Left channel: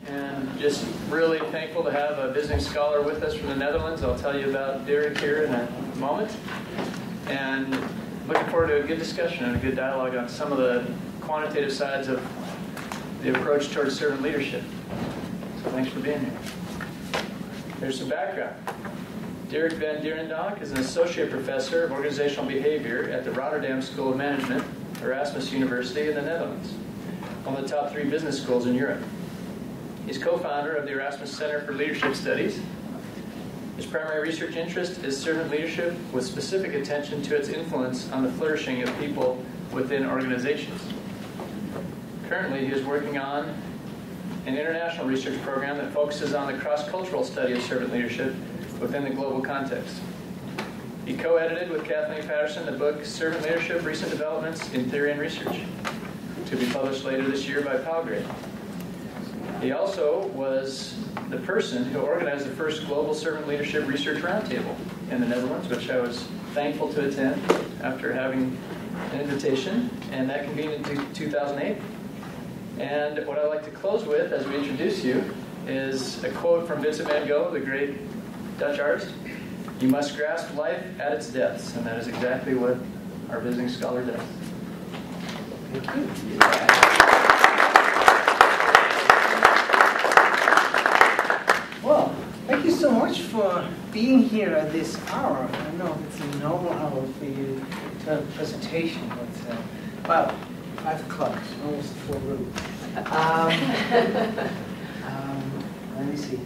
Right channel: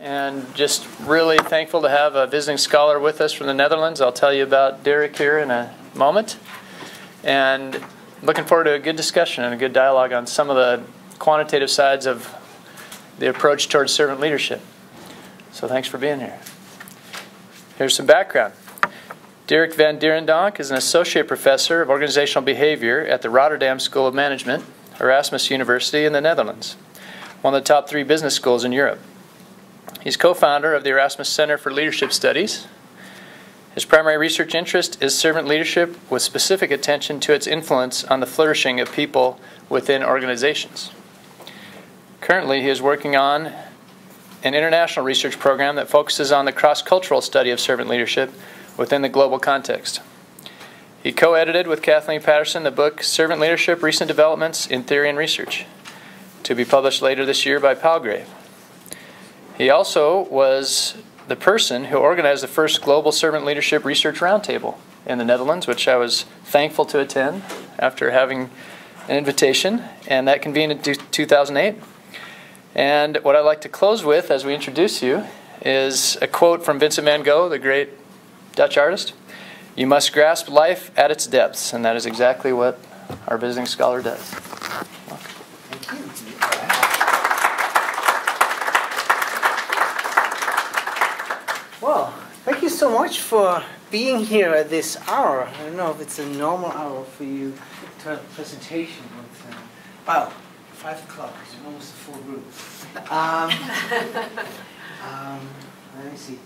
and just really thankful to have a visiting scholar with us from the Netherlands. I'll tell you about Dirk here in a moment. And looking forward to a good discussion and a good dialogue on some of the quantitative sides of the approach towards servant leadership. So thanks for being here. Here's some background. Dirk Van Dierendonck is an associate professor of organizational behavior at the Rotterdam School of Management, Erasmus University in the Netherlands, one of the top 3 business schools in Europe. He's co-founder of the Erasmus Center for Leadership Studies. His primary research interest is servant leadership with specific attention to its influence on the flourishing of people within organizations. Currently, he is working on an international research program that focuses on the cross-cultural study of servant leadership within the global context. He co-edited with Kathleen Patterson the book Servant Leadership, Recent Developments in Theory and Research, to be published later this year by Palgrave. He also was the person who organized the first Global Servant Leadership Research Roundtable in the Netherlands, which I was thankful to attend after having an invitation, and that convened in 2008. And what I'd like to close with, as we introduce you, is a quote from Vincent van Gogh, the great Dutch artist. "You must grasp life at its depths," and that is exactly what our visiting scholar does. Thank you. Well, thank you so much for being here at this hour. I don't know if it's a normal hour for you to have a presentation, but well, 5 o'clock, it's almost a full room. Let me see.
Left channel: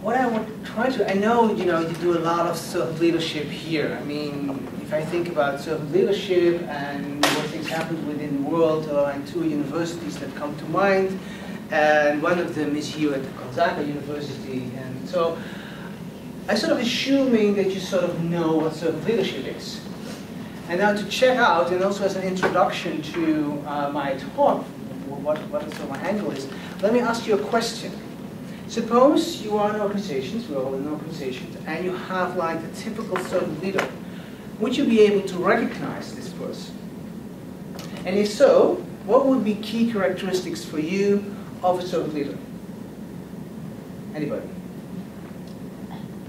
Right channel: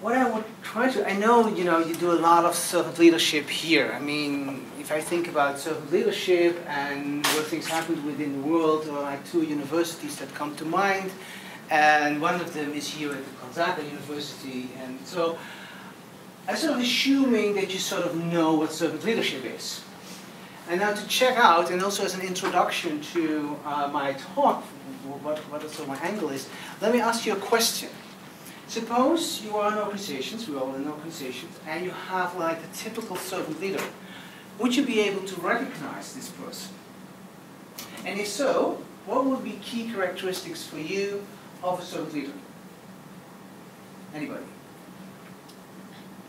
What I want to try to, I know you do a lot of servant leadership here. I mean, if I think about servant leadership and what things happen within the world, there are like 2 universities that come to mind, and one of them is here at the Gonzaga University. And so I'm sort of assuming that you sort of know what servant leadership is. And now to check out, and also as an introduction to my talk, what sort of my angle is, let me ask you a question. Suppose you are in organizations, we're all in organizations, and you have like the typical servant leader. Would you be able to recognize this person? And if so, what would be key characteristics for you of a servant leader? Anybody?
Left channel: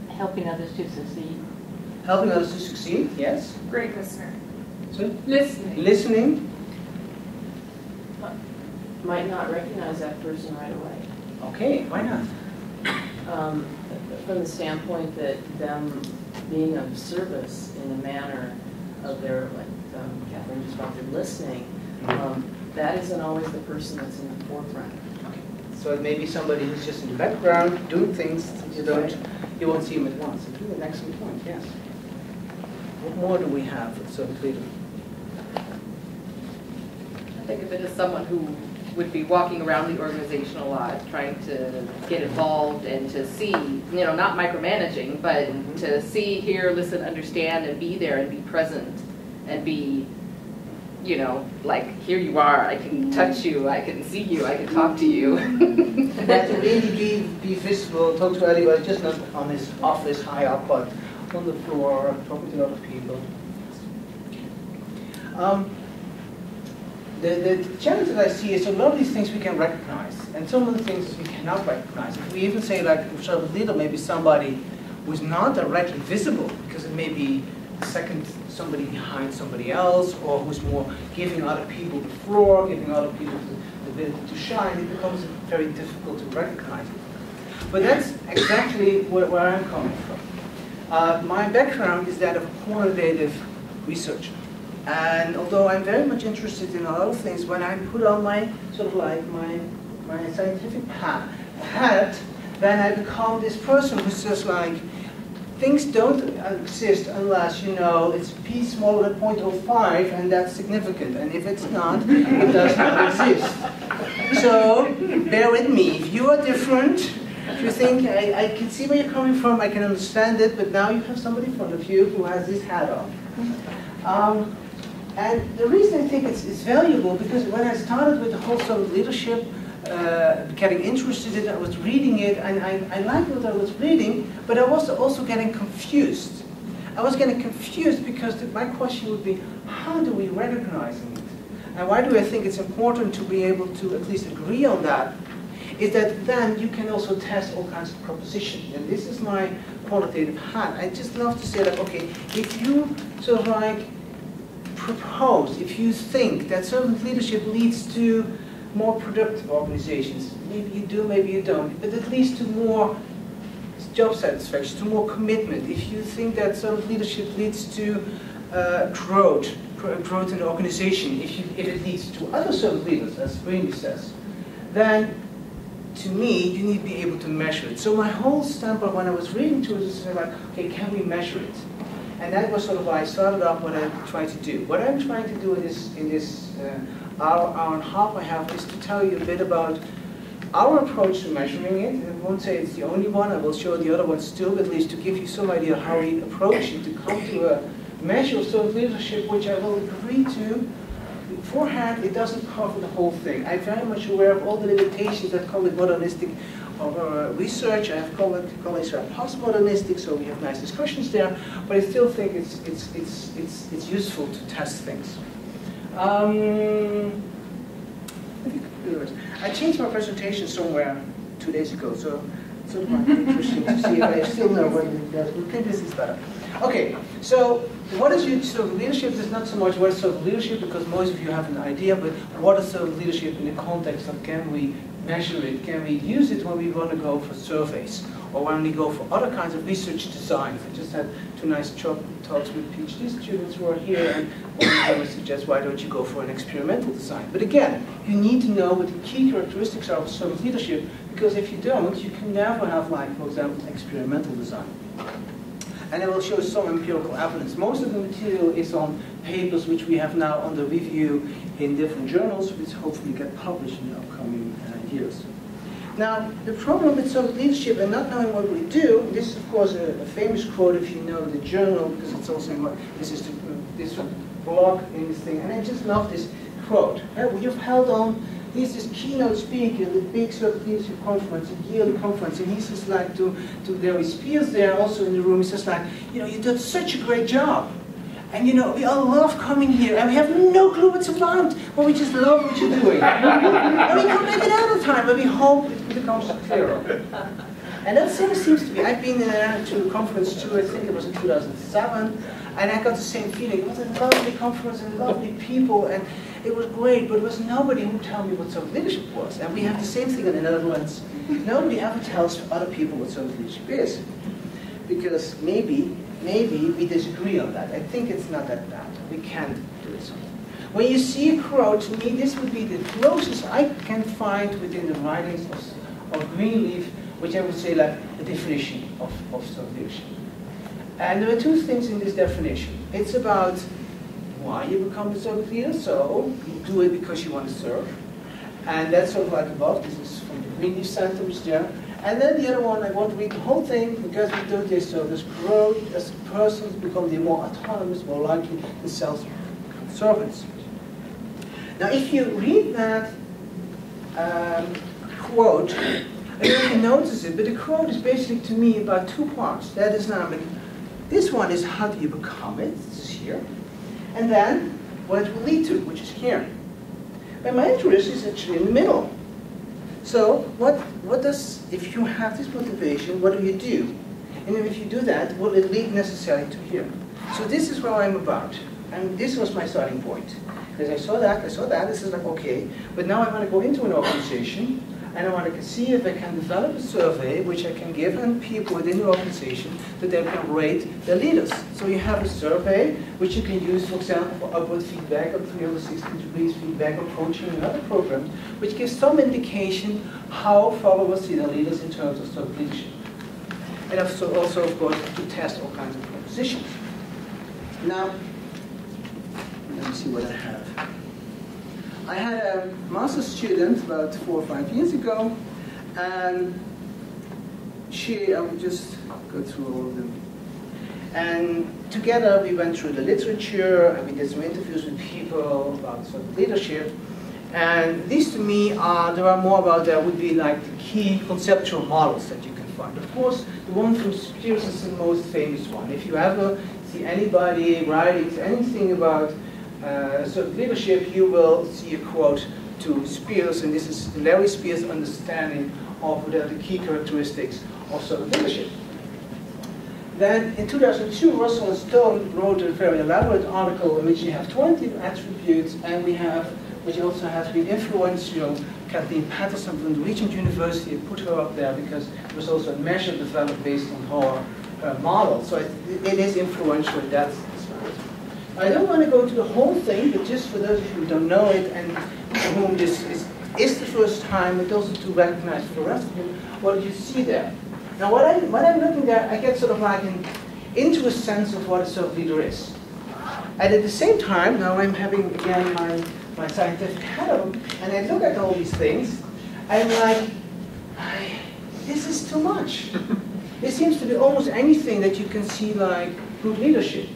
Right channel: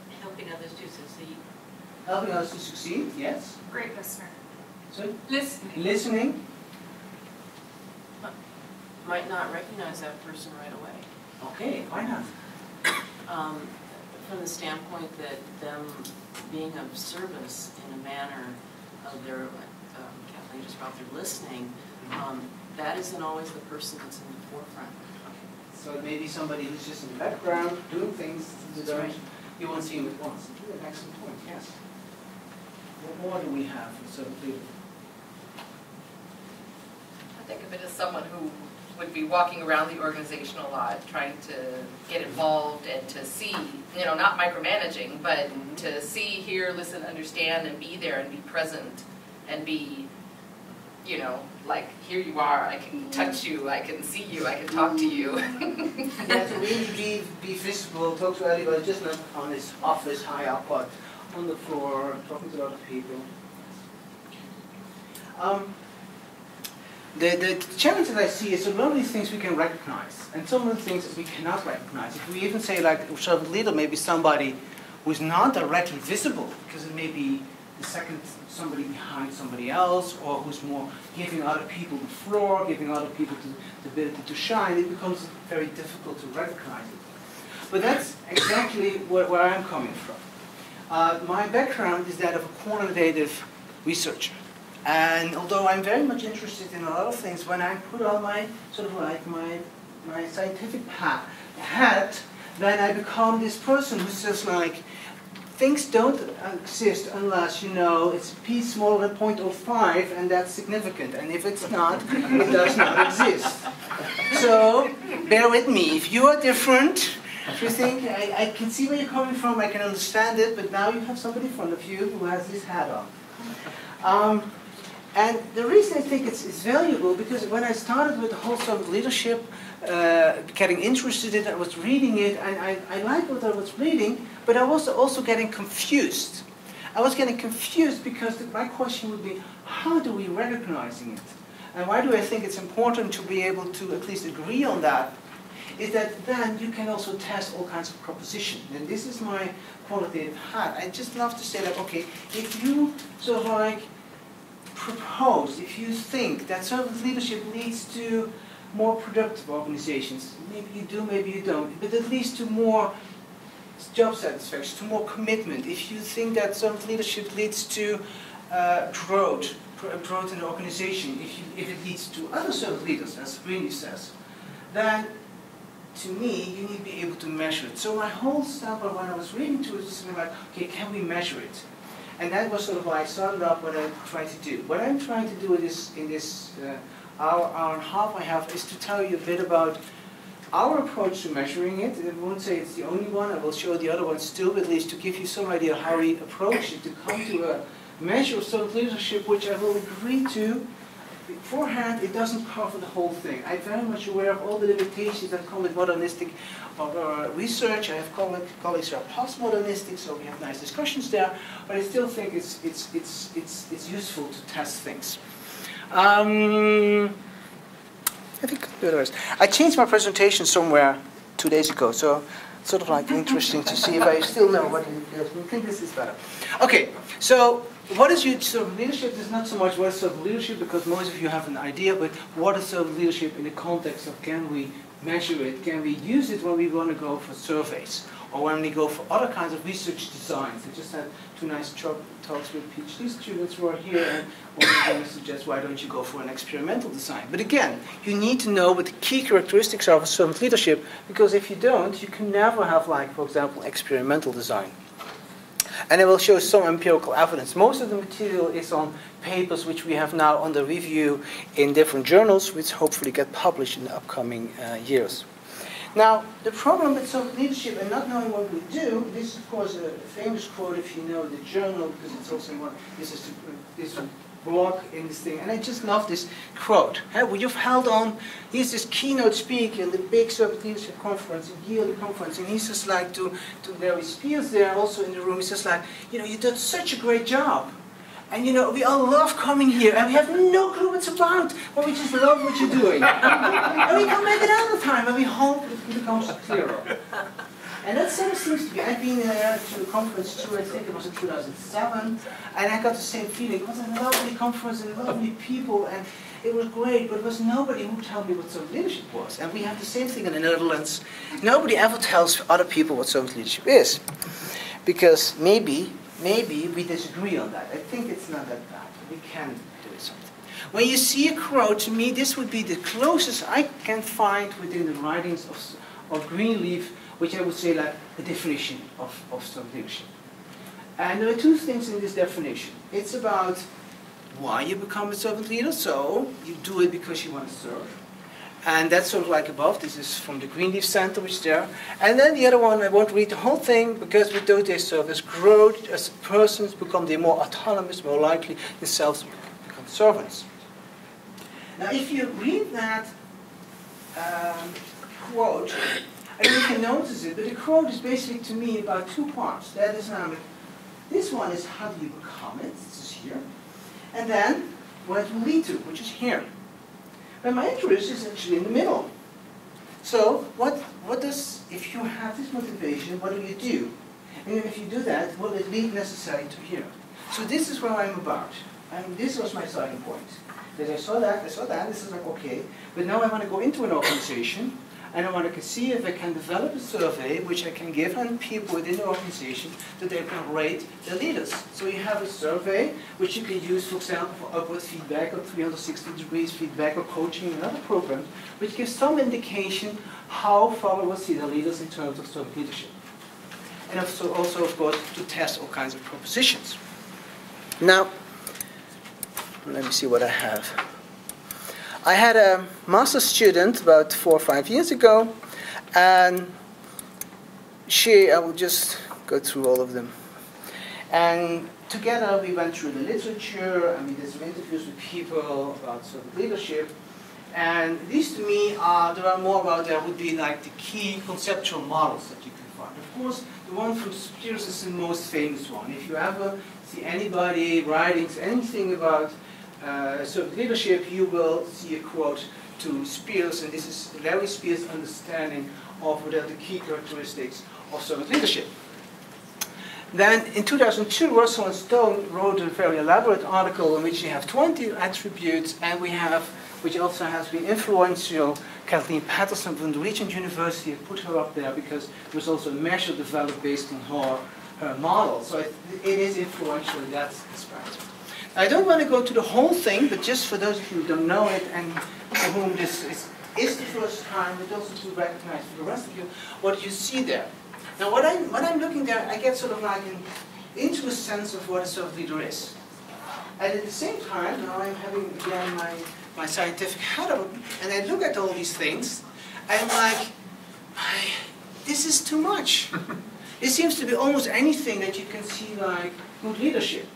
Helping others to succeed. Helping others to succeed, yes. Great listener. Sorry? Listening. Listening. Might not recognize that person right away. Okay, why not? From the standpoint that them being of service in a manner of their, like Kathleen just brought, their listening, that isn't always the person that's in the forefront. Okay. So it may be somebody who's just in the background doing things you won't see him at once. It's really an excellent point, yes. What more do we have for servant leader? I think of it as someone who would be walking around the organization a lot, trying to get involved and to see, not micromanaging, but to see, hear, listen, understand, and be there and be present and be, like, here you are, I can touch you, I can see you, I can talk to you. And that to really be visible, talk to anybody, just not on his office high up, but on the floor, talking to other people. The challenge that I see is a lot of these things we can recognize, and some of the things we cannot recognize. If we even say, like, a servant leader may be somebody who's not directly visible, because it may be somebody behind somebody else, or who's more giving other people the floor, giving other people the ability to shine, it becomes very difficult to recognize it. But that's exactly where I'm coming from. My background is that of a quantitative researcher. And although I'm very much interested in a lot of things, when I put on my sort of like my scientific hat, then I become this person who says, like, things don't exist unless it's p smaller than 0.05, and that's significant. And if it's not, it does not exist. So bear with me. If you are different, if you think I can see where you're coming from, I can understand it, but now you have somebody in front of you who has this hat on. And the reason I think it's valuable, because when I started with the whole servant leadership, getting interested in it, I was reading it, and I liked what I was reading, but I was also getting confused. I was getting confused because my question would be, how do we recognize it? And why do I think it's important to be able to at least agree on that? is that then you can also test all kinds of propositions. And this is my qualitative hat. I just love to say that, okay, if you sort of like propose, if you think that servant leadership leads to more productive organizations, maybe you do, maybe you don't, but it leads to more job satisfaction, to more commitment. If you think that servant leadership leads to growth in the organization, if it leads to other servant leaders, as Brandy says, then to me, you need to be able to measure it. So my whole standpoint when I was reading through this was like, okay, can we measure it? And that was sort of why I started off what I tried to do. What I'm trying to do in this hour and a half I have is to tell you a bit about our approach to measuring it. I won't say it's the only one. I will show the other ones too, at least to give you some idea of how we approach it, to come to a measure of servant leadership, which I will agree to. Beforehand, it doesn't cover the whole thing. I'm very much aware of all the limitations that come with modernistic research. I have colleagues who are postmodernistic, so we have nice discussions there. But I still think it's useful to test things. I think I changed my presentation somewhere 2 days ago, so it's sort of like interesting to see if I still know what it is. I think this is better. Okay, so what is servant leadership? It's not so much what is servant leadership, because most of you have an idea, but what is servant leadership in the context of can we measure it, can we use it when we want to go for surveys, or when we go for other kinds of research designs. I just had 2 nice talks with PhD students who are here, and one of them suggests, why don't you go for an experimental design? But again, you need to know what the key characteristics are of servant leadership, because if you don't, you can never have, like, for example, experimental design. And I will show some empirical evidence. Most of the material is on papers which we have now under review in different journals, which hopefully get published in the upcoming years. Now, the problem with servant leadership and not knowing what we do, this is of course a famous quote if you know the journal, because it's also in this blog in this thing, and I just love this quote. You've held on, he's this keynote speaker in the big servant leadership conference, a yearly conference, and he's just like to there his peers there also in the room, he's just like, you know, you did such a great job. And you know, we all love coming here, and we have no clue what it's about, but we just love what you're doing. And we come back another time, and we hope it becomes clearer. And that same seems to be, I've been to the conference too, I think it was in 2007, and I got the same feeling. It was a lovely conference and lovely people, and it was great, but there was nobody who would tell me what servant leadership was. And we have the same thing in the Netherlands. Nobody ever tells other people what servant leadership is. Because maybe we disagree on that. I think it's not that bad. We can do something. When you see a quote, to me this would be the closest I can find within the writings of Greenleaf, which I would say like a definition of servant leadership. And there are 2 things in this definition. It's about why you become a servant leader, so you do it because you want to serve. And that's sort of like above. This is from the Greenleaf Center, which is there. And then the other one, I won't read the whole thing, because we do this service growth as persons become they more autonomous, more likely themselves to become servants. Now, if you read that quote, I don't even notice it, but the quote is basically to me about 2 parts. That is, this one is how do you become it? This is here. And then what it will lead to, which is here. But my interest is actually in the middle. So what does, if you have this motivation, what do you do? And if you do that, will it lead necessarily to here? So this is where I'm about. And this was my starting point. Because I saw that, this is like, okay. But now I want to go into an organization, and I want to see if I can develop a survey which I can give on people within the organization that they can rate their leaders. So you have a survey which you can use, for example, for upward feedback or 360 degrees feedback or coaching and other programs, which gives some indication how followers see their leaders in terms of servant leadership. And also, of course, to test all kinds of propositions. Now, let me see what I have. I had a master's student about 4 or 5 years ago, and I will just go through all of them. And together we went through the literature, and we did some interviews with people about servant leadership. And these to me there are more about, would be like the key conceptual models that you can find. Of course, the one from Spears is the most famous one. If you ever see anybody writing anything about servant leadership, you will see a quote to Spears, and this is Larry Spears' understanding of what are the key characteristics of servant leadership. Then in 2002, Russell and Stone wrote a very elaborate article in which you have 20 attributes, and we have, which also has been influential, Kathleen Patterson from the Regent University. I put her up there because there was also a measure developed based on her model. So it is influential in that respect. I don't want to go to the whole thing, but just for those of you who don't know it and for whom this is the first time, but also to recognize for the rest of you, what do you see there? Now when I'm looking there, I get sort of like into a sense of what a servant leader is. And at the same time, now I'm having again my scientific hat on, and I look at all these things, and I'm like, this is too much. It seems to be almost anything that you can see like good leadership.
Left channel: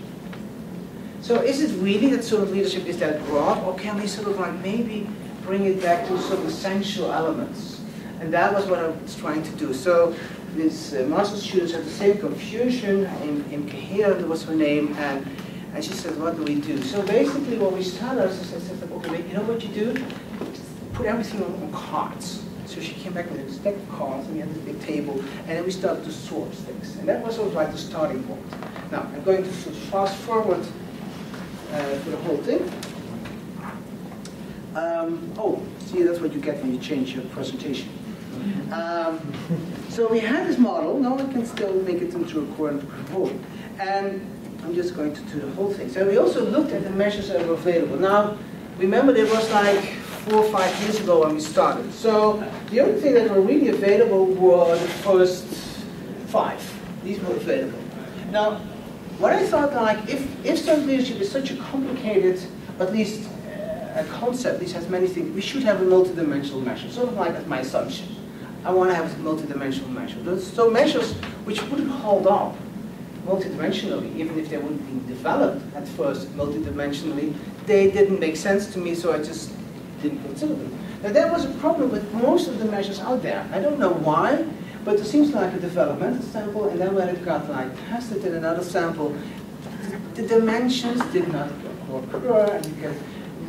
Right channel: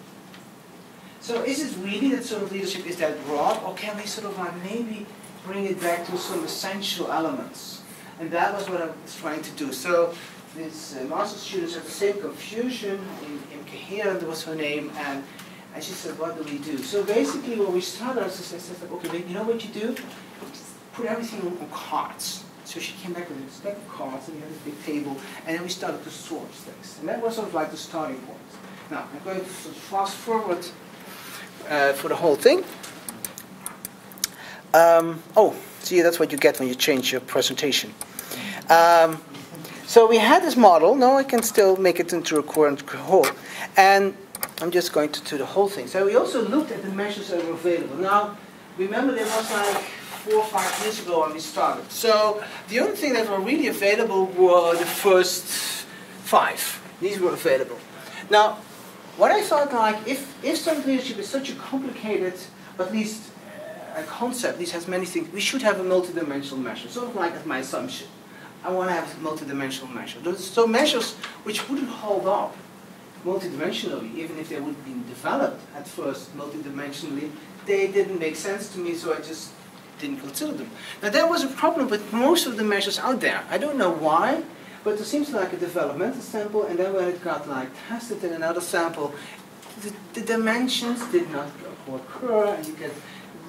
So is it really that sort of leadership is that broad, or can we sort of like maybe bring it back to some essential elements? And that was what I was trying to do. So these master's students had the same confusion. In Kahira was her name, and she said, what do we do? So basically what we started, I said, okay, you know what you do? Just put everything on cards. So she came back with a stack of cards, and we had this big table, and then we started to sort things. And that was sort of like the starting point. Now, I'm going to fast forward for the whole thing. Oh, see, that's what you get when you change your presentation. So we had this model. Now I can still make it into a current whole. And I'm just going to do the whole thing. So we also looked at the measures that were available. Now, remember there was like 4 or 5 years ago when we started. So the only thing that were really available were the first 5. These were available. Now, what I thought, like, if servant leadership is such a complicated, at least a concept, this has many things, we should have a multidimensional measure. Sort of like that's my assumption. I want to have a multidimensional measure. So measures which wouldn't hold up multidimensionally, even if they wouldn't be developed at first multidimensionally, they didn't make sense to me, so I just didn't consider them. Now there was a problem with most of the measures out there. I don't know why, but it seems like a developmental sample, and then when it got like tested in another sample, the dimensions did not occur, and you get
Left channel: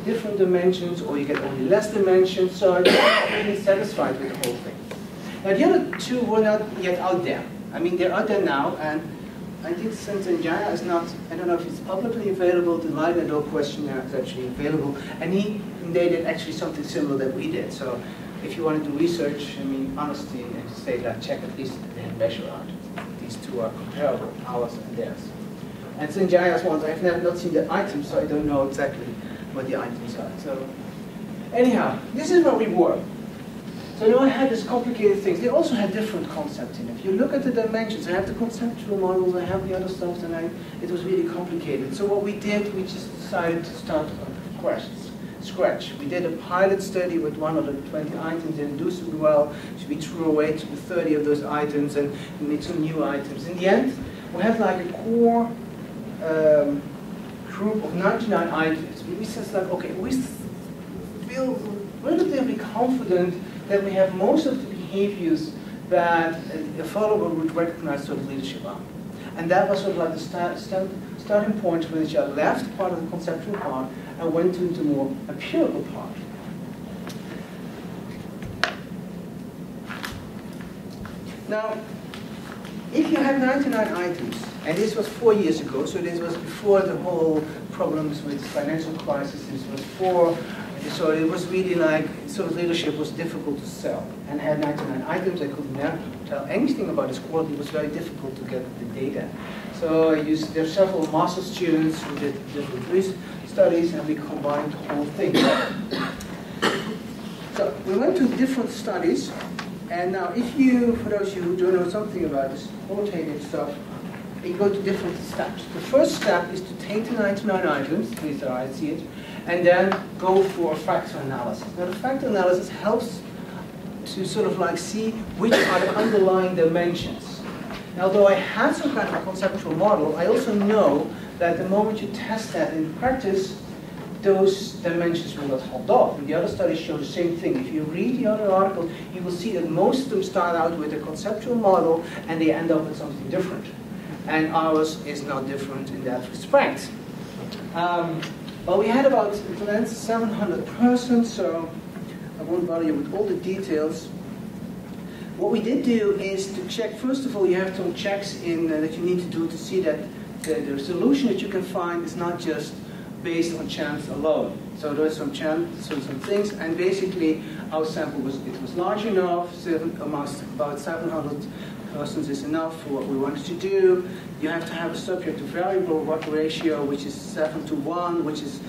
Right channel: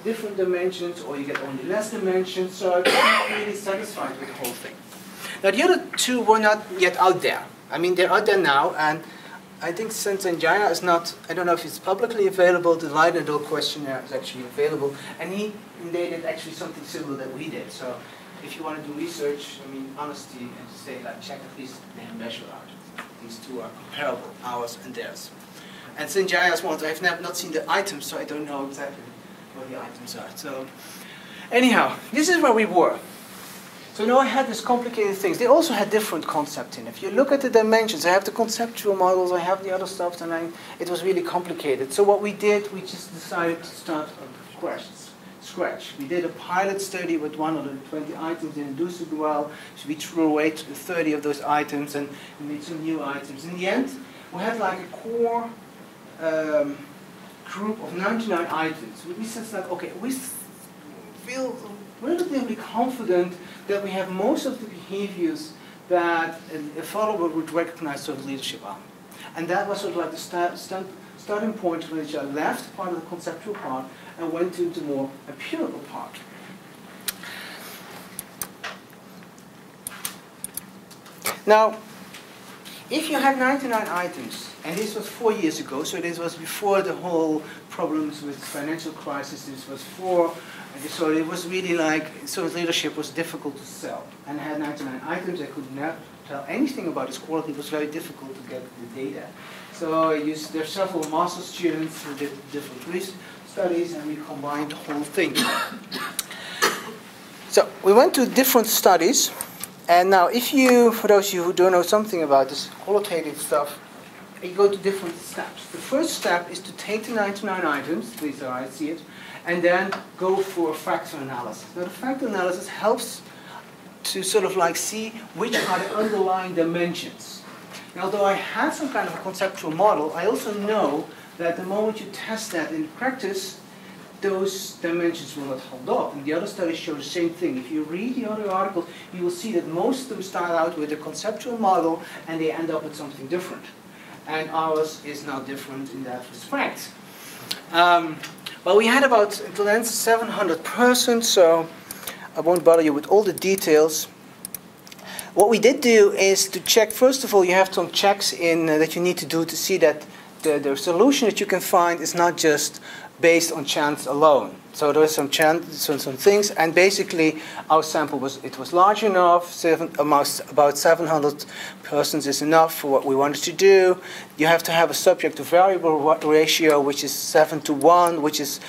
different dimensions, or you get only less dimensions, so I'm not really satisfied with the whole thing. Now the other 2 were not yet out there. I mean, they're out there now, and I think Sanjaya is not, I don't know if it's publicly available, the Leiden-Doe questionnaire is actually available, and they did actually something similar that we did. So if you want to do research, I mean, honestly, and to say that, check at least the measure art. These 2 are comparable, ours and theirs. And Sanjaya's ones, I have not seen the items, so I don't know exactly what the items are. So anyhow, this is where we were. So now I had these complicated things. They also had different concepts in. If you look at the dimensions, I have the conceptual models, I have the other stuff, and it was really complicated. So what we did, we just decided to start from scratch. We did a pilot study with 120 items, didn't do super well, so we threw away 30 of those items and made some new items. In the end, we had like a core group of 99 items. We said, like, okay, we feel relatively confident that we have most of the behaviors that a follower would recognize sort of leadership are. And that was sort of like the starting point which I left part of the conceptual part and went into the more empirical part. Now, if you had 99 items, and this was 4 years ago, so this was before the whole problems with financial crisis, this was so it was really like, so leadership was difficult to sell. And I had 99 items, I could never tell anything about its quality, it was very difficult to get the data. So there are several master students who did different research studies, and we combined the whole thing. So we went to different studies, and now if you, for those of you who don't know something about this qualitative stuff, you go to different steps. The first step is to take the 99 items, at least I see it, and then go for a factor analysis. Now the factor analysis helps to sort of like see which are the underlying dimensions. And although I had some kind of a conceptual model, I also know that the moment you test that in practice, those dimensions will not hold up. And the other studies show the same thing. If you read the other articles, you will see that most of them start out with a conceptual model and they end up with something different. And ours is not different in that respect. Well, we had about 700 persons, so I won't bother you with all the details. What we did do is to check, first of all, you have some checks in that you need to do to see that the solution that you can find is not just based on chance alone. So there was some chance, some things, and basically our sample was large enough. About 700 persons is enough for what we wanted to do. You have to have a subject to variable ratio, which is 7 to 1, which is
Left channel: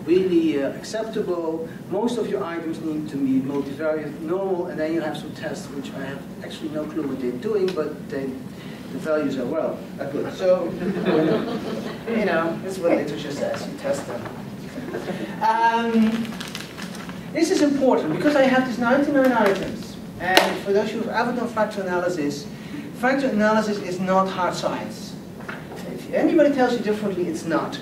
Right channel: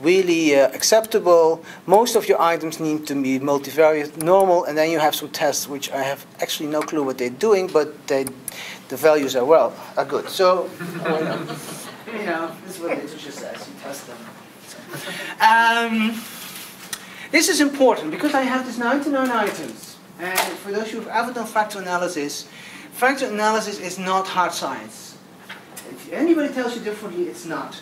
really acceptable. Most of your items need to be multivariate normal, and then you have some tests, which I have actually no clue what they're doing, but the values are good. So, you know, this is what literature says. You test them. This is important because I have these 99 items, and for those who have ever done factor analysis is not hard science. If anybody tells you differently, it's not.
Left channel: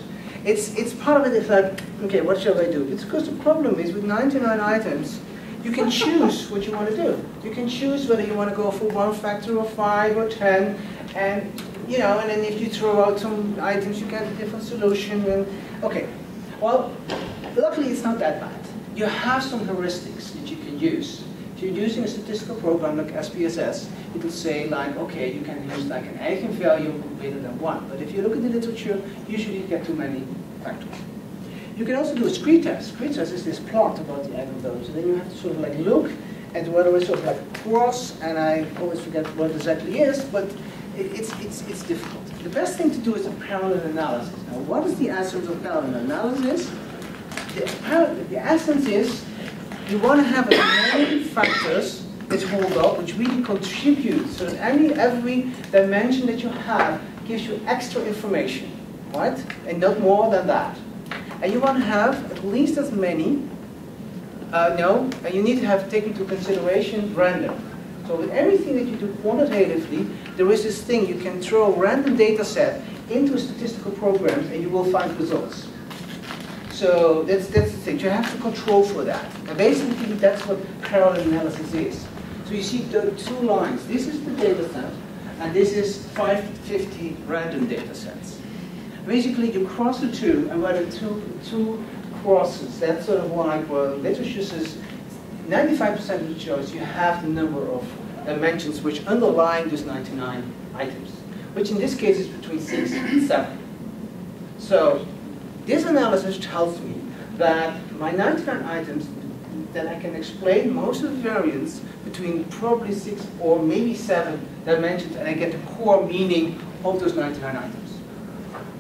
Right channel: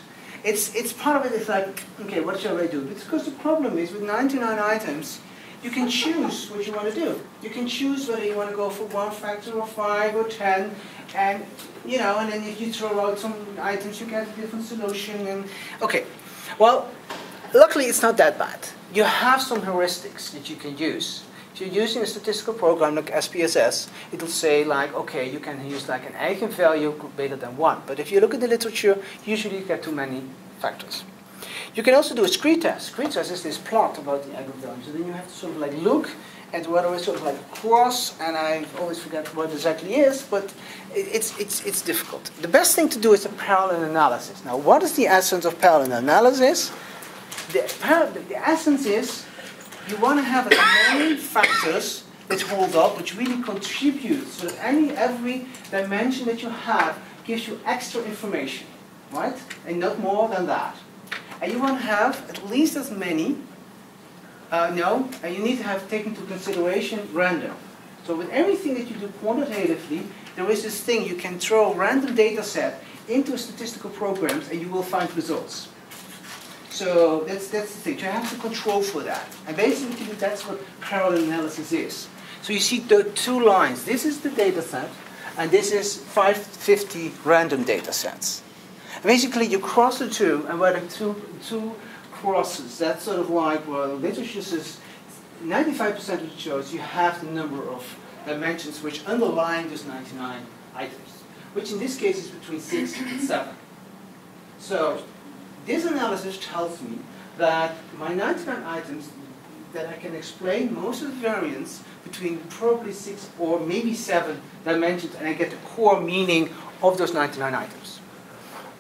It's part of it. It's like, okay, what shall I do? Because the problem is with 99 items, you can choose what you want to do. You can choose whether you want to go for 1 factor or 5 or 10, and you know, and then if you throw out some items, you get a different solution. And okay, well, luckily it's not that bad. You have some heuristics that you can use. If you're using a statistical program like SPSS, it'll say like, okay, you can use like an eigenvalue greater than 1. But if you look at the literature, usually you get too many factors. You can also do a screen test. Screen test is this plot about the eigenvalues, and then you have to sort of like look at whether it's sort of like cross, and I always forget what it exactly is, but it's difficult. The best thing to do is a parallel analysis. Now, what is the essence of parallel analysis? The essence is you want to have as many factors that hold up, which really contribute, so that every dimension that you have gives you extra information, right? And not more than that. And you want to have at least as many, and you need to have taken into consideration random. So with everything that you do quantitatively, there is this thing, you can throw a random data set into statistical programs and you will find results. So that's the thing, you have to control for that. And basically that's what parallel analysis is. So you see the 2 lines. This is the data set, and this is 550 random data sets. And basically you cross the 2, and where the two crosses, that's sort of like, well, literature says 95% of the shows you have the number of dimensions which underline those 99 items, which in this case is between 6 and 7. So this analysis tells me that my 99 items, that I can explain most of the variance between probably 6 or maybe 7 dimensions, and I get the core meaning of those 99 items.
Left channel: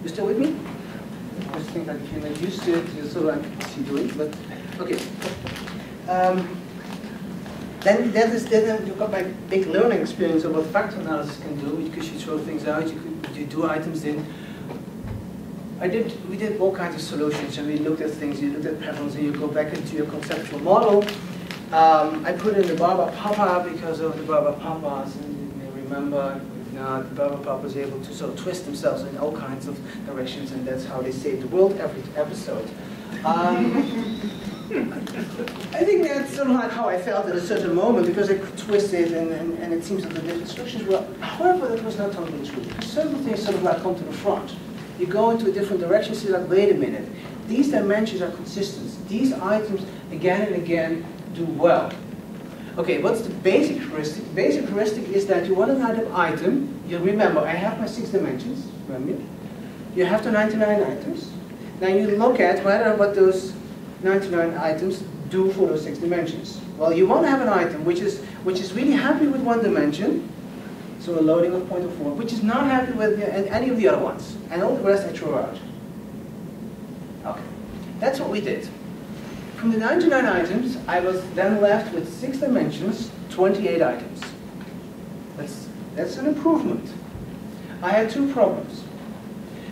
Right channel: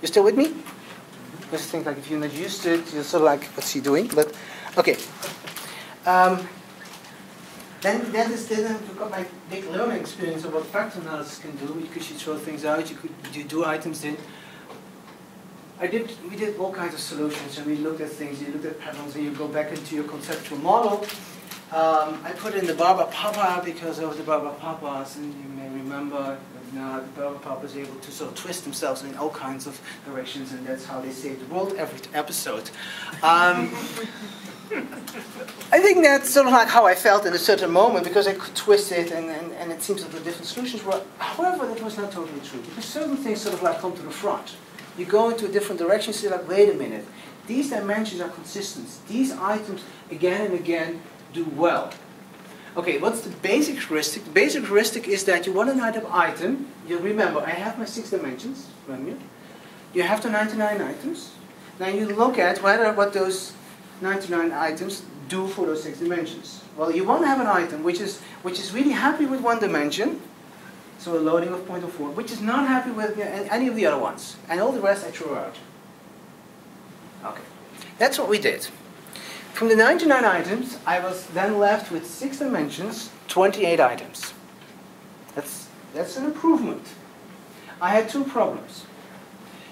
You still with me? Just think like if you're not used to it, you're sort of like, what's he doing? But okay. Then you got my big learning experience of what factor analysis can do, because you throw things out, you do items in. We did all kinds of solutions, and we looked at things, you looked at patterns, and you go back into your conceptual model. I put in the Barber Papa because of the Barber Papas, and you may remember the Barber Papa is able to sort of twist themselves in all kinds of directions, and that's how they save the world every episode. I think that's sort of like how I felt at a certain moment, because I could twist it, and it seems that the different solutions were. However, that was not totally true, because certain things sort of like come to the front. You go into a different direction, you say like, wait a minute, these dimensions are consistent. These items, again and again, do well. Okay, what's the basic heuristic? The basic heuristic is that you want an item. You remember, I have my 6 dimensions, remember? You have the 99 items. Then you look at what those 99 items do for those 6 dimensions. Well, you want to have an item which is really happy with 1 dimension, so a loading of 0.04, which is not happy with any of the other ones. And all the rest I throw out. Okay, that's what we did. From the 99 items, I was then left with 6 dimensions, 28 items. That's an improvement. I had 2 problems.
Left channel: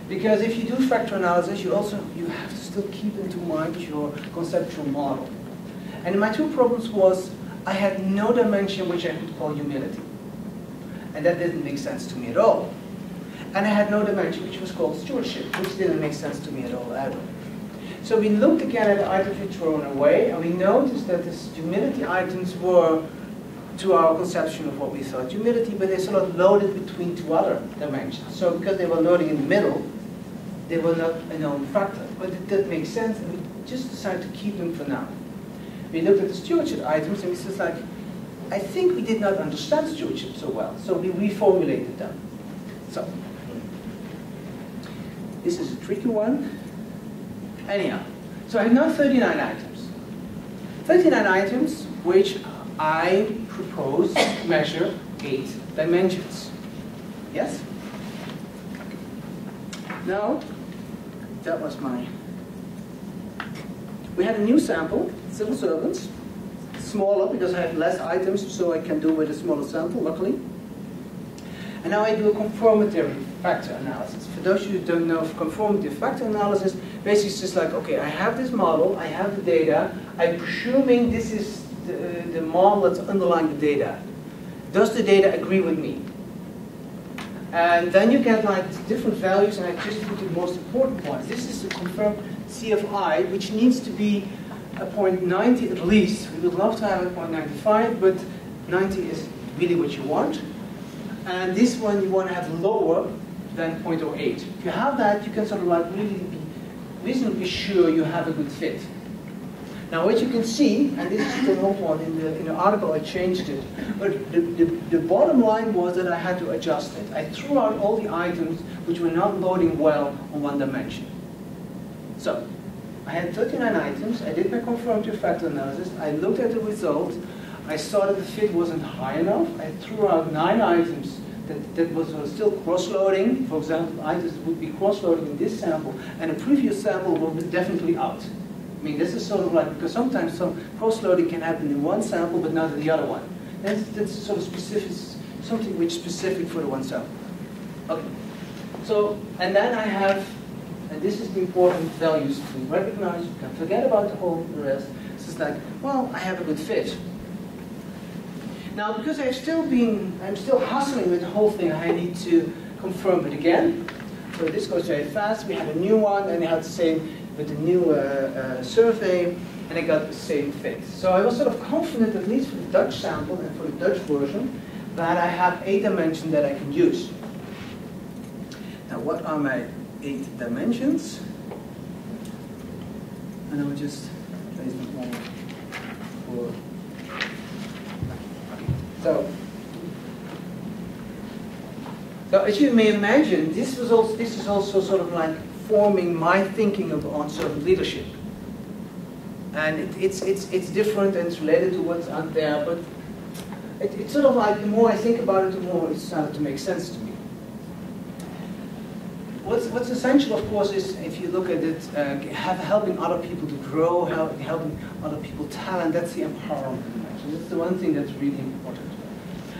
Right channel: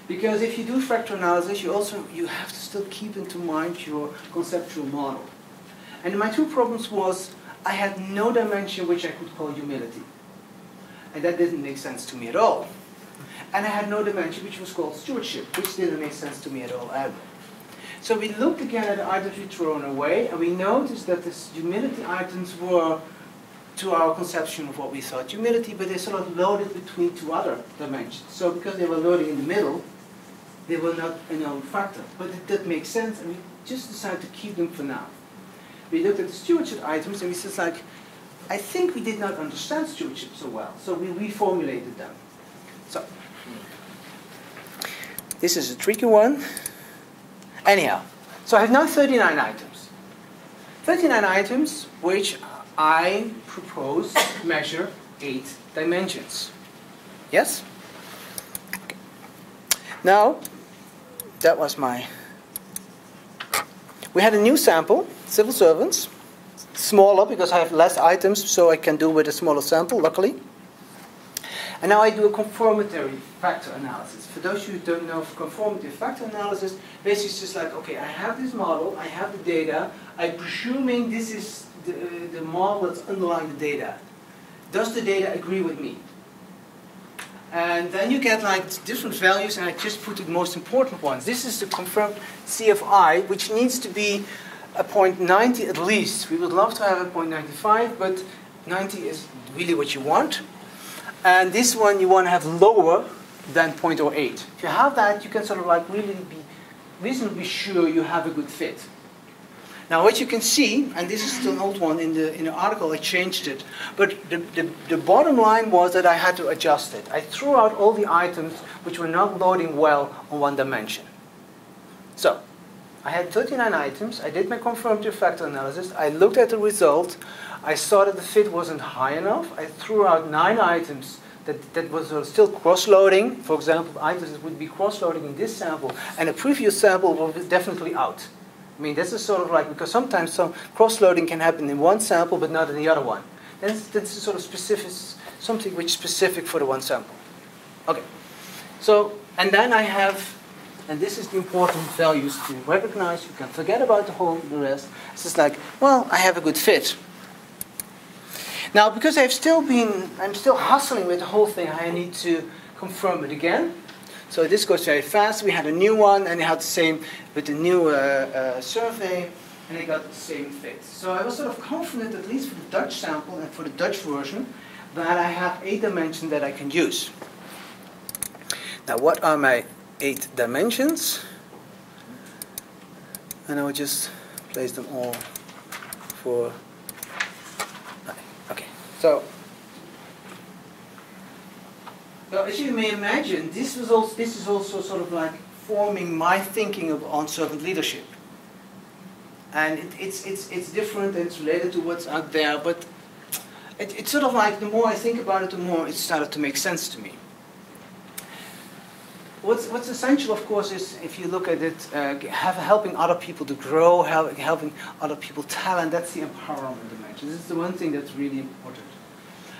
Because if you do factor analysis, you have to still keep into mind your conceptual model. And my 2 problems was, I had no dimension which I could call humility. And that didn't make sense to me at all. And I had no dimension which was called stewardship, which didn't make sense to me at all either. So we looked again at the items we'd thrown away, and we noticed that these humility items were, to our conception of what we thought humility, but they sort of loaded between 2 other dimensions. So because they were loading in the middle, they were not a known factor. But it did make sense, and we just decided to keep them for now. we looked at the stewardship items and we said like, I think we did not understand stewardship so well, so we reformulated them. So, this is a tricky one. Anyhow, so I have now 39 items. 39 items which I propose to measure 8 dimensions. Yes? Okay. Now, that was my... We had a new sample, civil servants, smaller because I have less items, so I can do with a smaller sample, luckily. And now I do a conformity factor analysis. For those of you who don't know conformity factor analysis, basically it's just like, okay, I have this model, I have the data, I'm presuming this is the model that's underlying the data. Does the data agree with me? And then you get like different values, and I just put the most important ones. This is the confirmed CFI, which needs to be a 0.90 at least. We would love to have a 0.95, but 90 is really what you want. And this one you want to have lower than 0.08. If you have that, you can sort of like really be reasonably sure you have a good fit. Now what you can see, and this is still an old one, in the article I changed it, but the bottom line was that I had to adjust it. I threw out all the items which were not loading well on one dimension. So, I had 39 items, I did my confirmatory factor analysis, I looked at the result, I saw that the fit wasn't high enough, I threw out 9 items that was still cross-loading. For example, items that would be cross-loading in this sample, and a previous sample was definitely out. I mean, this is sort of like, because sometimes some cross-loading can happen in one sample, but not in the other one. That's sort of specific, something which is specific for the one sample. Okay. So, and then I have, and this is the important values to recognize. You can forget about the rest. It's just like, well, I have a good fit. Now, because I'm still hustling with the whole thing, I need to confirm it again. So this goes very fast. We had a new one, and I had the same with the new survey, and I got the same fit. So I was sort of confident, at least for the Dutch sample and for the Dutch version, that I have 8 dimensions that I can use. Now, what are my 8 dimensions? And I will just place them all for... Okay, so as you may imagine, this is also sort of like forming my thinking on servant leadership. And it's different and it's related to what's out there, but it's sort of like the more I think about it, the more it started to make sense to me. What's essential, of course, is if you look at it, helping other people to grow, helping other people talent. That's the empowerment dimension. That's the one thing that's really important.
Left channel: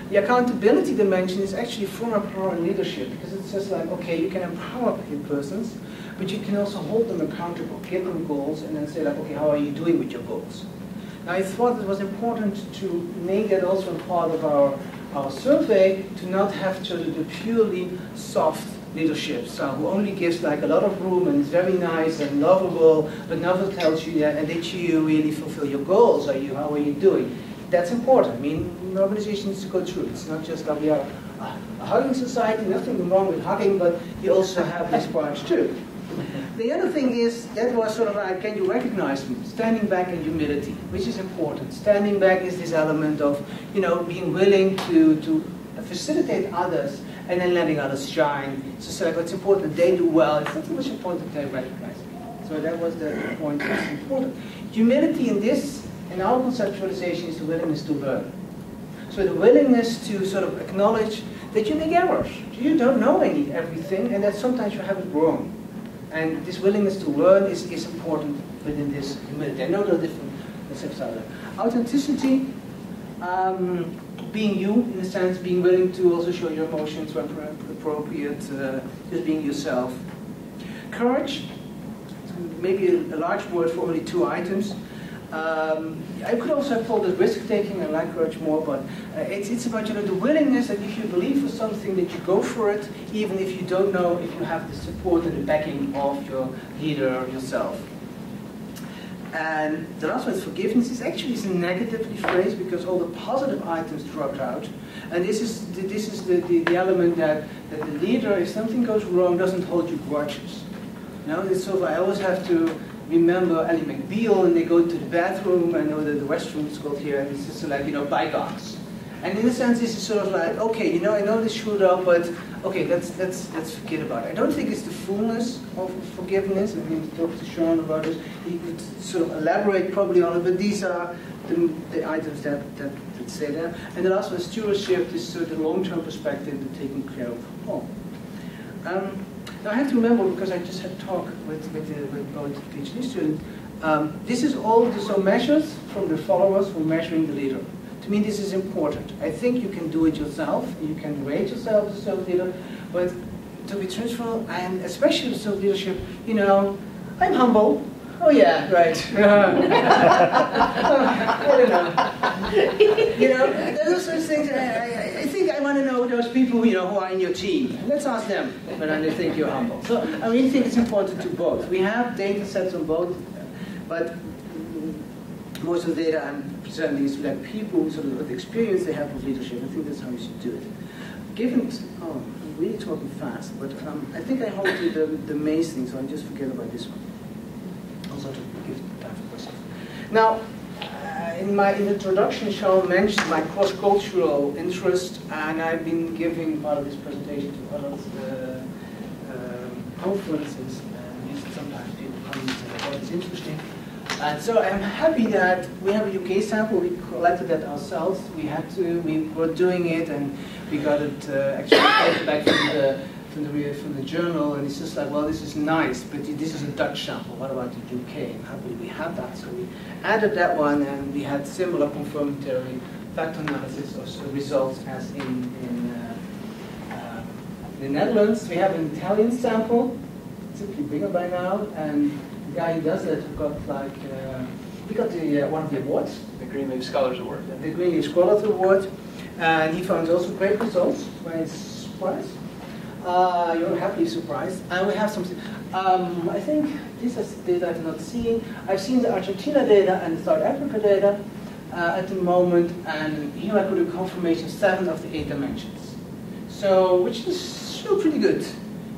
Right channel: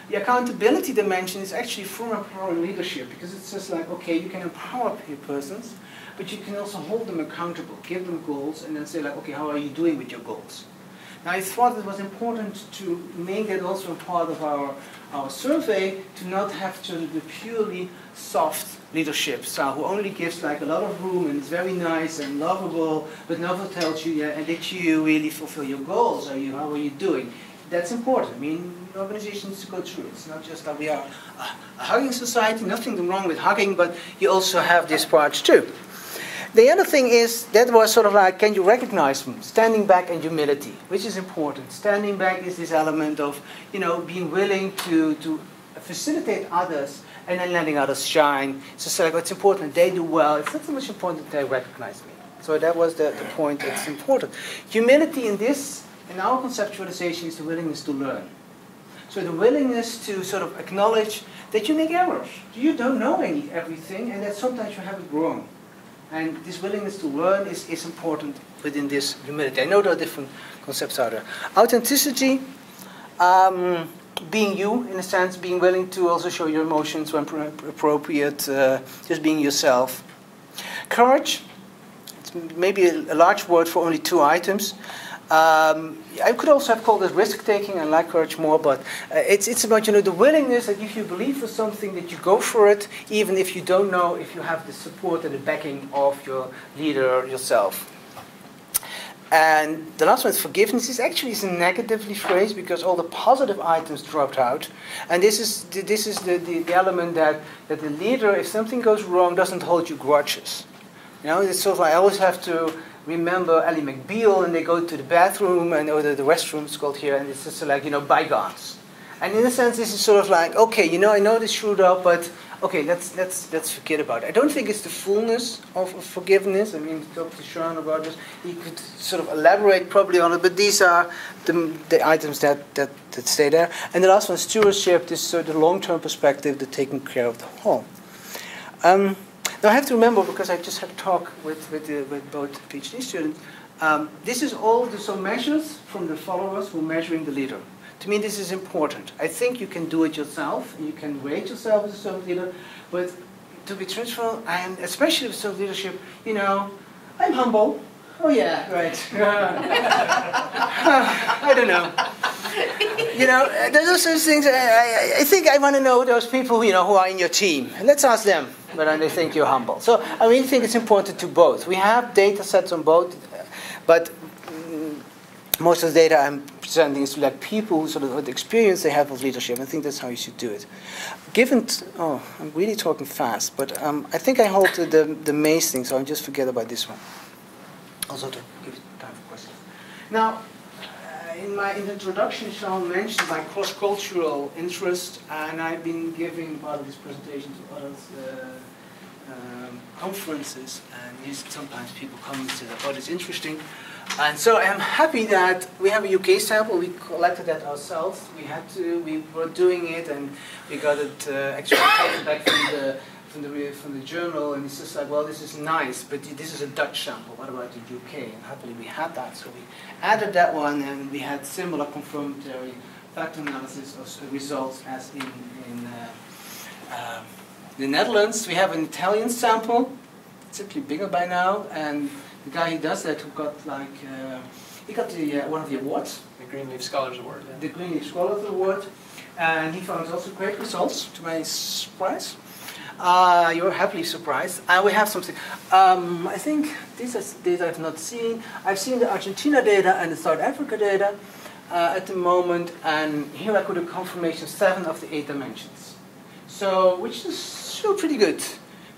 The accountability dimension is actually for empowering leadership, because it's just like, okay, you can empower persons, but you can also hold them accountable, give them goals, and then say like, okay, how are you doing with your goals? Now, I thought it was important to make that also part of our survey, to not have to do the purely soft leadership, so who only gives like a lot of room and is very nice and lovable, but never tells you, and did you really fulfill your goals? How are you doing? That's important. I mean, an organization needs to go through. It's not just that we are a hugging society, nothing wrong with hugging, but you also have these parts too. The other thing is, that was sort of like, can you recognize them? Standing back and humility, which is important. Standing back is this element of, being willing to facilitate others and then letting others shine. So it's important that they do well. It's not so much important that they recognize me. So that was the point that's important. Humility in our conceptualization is the willingness to learn. So the willingness to sort of acknowledge that you make errors. You don't know everything, and that sometimes you have it wrong. And this willingness to learn is important within this humility. I know there are different concepts out there. Authenticity, being you, in a sense, being willing to also show your emotions when appropriate, just being yourself. Courage, it's maybe a large word for only 2 items. I could also have called it risk-taking. I like courage more, but it's about the willingness that if you believe for something, that you go for it, even if you don't know if you have the support and the backing of your leader yourself. And the last one is forgiveness. This actually is negatively phrased because all the positive items dropped out. And this is the element that the leader, if something goes wrong, doesn't hold you grudges. It's sort of like I always have to remember Ally McBeal, and they go to the bathroom, I know that the restroom is called here, and it's just like, bygones. And in a sense, this is sort of like, okay, I know they screwed up, but okay, let's forget about it. I don't think it's the fullness of forgiveness. I mean, talk to Sean about this. He could sort of elaborate probably on it, but these are the items that stay there. And the last one, stewardship, this sort of long-term perspective, the taking care of the home. Now I have to remember, because I just had a talk with both PhD students, this is all the measures from the followers who are measuring the leader. To me, this is important. I think you can do it yourself. You can rate yourself as a servant leader, but to be truthful, I am, especially with servant leadership, I'm humble. Oh yeah, right. I don't know. There's also those things. I think I want to know those people, who are in your team. Let's ask them whether they think you're humble. So I really think it's important to both. We have data sets on both, but most of the data I'm presenting is like people who sort of what experience they have of leadership. I think that's how you should do it. I'm really talking fast, but I think I hold to the main thing, so I'll just forget about this one. Also to give time for questions. Now, in my introduction, Sean mentioned my cross-cultural interest, and I've been giving part of this presentation to other conferences, and yes, sometimes people come and say, what is interesting. And so I'm happy that we have a UK sample. We collected that ourselves. We were doing it, and we got it actually back from the journal. And it's just like, well, this is nice, but this is a Dutch sample. What about the UK? And happily we had that, so we added that one, and we had similar confirmatory factor analysis of results as in the Netherlands. We have an Italian sample, simply bigger by now, and the guy who does that, who got he got one of the awards. The Greenleaf Scholars Award. Yeah. The Greenleaf Scholars Award. And he found also great results, to my surprise. You're happily surprised. And we have something. I think this is data I've not seen. I've seen the Argentina data and the South Africa data at the moment. And here I got a confirmation 7 of the 8 dimensions. So, which is still pretty good.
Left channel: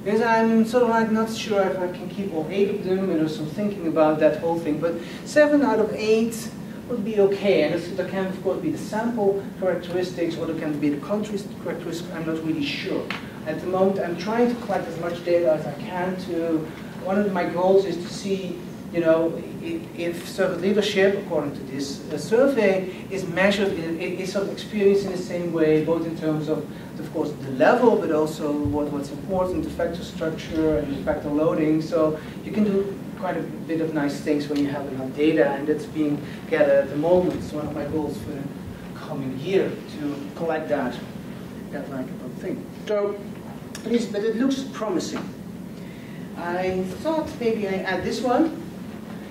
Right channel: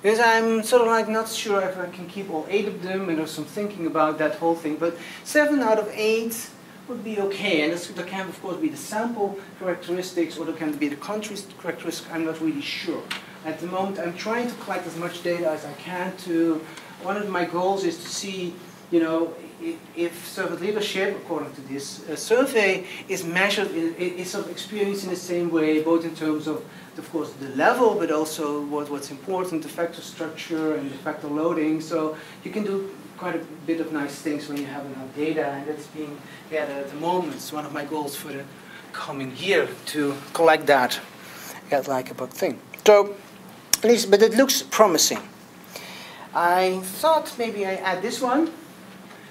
Because I'm sort of like not sure if I can keep all 8 of them, and there's some thinking about that whole thing. But 7 out of 8 would be okay. And there can, of course, be the sample characteristics, or there can be the country characteristics. I'm not really sure. At the moment, I'm trying to collect as much data as I can to. One of my goals is to see, if servant leadership, according to this survey, is measured, is sort of experienced in the same way, both in terms of course, the level, but also what's important, the factor structure and the factor loading. So you can do quite a bit of nice things when you have enough data, and that's being gathered at the moment. It's one of my goals for the coming year to collect that, get like a bug thing. So, but it looks promising. I thought maybe I add this one,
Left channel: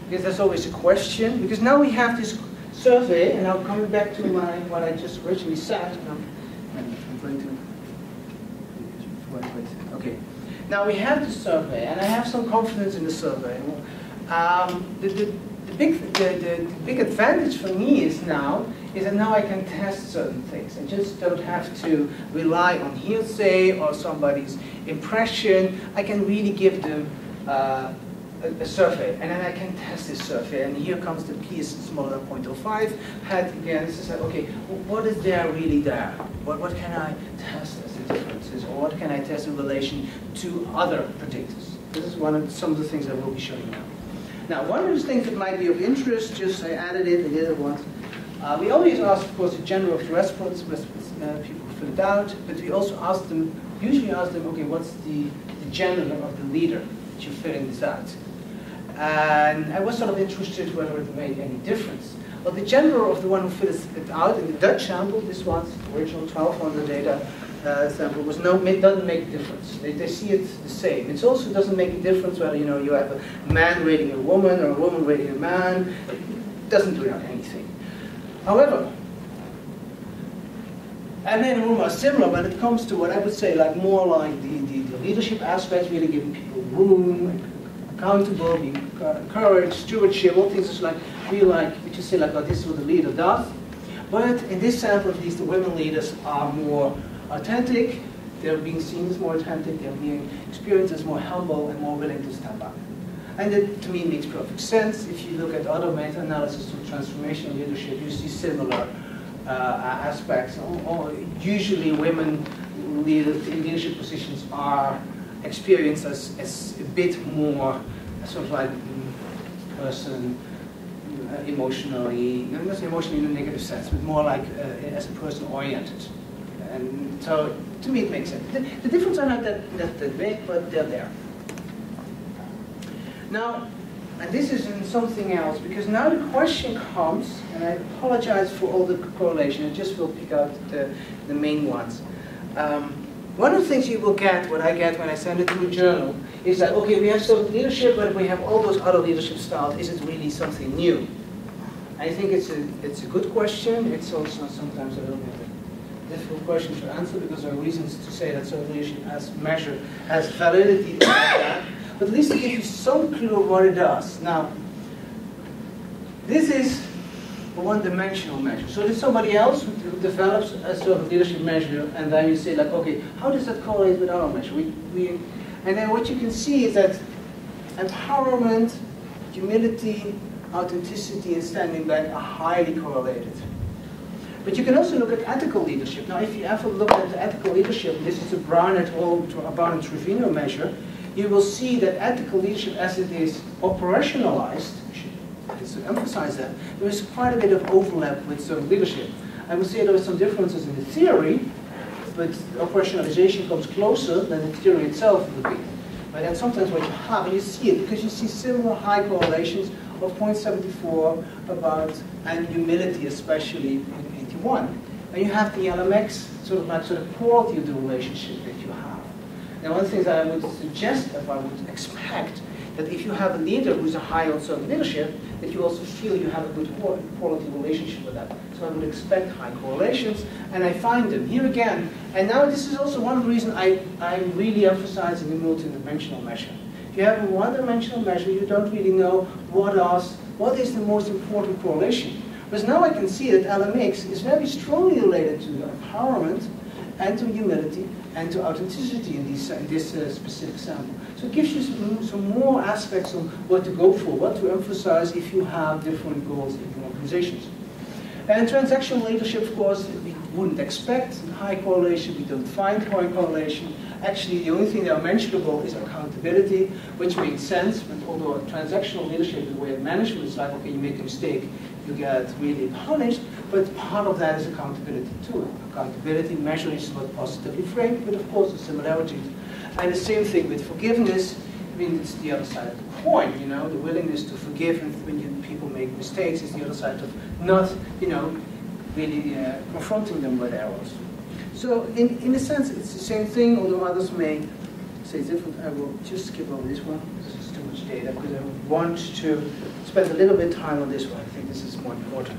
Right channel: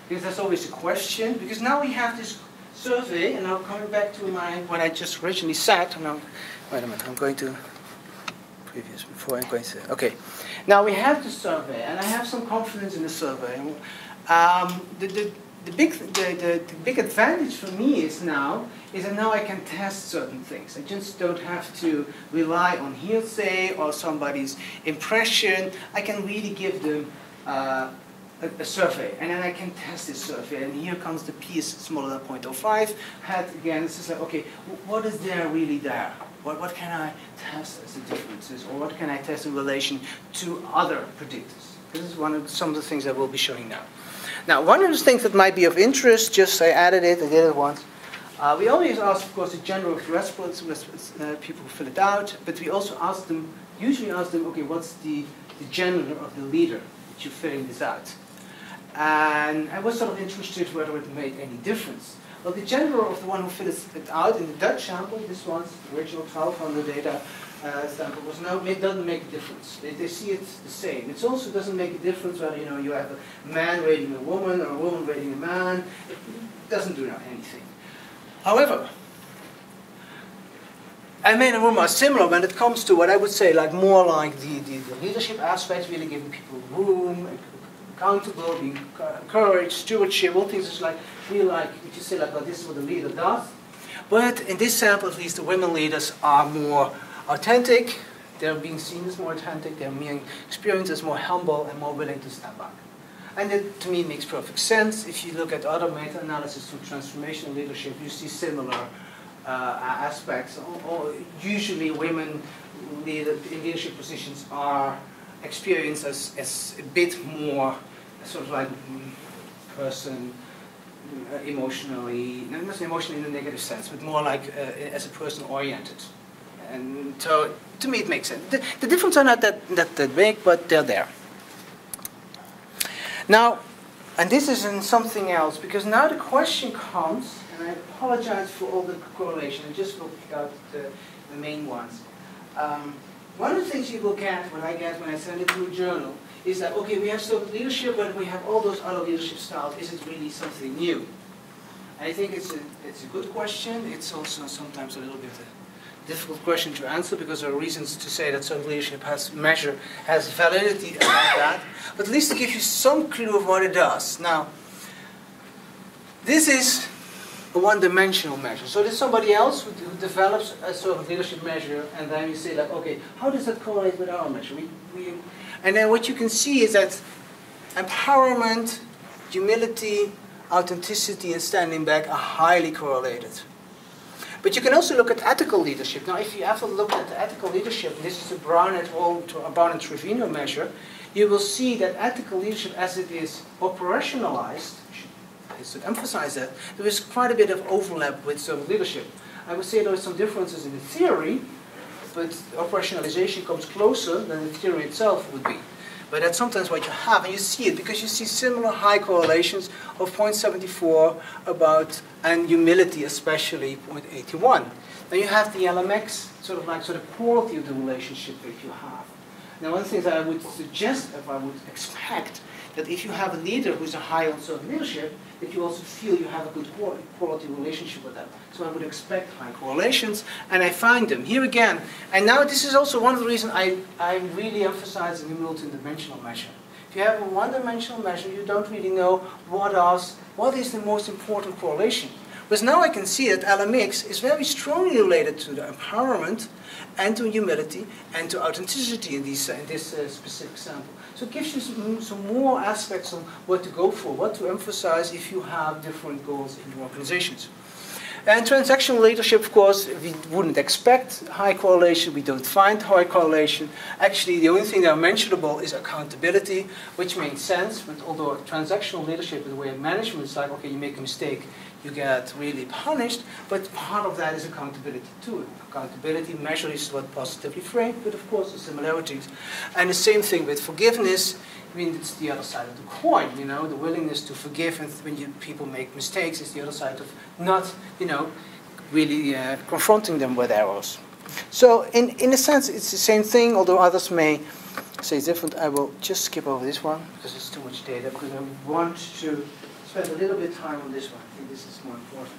because that's always a question. Because now we have this survey, and now coming back to what I just originally said. And wait a minute, I'm going to previous before I'm going to. Okay, now we have the survey, and I have some confidence in the survey. The big advantage for me is that now I can test certain things. I just don't have to rely on hearsay or somebody's impression. I can really give them a survey, and then I can test this survey. And here comes the P is smaller than 0.05. Had again, it's just like, okay, what is there really there? What can I test as the differences, or what can I test in relation to other predictors? This is some of the things I will be showing now. Now, one of the things that might be of interest, just I added it, I did it once. We always ask, of course, the gender of the respondents, people fill it out, but we also usually ask them, okay, what's the gender of the leader that you're filling this out? And I was sort of interested whether it made any difference. Well, the gender of the one who fills it out in the Dutch sample, this one's the original 1200 data sample, doesn't make a difference. They see it the same. It also doesn't make a difference whether you have a man rating a woman or a woman rating a man. It doesn't do anything. However, a man and woman are similar when it comes to what I would say more like the leadership aspects, really giving people room, accountable, being encouraged, stewardship, all things feel like what you say oh, this is what the leader does. But in this sample, at least, the women leaders are more authentic. They're being seen as more authentic. They're being experienced as more humble and more willing to step up. And it, to me, makes perfect sense. If you look at other meta-analysis to transformational leadership, you see similar aspects. Usually women in leadership positions are experienced as a bit more sort of like person, emotionally, not emotionally in a negative sense, but more like as a person oriented. And so, to me, it makes sense. The differences are not that big, but they're there. Now, and this is in something else, because now the question comes, and I apologize for all the correlation, I just will pick out the main ones. One of the things you will get, what I get when I send it to a journal, is that, okay, we have servant leadership, but we have all those other leadership styles. Is it really something new? I think it's a good question. It's also sometimes a little bit a difficult question to answer, because there are reasons to say that servant leadership has validity like that. But at least to give you some clue of what it does. Now, this is a one-dimensional measure. So there's somebody else who develops a servant leadership measure, and then you say, like, okay, how does that correlate with our measure? And then what you can see is that empowerment, humility, authenticity, and standing back are highly correlated. But you can also look at ethical leadership. Now, if you ever look at ethical leadership, this is the Brown and Trevino measure, you will see that ethical leadership, as it is operationalized, I should emphasize that, there is quite a bit of overlap with servant leadership. I would say there are some differences in the theory, but operationalization comes closer than the theory itself would be. But that's sometimes what you have, and you see it, because you see similar high correlations of 0.74 about, and humility especially, with 81. Then you have the LMX, sort of quality of the relationship that you have. Now, one of the things that I would suggest, if I would expect, that if you have a leader who's a high on servant leadership, that you also feel you have a good quality relationship with them. So I would expect high correlations, and I find them. Here again, and now this is also one of the reasons I'm really emphasizing the multi-dimensional measure. If you have a one-dimensional measure, you don't really know what is the most important correlation. Because now I can see that LMX is very strongly related to the empowerment, and to humility, and to authenticity in this specific sample. So it gives you some more aspects on what to go for, what to emphasize if you have different goals in your organizations. And transactional leadership, of course, we wouldn't expect high correlation. We don't find high correlation. Actually, the only thing that are mentionable is accountability, which makes sense. But although transactional leadership is a way of management, it's like, okay, you make a mistake, you get really punished. But part of that is accountability too. Accountability measures what positively framed, but of course the similarities. And the same thing with forgiveness. I mean, it's the other side of the coin, you know, the willingness to forgive, and when people make mistakes, is the other side of not, you know, really confronting them with errors. So in a sense, it's the same thing, although others may say it's different. I will just skip over this one, because it's too much data, because I want to spend a little bit of time on this one. I think this is more important.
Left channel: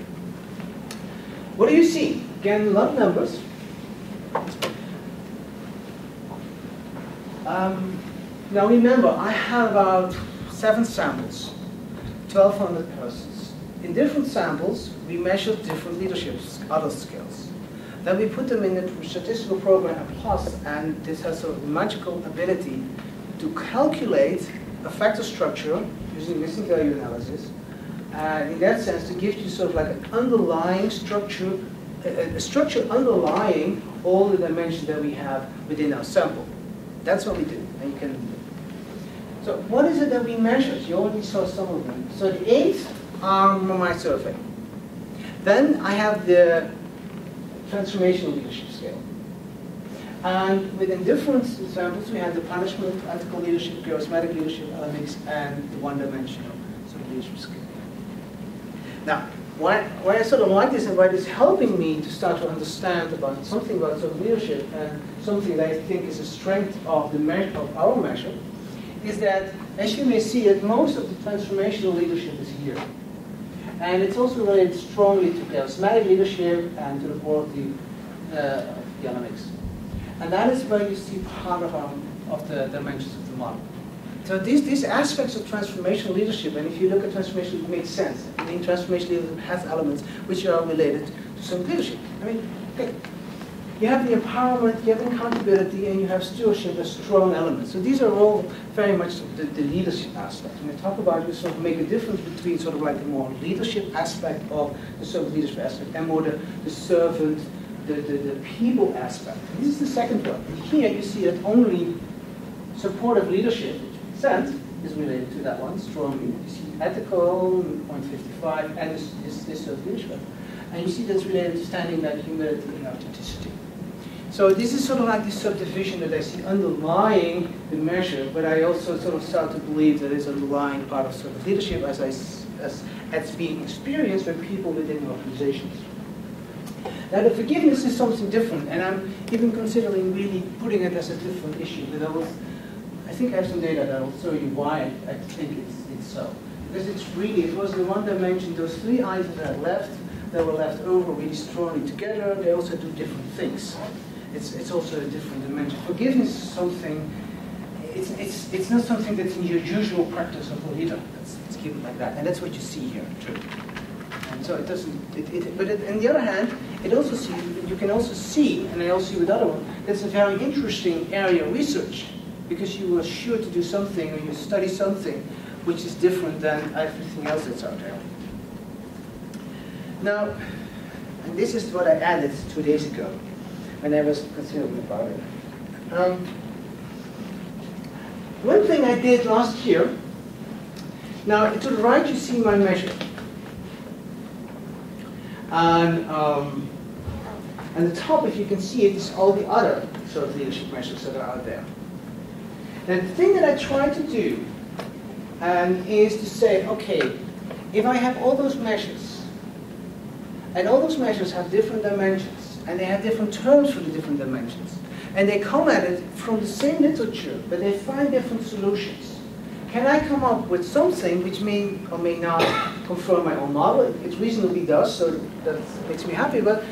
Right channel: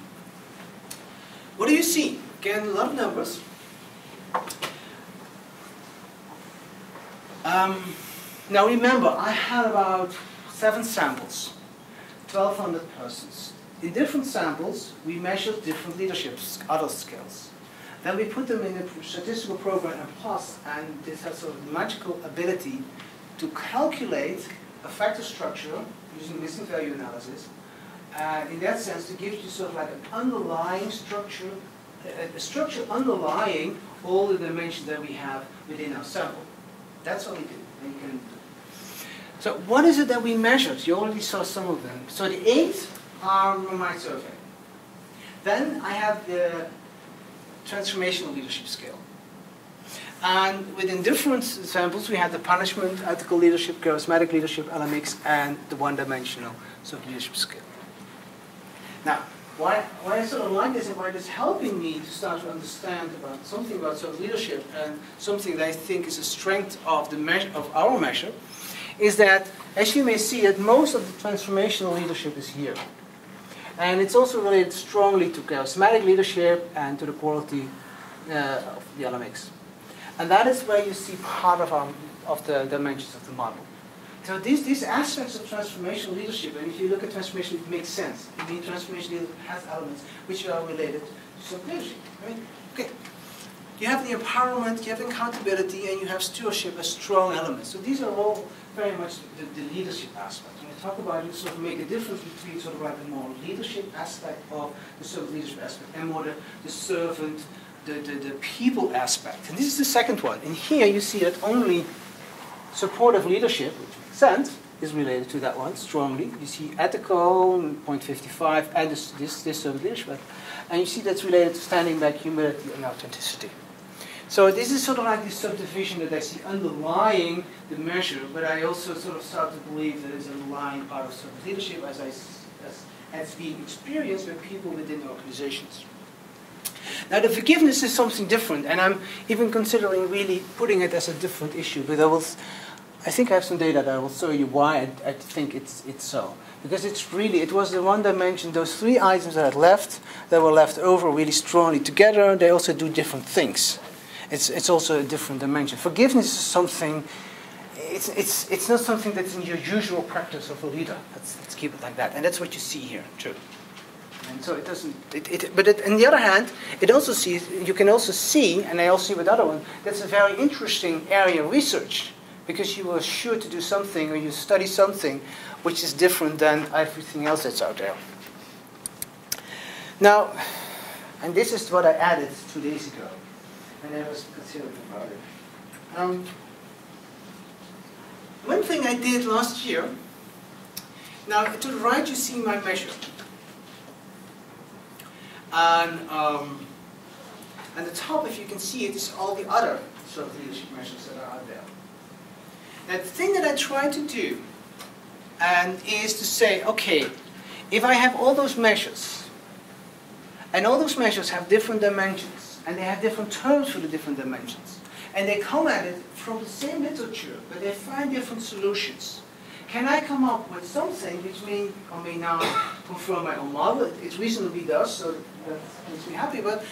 What do you see? Again, a lot of numbers. Now remember, I had about 7 samples, 1,200 persons. In different samples, we measured different leadership, other skills. Then we put them in a statistical program, Plus, and this has sort of magical ability to calculate a factor structure using missing value analysis. In that sense, to give you sort of like an underlying structure, a structure underlying all the dimensions that we have within our sample. That's what we do. And you can. So what is it that we measured? You already saw some of them. So the 8 are from my survey. Then I have the transformational leadership scale. And within different samples, we had the punishment, ethical leadership, charismatic leadership, LMX, and the one-dimensional sort of leadership scale. Now, why I sort of like this and why it's helping me to start to understand about something about sort of leadership, and something that I think is a strength of the measure, of our measure, is that, as you may see, that most of the transformational leadership is here. And it's also related strongly to charismatic leadership and to the quality of the LMX. And that is where you see part of the dimensions of the model. So these aspects of transformational leadership, and if you look at transformational, it makes sense. I mean, transformational leadership has elements which are related to some leadership. I mean, okay. You have the empowerment, you have accountability, and you have stewardship as strong elements. So these are all very much the leadership aspect. When I talk about, you sort of make a difference between sort of like the more leadership aspect of the servant leadership aspect and more the servant, the people aspect. And this is the second one. And here you see that only supportive leadership, sent, is related to that one strongly. You see ethical, 0.55, and this servant leadership. And you see that's related to standing back, humility, and authenticity. So this is sort of like this subdivision that I see underlying the measure, but I also sort of start to believe that it's underlying part of sort of leadership as it's being experienced by people within the organizations. Now the forgiveness is something different, and I'm even considering really putting it as a different issue, but I think I have some data that I will show you why I think it's so. Because it was the one dimension, those three items that were left over really strongly together, they also do different things. It's also a different dimension. Forgiveness is something, it's not something that's in your usual practice of a leader. Let's keep it like that. And that's what you see here, too. And so it doesn't, but on the other hand, you can also see, and I also see with other one, that's a very interesting area of research. Because you are sure to do something, or you study something, which is different than everything else that's out there. Now, and this is what I added 2 days ago, when I was considering about it. One thing I did last year, now to the right you see my measure. And at the top, if you can see it, is all the other sort of leadership measures that are out there. Now, the thing that I try to do is to say, okay, if I have all those measures, and all those measures have different dimensions, and they have different terms for the different dimensions, and they come at it from the same literature, but they find different solutions, can I come up with something which may or may not confirm my own model? It reasonably does, so that makes me happy, but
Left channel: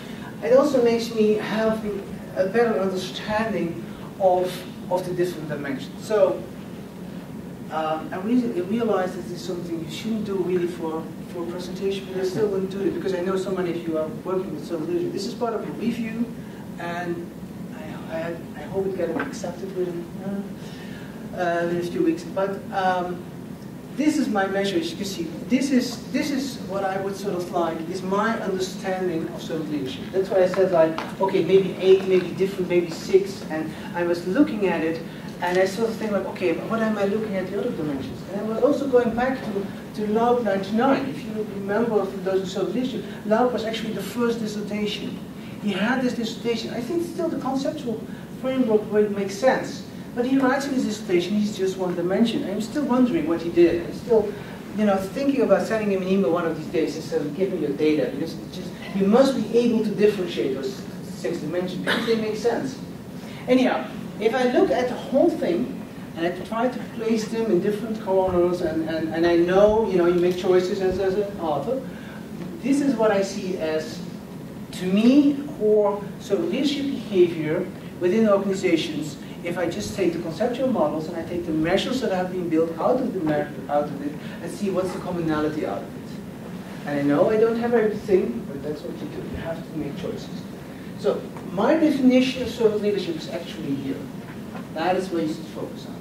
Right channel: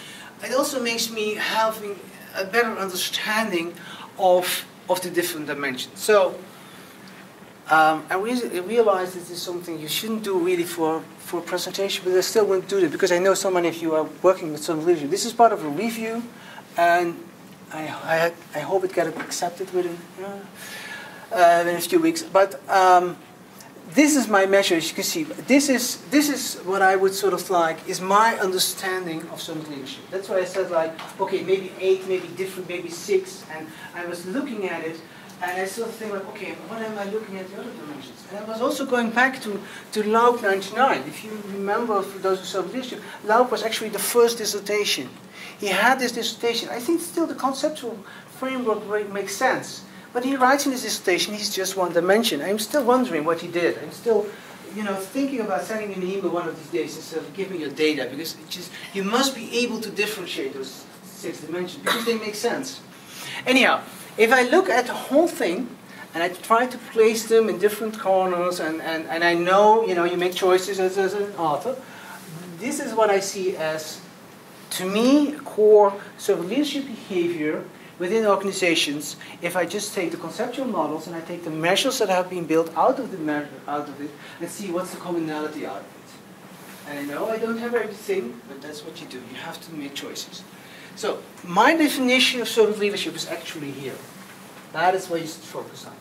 it also makes me having a better understanding of the different dimensions. So I realize this is something you shouldn't do really for a presentation, but I still want to do it because I know so many of you are working with servant leadership. This is part of a review, and I hope it gets accepted within a few weeks. But this is my measure, as you can see. This is what I would sort of like is my understanding of servant leadership. That's why I said like, okay, maybe 8, maybe different, maybe 6, and I was looking at it, and I sort of think like, okay, what am I looking at the other dimensions? And I was also going back to Laub 99. If you remember, for those who served leadership, Laub was actually the first dissertation. He had this dissertation. I think still the conceptual framework makes sense. But he writes in his dissertation, he's just one dimension. I'm still wondering what he did. I'm still, thinking about sending him an email one of these days and saying, give me your data, because you must be able to differentiate those 6 dimensions because they make sense. Anyhow, if I look at the whole thing and I try to place them in different corners, and I know, you make choices as an author, this is what I see as, to me, core servant leadership behavior within organizations. If I just take the conceptual models and I take the measures that have been built out of it, and see what's the commonality out of it. And I know I don't have everything, but that's what you do. You have to make choices. So my definition of servant leadership is actually here. That is what you should focus on.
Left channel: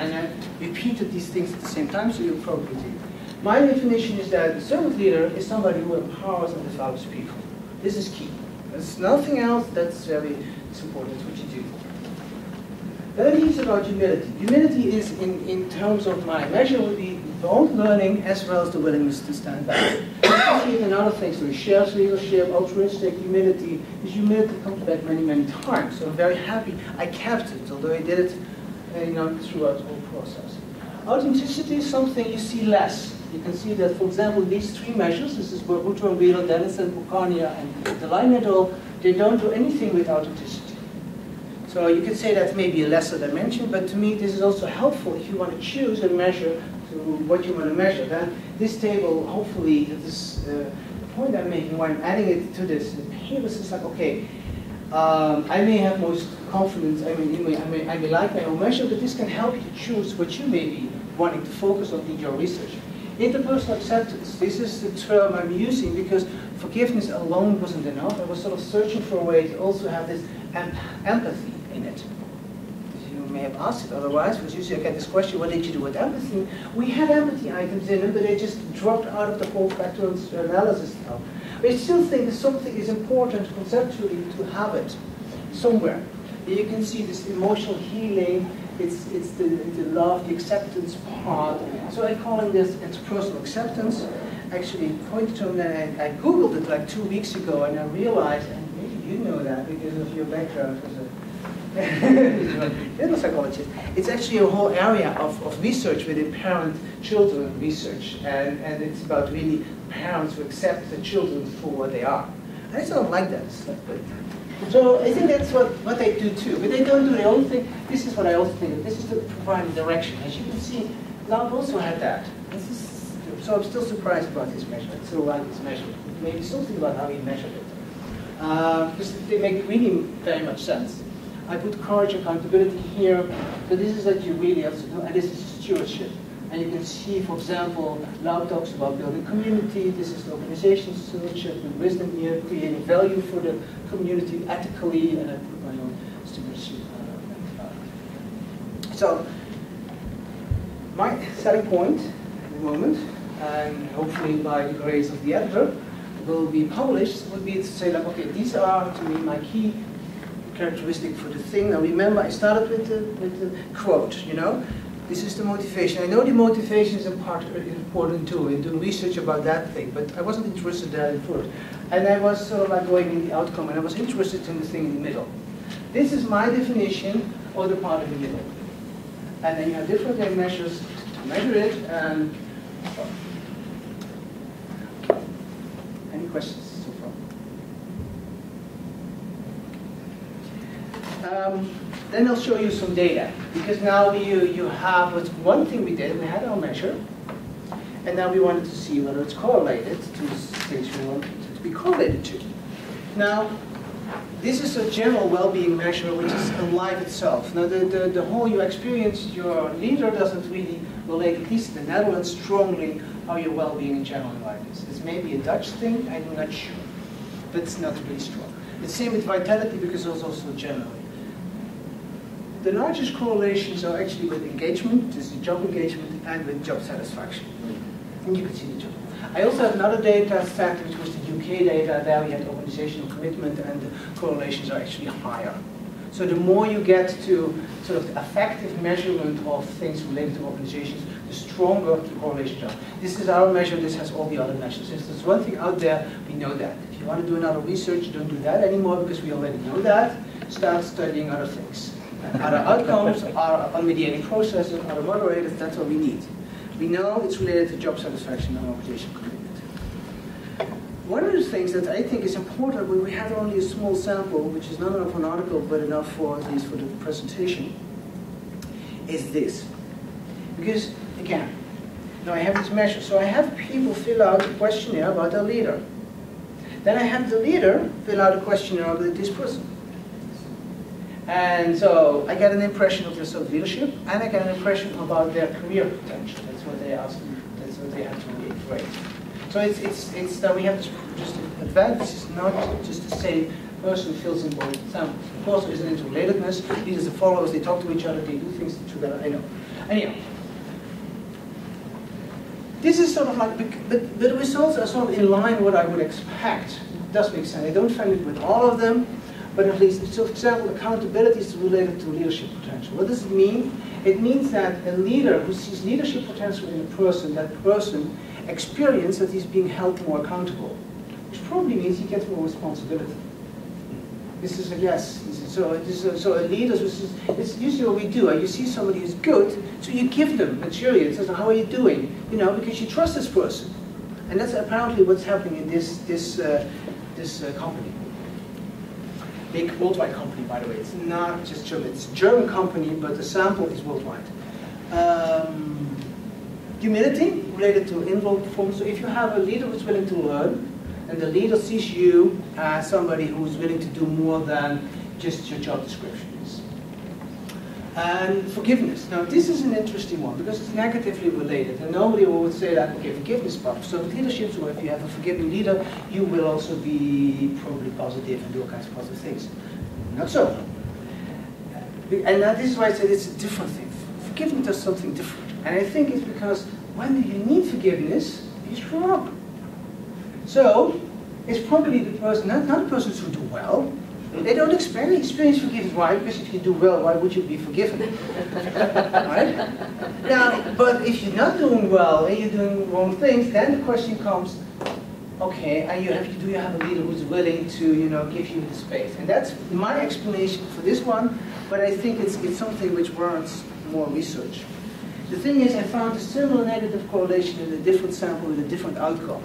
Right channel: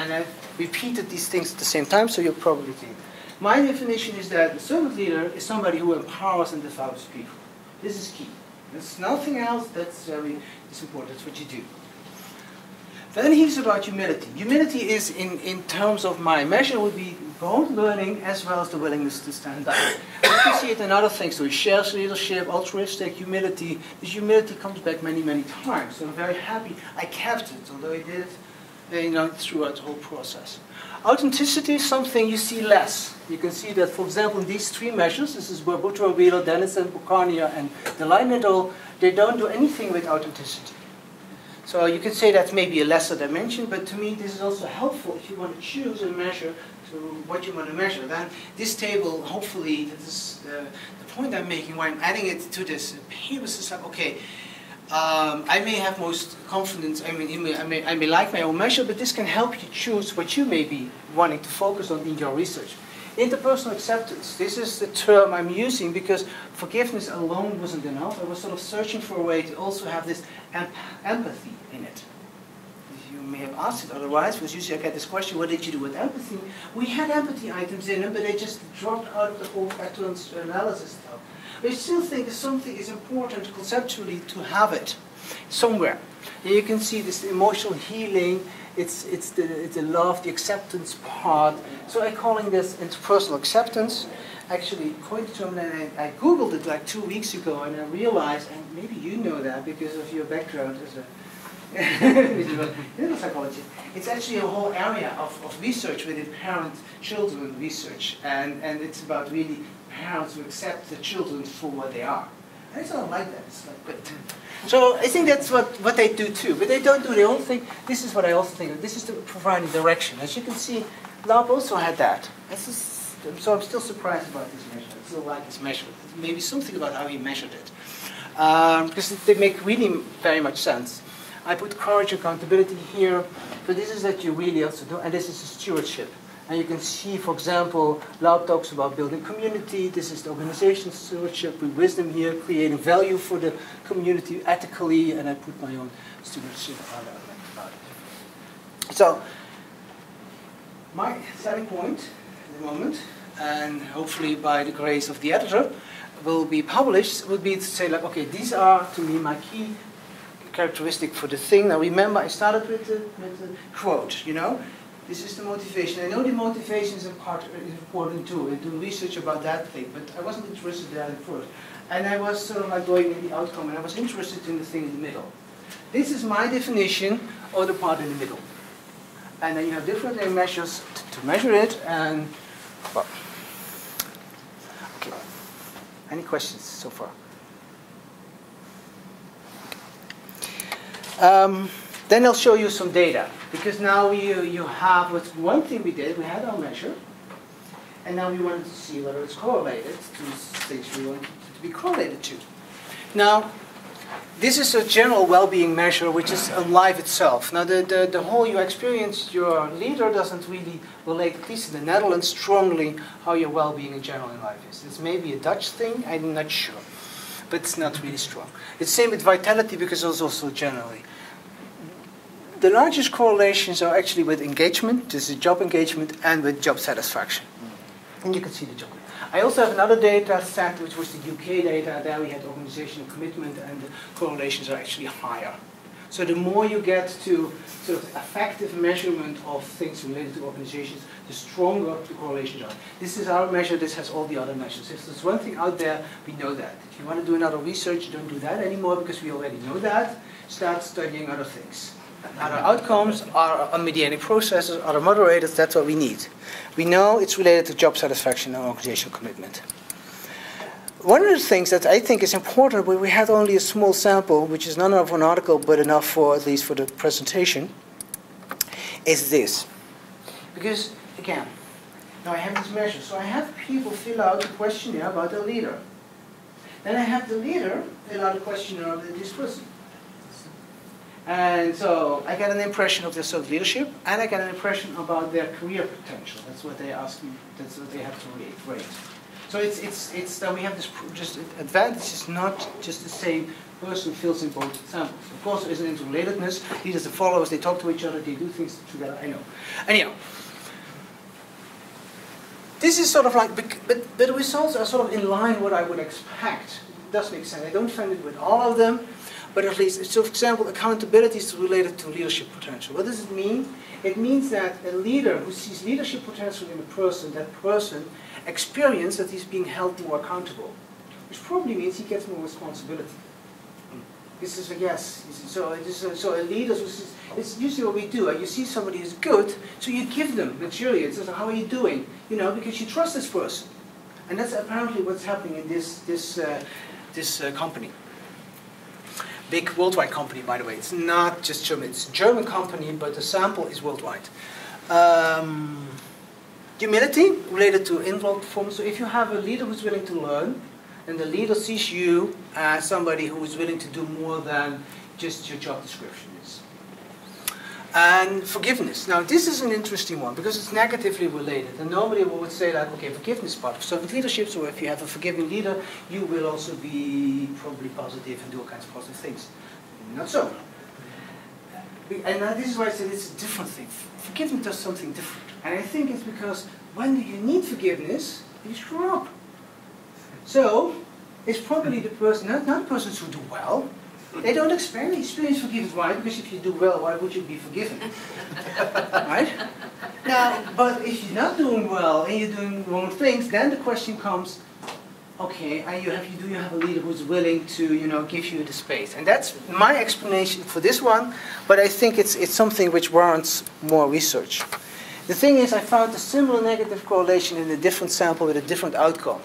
And I've repeated these things at the same time, so you'll probably see. My definition is that a servant leader is somebody who empowers and develops people. This is key. There's nothing else that's very important. That's what you do. Then he's about humility. Humility is, in terms of my measure, would be both learning as well as the willingness to stand up. You can see it in other things. So he shares leadership, altruistic, humility. This humility comes back many, many times. So I'm very happy I kept it, although I did it throughout the whole process. Authenticity is something you see less. You can see that, for example, in these 3 measures, this is where Boutron, Beadle, Dennison, Bucania, and Delight, they don't do anything with authenticity. So you could say that's maybe a lesser dimension, but to me this is also helpful if you want to choose a measure to what you want to measure. Then this table, hopefully, that is the point I'm making when I'm adding it to this paper, is like, okay, I may have most confidence, I may like my own measure, but this can help you choose what you may be wanting to focus on in your research. Interpersonal acceptance. This is the term I'm using because forgiveness alone wasn't enough. I was sort of searching for a way to also have this empathy in it. You may have asked it otherwise, because usually I get this question, what did you do with empathy? We had empathy items in it, but they just dropped out of the whole factual analysis stuff. I still think something is important conceptually to have it somewhere. And you can see this emotional healing. It's the love, the acceptance part. So I'm calling this interpersonal acceptance. Actually, quite term that I Googled it like 2 weeks ago, and I realized, and maybe you know that because of your background as a clinical psychologist, it's actually a whole area of research within parent-children research, and it's about really parents who accept the children for what they are. And I sort of like that. It's not good. So I think that's what they do too. But they don't do, they only think, this is what I also think, this is to provide direction. As you can see, Lab also had that. So I'm still surprised about this measure. I still like this measure. Maybe something about how he measured it. Because they make really very much sense. I put courage, accountability here. So this is that you really also do, and this is stewardship. And you can see, for example, Lau talks about building community. This is the organization stewardship with wisdom here, creating value for the community ethically, and I put my own stewardship on it. So, my starting point at the moment, and hopefully by the grace of the editor, will be published, would be to say like, okay, these are to me my key characteristic for the thing. Now remember, I started with the quote, you know. This is the motivation. I know the motivation is important too, in doing research about that thing, but I wasn't interested in that at first. And I was sort of like going in the outcome, and I was interested in the thing in the middle. This is my definition of the part in the middle. And then you have different measures to measure it, and well. Okay. Any questions so far? Then I'll show you some data, because now you have one thing we did. We had our measure, and now we wanted to see whether it's correlated to things we want it to be correlated to. Now, this is a general well-being measure, which is on life itself. Now, the whole you experience, your leader doesn't really relate, at least in the Netherlands, strongly how your well-being in general in life is. It's maybe a Dutch thing, I'm not sure, but it's not really strong. It's the same with vitality, because it's also generally. The largest correlations are actually with engagement, this is job engagement, and with job satisfaction. And you can see the job. I also have another data set, which was the UK data. There we had organizational commitment, and the correlations are actually higher. So the more you get to sort of effective measurement of things related to organizations, the stronger the correlations are. This is our measure, this has all the other measures. If there's one thing out there, we know that. If you want to do another research, don't do that anymore, because we already know that. Start studying other things. Other outcomes, are mediating processes, other moderators, that's what we need. We know it's related to job satisfaction and organizational commitment. One of the things that I think is important, when we had only a small sample, which is not enough for an article, but enough for at least for the presentation, is this. Because, again, now I have this measure. So I have people fill out a questionnaire about their leader. Then I have the leader fill out a questionnaire about this person. And so I get an impression of their self-leadership, and I get an impression about their career potential. That's what they ask me. That's what they have to rate. So it's that we have this just advantage is not just the same person fills in both samples. Of course, there's an interrelatedness. These are the followers. They talk to each other. They do things together. I know. Anyhow, this is sort of like, but the results are sort of in line with what I would expect. It does make sense. I don't find it with all of them. But at least, so for example, accountability is related to leadership potential. What does it mean? It means that a leader who sees leadership potential in a person, that person experiences that he's being held more accountable, which probably means he gets more responsibility. This is a yes. So a leader, it's usually what we do. You see somebody is good, so you give them material. It says, how are you doing? You know, because you trust this person. And that's apparently what's happening in this company. Big worldwide company, by the way. It's not just German. It's a German company, but the sample is worldwide. Humility related to involved performance. So if you have a leader who's willing to learn, and the leader sees you as somebody who's willing to do more than just your job description is. And forgiveness. Now, this is an interesting one because it's negatively related. And normally we would say that, okay, forgiveness is part of servant leadership, so if you have a forgiving leader, you will also be probably positive and do all kinds of positive things. Not so. And now this is why I said it's a different thing. Forgiveness does something different. And I think it's because when you need forgiveness, you screw up. So, it's probably the person, not the persons who do well. They don't experience forgiveness. Why? Because if you do well, why would you be forgiven? Right? Now, but if you're not doing well and you're doing wrong things, then the question comes, okay, and do you have a leader who's willing to, give you the space? And that's my explanation for this one, but I think it's something which warrants more research. The thing is, I found a similar negative correlation in a different sample with a different outcome.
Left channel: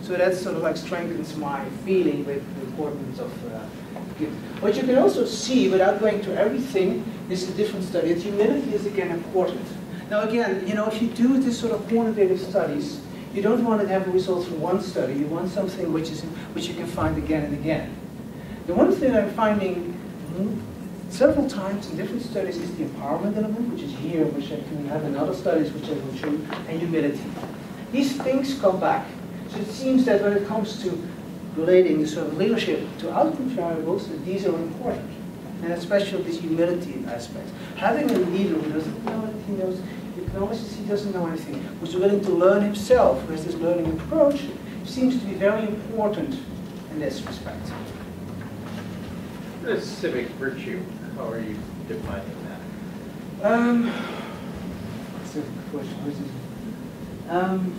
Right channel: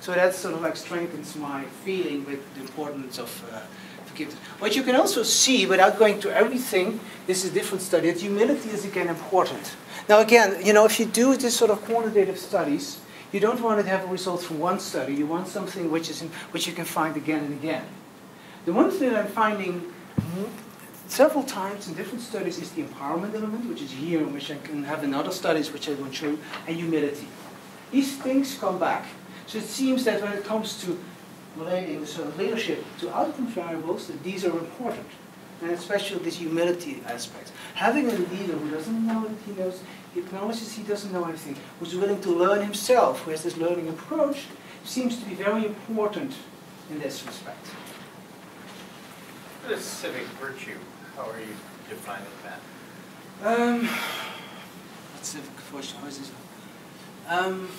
So that sort of like strengthens my feeling with the importance of forgiveness. What you can also see, without going to everything, this is a different study, that humility is again important. Now again, if you do this sort of quantitative studies, you don't want to have results from one study. You want something which you can find again and again. The one thing I'm finding several times in different studies is the empowerment element, which is here, which I can have in other studies, which I will show, and humility. These things come back. So it seems that when it comes to relating the sort of leadership to outcome variables, that these are important. And especially this humility aspect. Having a leader who doesn't know that he knows, he acknowledges he doesn't know anything, who's willing to learn himself, who has this learning approach, seems to be very important in this respect. What is civic virtue? How are you defining that? Civic virtue, what is this one?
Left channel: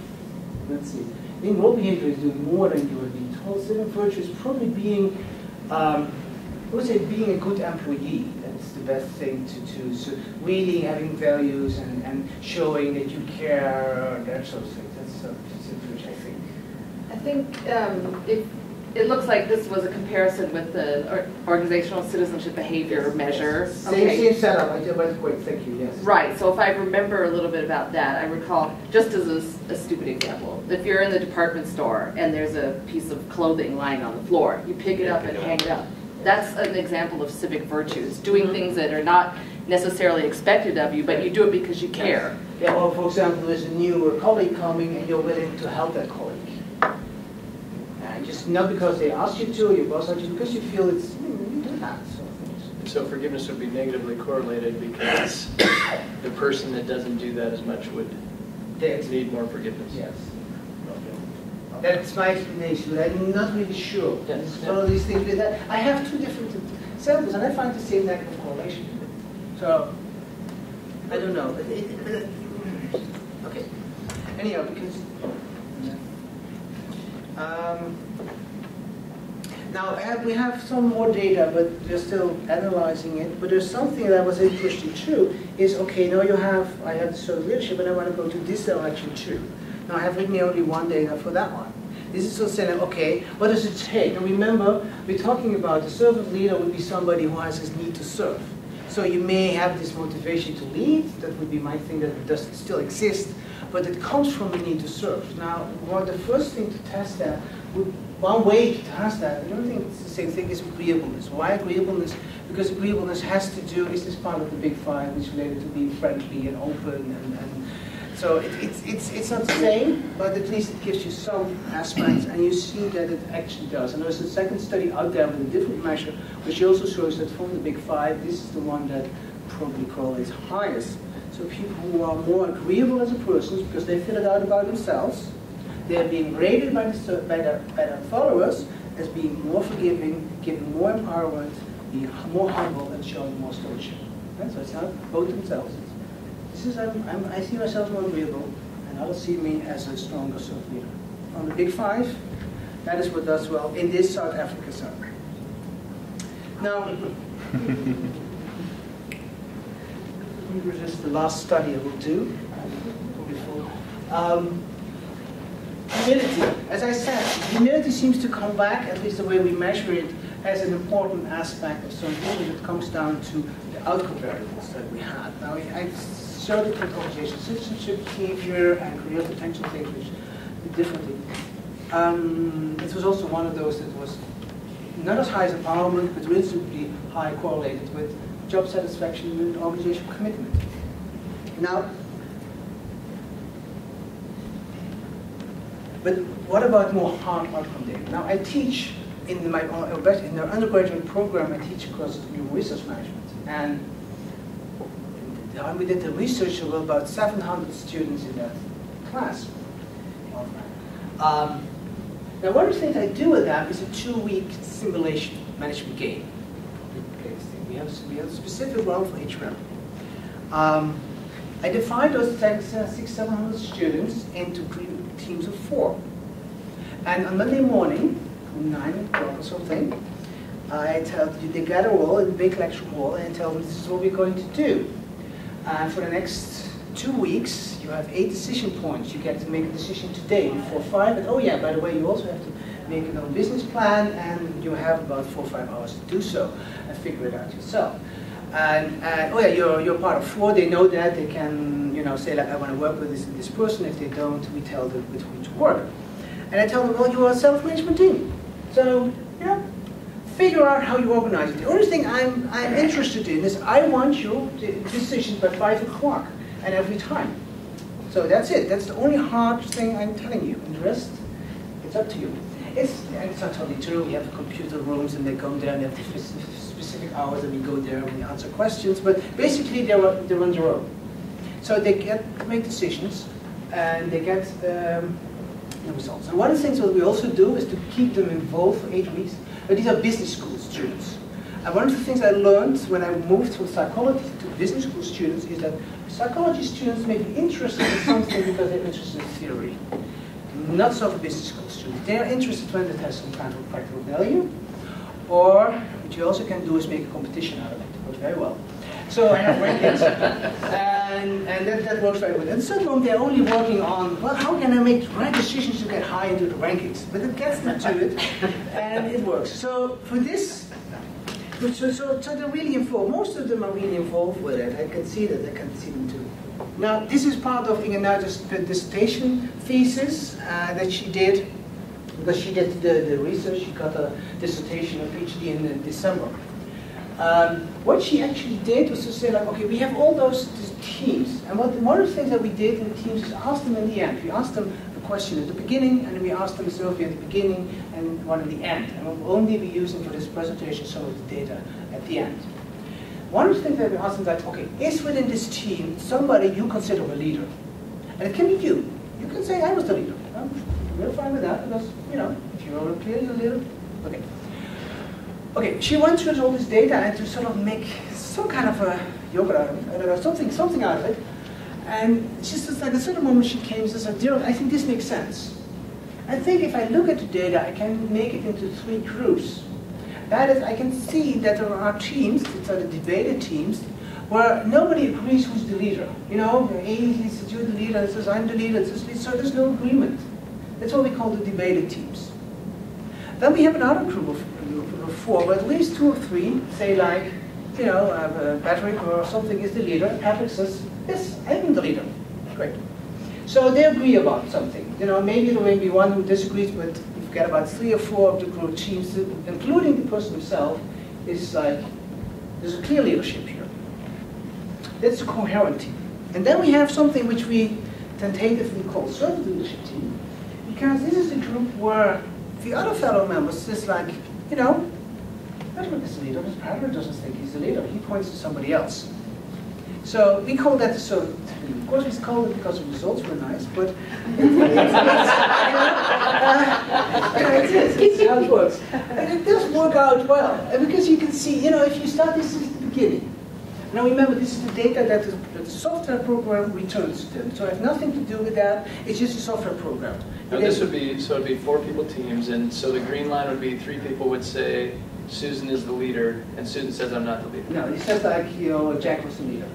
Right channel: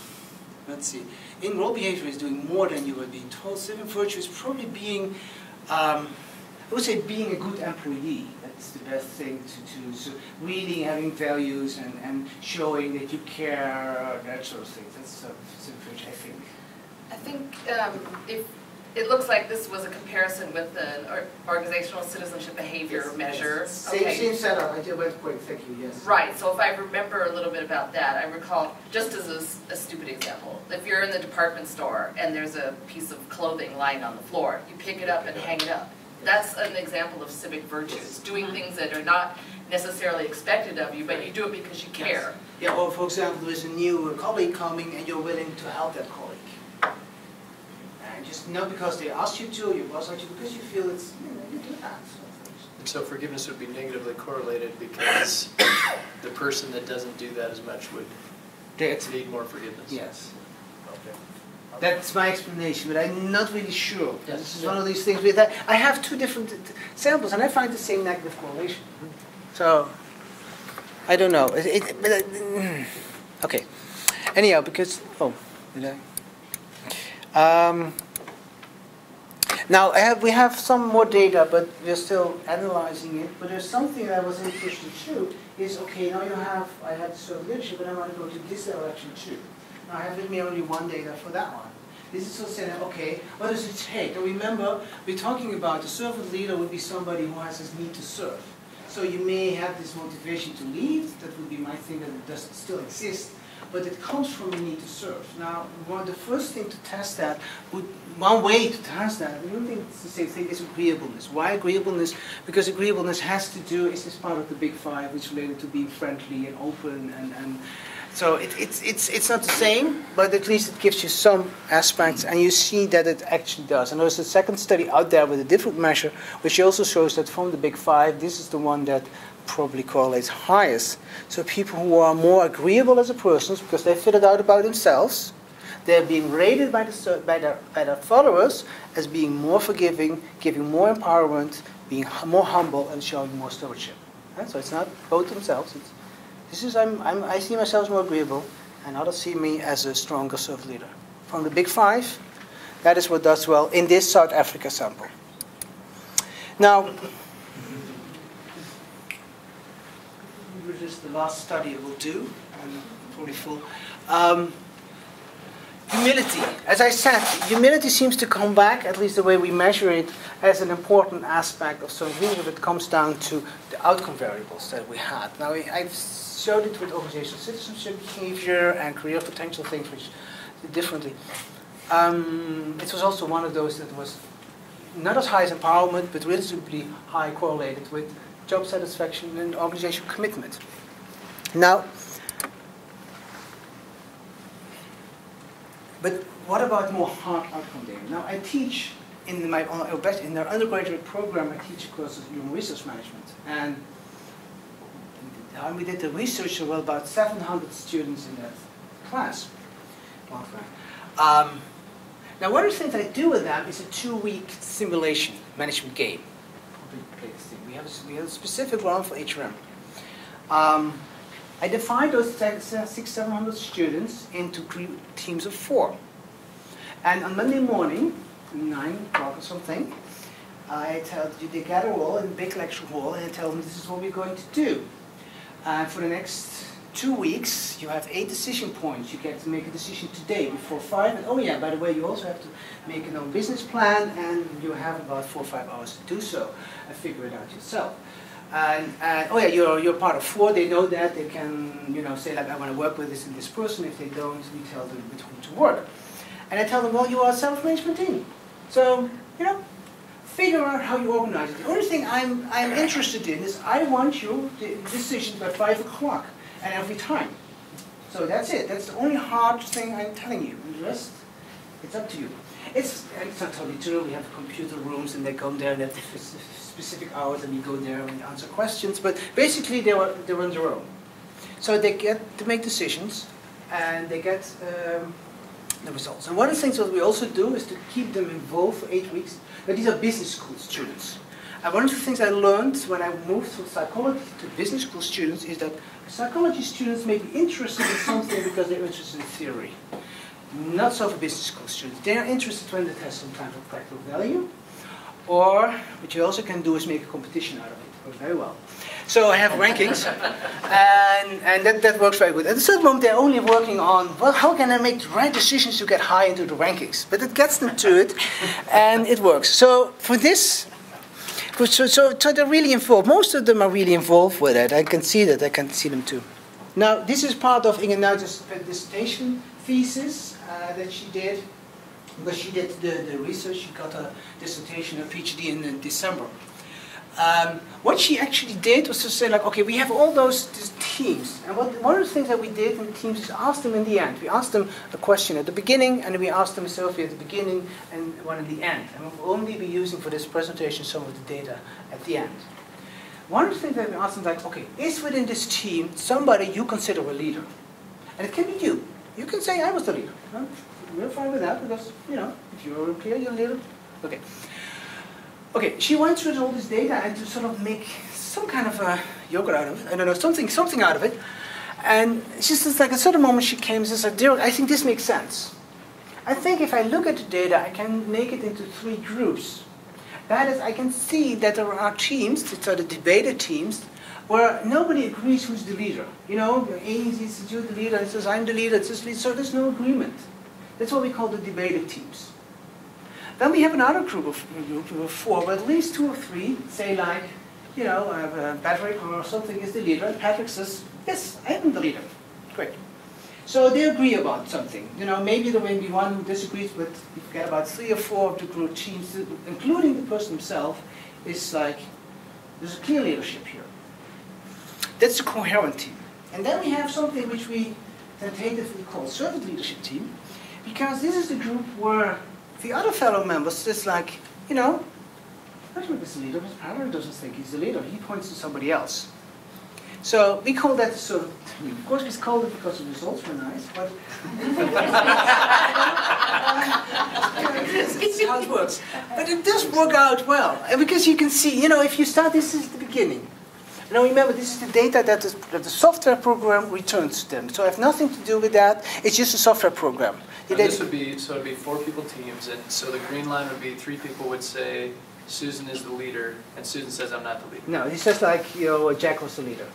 Let's see. In role behavior is doing more than you are being told. Civic virtue is probably being, I would say being a good employee. That's the best thing to do. So really having values and showing that you care, that sort of thing. That's sort of civic virtue, I think. I think if it looks like this was a comparison with the organizational citizenship behavior measure. Same setup. I did went quick. Thank you. Yes. Right. So if I remember a little bit about that, I recall just as a stupid example. If you're in the department store and there's a piece of clothing lying on the floor, you pick it up and hang it up. That's an example of civic virtues, doing things that are not necessarily expected of you, but you do it because you care. Yeah. Or for example, there's a new colleague coming and you're willing to help that colleague. Just not because they asked you to, your boss asked you, because you feel it's, you do that. And so forgiveness would be negatively correlated because the person that doesn't do that as much would need more forgiveness. Yes. Okay. That's my explanation, but I'm not really sure. Yes. This is one of these things with that. I have two different samples, and I find the same negative correlation. So, I don't know. Okay. Anyhow, because, did I? Now, we have some more data, but we're still analyzing it. But there's something that was interesting too, is, okay, now I have servant leadership, and I want to go to this direction too. Now, I have with me only one data for that one. This is also saying, okay, what does it take? Now, remember, we're talking about the servant leader would be somebody who has his need to serve. So you may have this motivation to lead. That would be my thing that does still exist. But it comes from the need to serve. Now, the first thing to test that, one way to test that, I don't think it's the same thing, is agreeableness. Why agreeableness? Because agreeableness has to do, is this part of the big five, which is related to being friendly and open, and so it's not the same, but at least it gives you some aspects, and you see that it actually does. And there's a second study out there with a different measure, which also shows that from the big five, this is the one that probably correlates highest. So people who are more agreeable as a person, because they figured out about themselves, they're being rated by their followers as being more forgiving, giving more empowerment, being more humble, and showing more stewardship. Right? So it's not both themselves. I see myself as more agreeable, and others see me as a stronger servant leader. From the big five, that is what does well in this South Africa sample. Now, this is the last study I will do. Probably full. Humility. As I said, humility seems to come back, at least the way we measure it, as an important aspect of some when it comes down to the outcome variables that we had. Now, I've showed it with organizational citizenship, behavior, and career potential things which differently. It was also one of those that was not as high as empowerment, but reasonably high correlated with job satisfaction, and organizational commitment. Now, but what about more hard outcome data? Now, I teach in my undergraduate program. I teach courses in research management, and we did the research. There were about 700 students in that class. Now, one of the things I do with that is a 2-week simulation management game. We have a specific one for HRM. I defined those 600-700 students into teams of 4. And on Monday morning, 9 o'clock or something, I tell you, they gather all in a big lecture hall, and I tell them this is what we're going to do. For the next 2 weeks, you have 8 decision points. You get to make a decision today before 5. And oh yeah, by the way, you also have to make an own business plan, and you have about 4 or 5 hours to do so and figure it out yourself. And oh yeah, you're part of 4. They know that. They can, you know, say like, I want to work with this and this person. If they don't, we tell them with whom to work. And I tell them, well, you are a self-arrangement team. So, you know, figure out how you organize it. The only thing I'm interested in is I want your decisions by 5 o'clock and every time. So that's it. That's the only hard thing I'm telling you. And the rest, it's up to you. It's not totally true. We have computer rooms, and they come there and they have specific hours, and we go there and we answer questions. But basically, they're on their own. So they get to make decisions, and they get the results. And one of the things that we also do is to keep them involved for 8 weeks. But these are business school students. And one of the things I learned when I moved from psychology to business school students is that psychology students may be interested in something because they're interested in theory. Not so for business school students. They are interested when it has some kind of practical value. Or what you also can do is make a competition out of it. It works very well. So I have rankings, and that works very good. At a certain moment, they're only working on, well, how can I make the right decisions to get high into the rankings? But it gets them to it, and it works. So for this, so they're really involved. Most of them are really involved with it. I can see that. I can see them too. Now, this is part of Inge Nuit's dissertation thesis that she did, because she did the research. She got a dissertation, a PhD in December. What she actually did was to say, like, okay, we have all those teams, and one of the things that we did in teams is ask them in the end. We asked them the question at the beginning, and we asked them Sophie at the beginning and one at the end. And we'll only be using for this presentation some of the data at the end. One of the things that we asked them, like, okay, is within this team somebody you consider a leader? And it can be you. You can say, I was the leader. We're fine with that, because, you know, if you're a peer, you're a leader. Okay. Okay, she went through all this data and to sort of make some kind of a yogurt out of it. I don't know, something out of it. And she says, like, at a certain moment she came and says, like, Dirk, I think this makes sense. I think if I look at the data, I can make it into 3 groups. That is, I can see that there are teams, these are the debated teams, where nobody agrees who's the leader. You know, he says, you're the leader, and he says, I'm the leader, so there's no agreement. That's what we call the debated teams. Then we have another group of 4, but at least 2 or 3 say, like, you know, Patrick or something is the leader. Patrick says, yes, I'm the leader. Great. So they agree about something. You know, maybe there may be one who disagrees, but you get about 3 or 4 of the group teams, including the person himself, is like, there's a clear leadership here. That's a coherent team. And then we have something which we tentatively call servant leadership team, because this is the group where the other fellow members is like, you know, Patrick is the leader, but Patrick doesn't think he's the leader. He points to somebody else. So we call that the servant team. Of course, we call it because the results were nice, but it's how it works. But it does work out well, and because you can see, you know, if you start, this is the beginning. Now remember, this is the data that the software program returns to them. So I have nothing to do with that. It's just a software program. This would be, so it would be 4 people teams, and so the green line would be 3 people would say, Susan is the leader, and Susan says, I'm not the leader. No, it's just like, you know, Jack was the leader.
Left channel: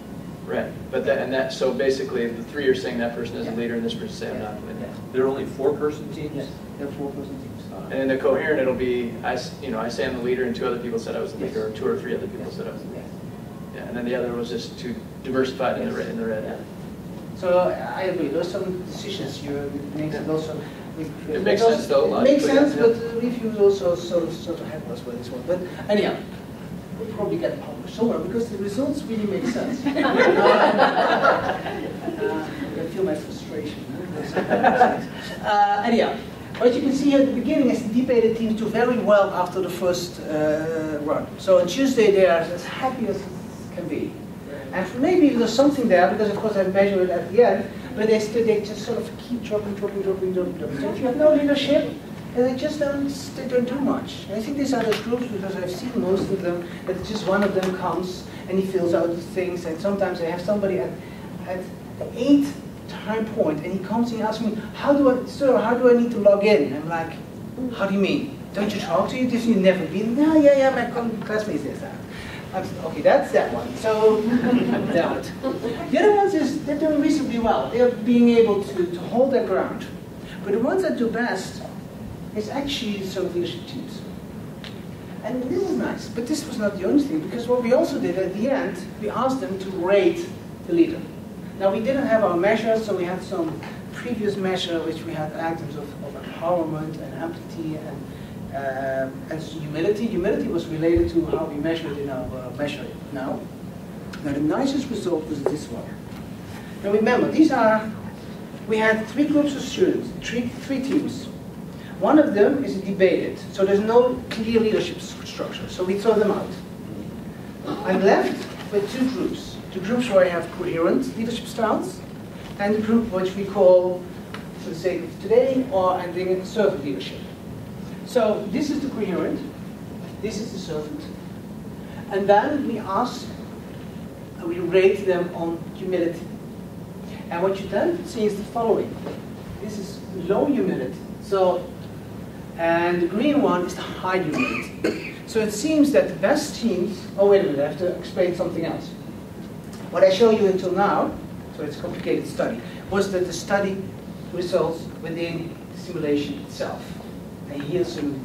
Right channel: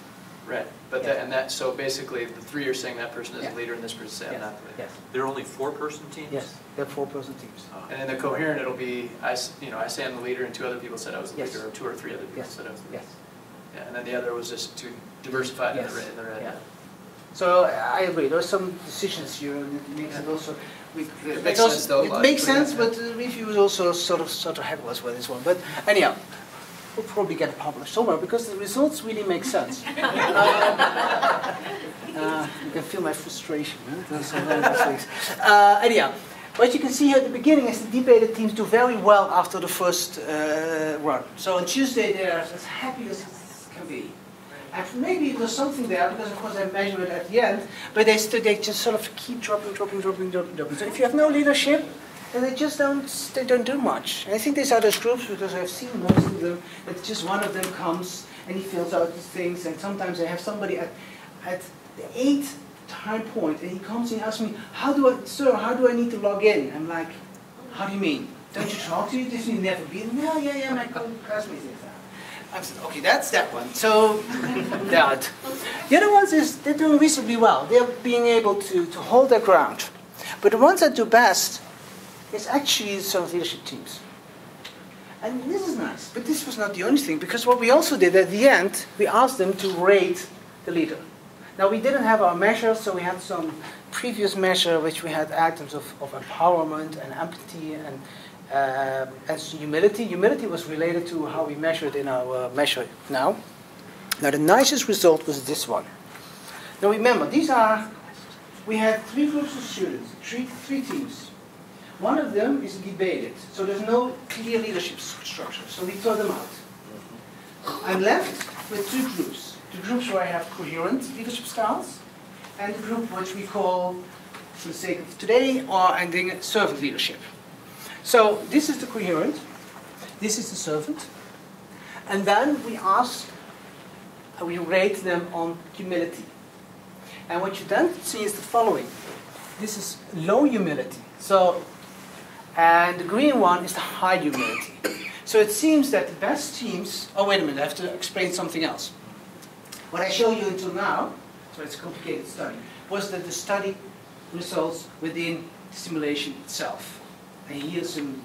Right, but so basically, if the 3 are saying that person is the leader, and this person saying I'm not the leader. Yes. They're only 4-person teams? Yes, they're 4-person teams. And in the coherent, it'll be, I say I'm the leader, and 2 other people said I was the leader, or 2 or 3 other people said I was the leader. Yes. Yeah, and then the other was just too diversified in the red. Yeah. So I agree. There are some decisions you make that also. It makes sense though. It makes sense, but reviews also sort of heckle us with this one. But anyhow, will probably get published somewhere because the results really make sense. I can feel my frustration. Anyhow, what you can see here at the beginning is the debated teams do very well after the first run. So on Tuesday they are as happy as it can be. And maybe there's something there, because of course I measure it at the end, but they just sort of keep dropping. So if you have no leadership, then they don't do much. And I think these are those groups, because I've seen most of them, that just one of them comes and he fills out things, and sometimes I have somebody at the 8th time point, and he comes and asks me, sir, how do I need to log in? And I'm like, how do you mean? Don't you talk to you? Did you never been? No, yeah, my classmates did that. Okay, that's that one. So, that. The other ones they're doing reasonably well. They're being able to hold their ground. But the ones that do best is actually some leadership teams. And this is nice, but this was not the only thing, because what we also did at the end, we asked them to rate the leader. Now, we didn't have our measures, so we had some previous measure which we had items of empowerment and empathy and humility. Humility was related to how we measured in our measure now. Now, the nicest result was this one. Now, remember, we had 3 groups of students, three teams. One of them is debated, so there's no clear leadership structure, so we throw them out. I'm left with 2 groups. 2 groups where I have coherent leadership styles, and a group which we call, for the sake of today, I'm doing servant leadership. So this is the coherent, this is the servant, and then we rate them on humility. And what you then see is the following. This is low humility. And the green one is the high humility. So it seems that the best teams, oh wait a minute, I have to explain something else. What I show you until now, so it's a complicated study, was that the study results within the simulation itself. And here's some.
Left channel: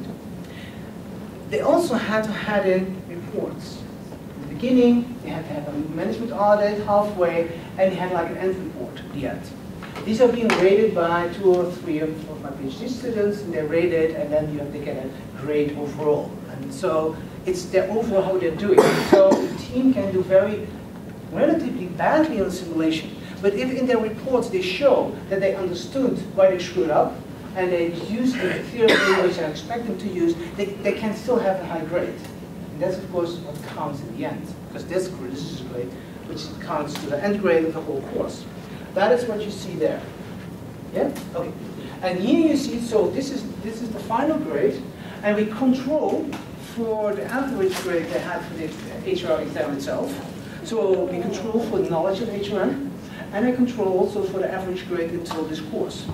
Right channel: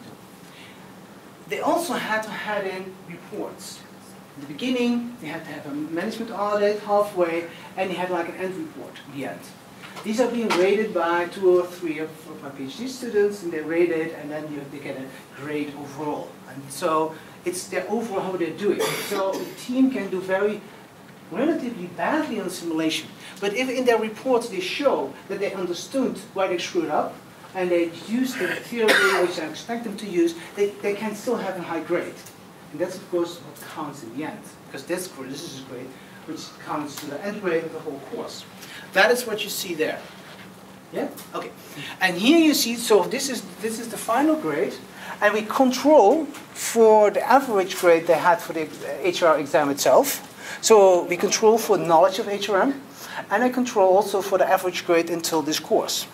They also had to add in reports. In the beginning, they had to have a management audit halfway, and they had like an end report at the end. These are being rated by 2 or 3 of my PhD students, and they're rated, and then they get a grade overall. And so it's their overall how they're doing. So the team can do relatively badly on simulation, but if in their reports they show that they understood why they screwed up, and they used the theory which I expect them to use, they can still have a high grade. And that's of course what counts in the end, because this is a grade which counts to the end grade of the whole course. That is what you see there. Yeah? Okay. And here you see, so this is the final grade, and we control for the average grade they had for the HR exam itself. So we control for knowledge of HRM, and I control also for the average grade until this course.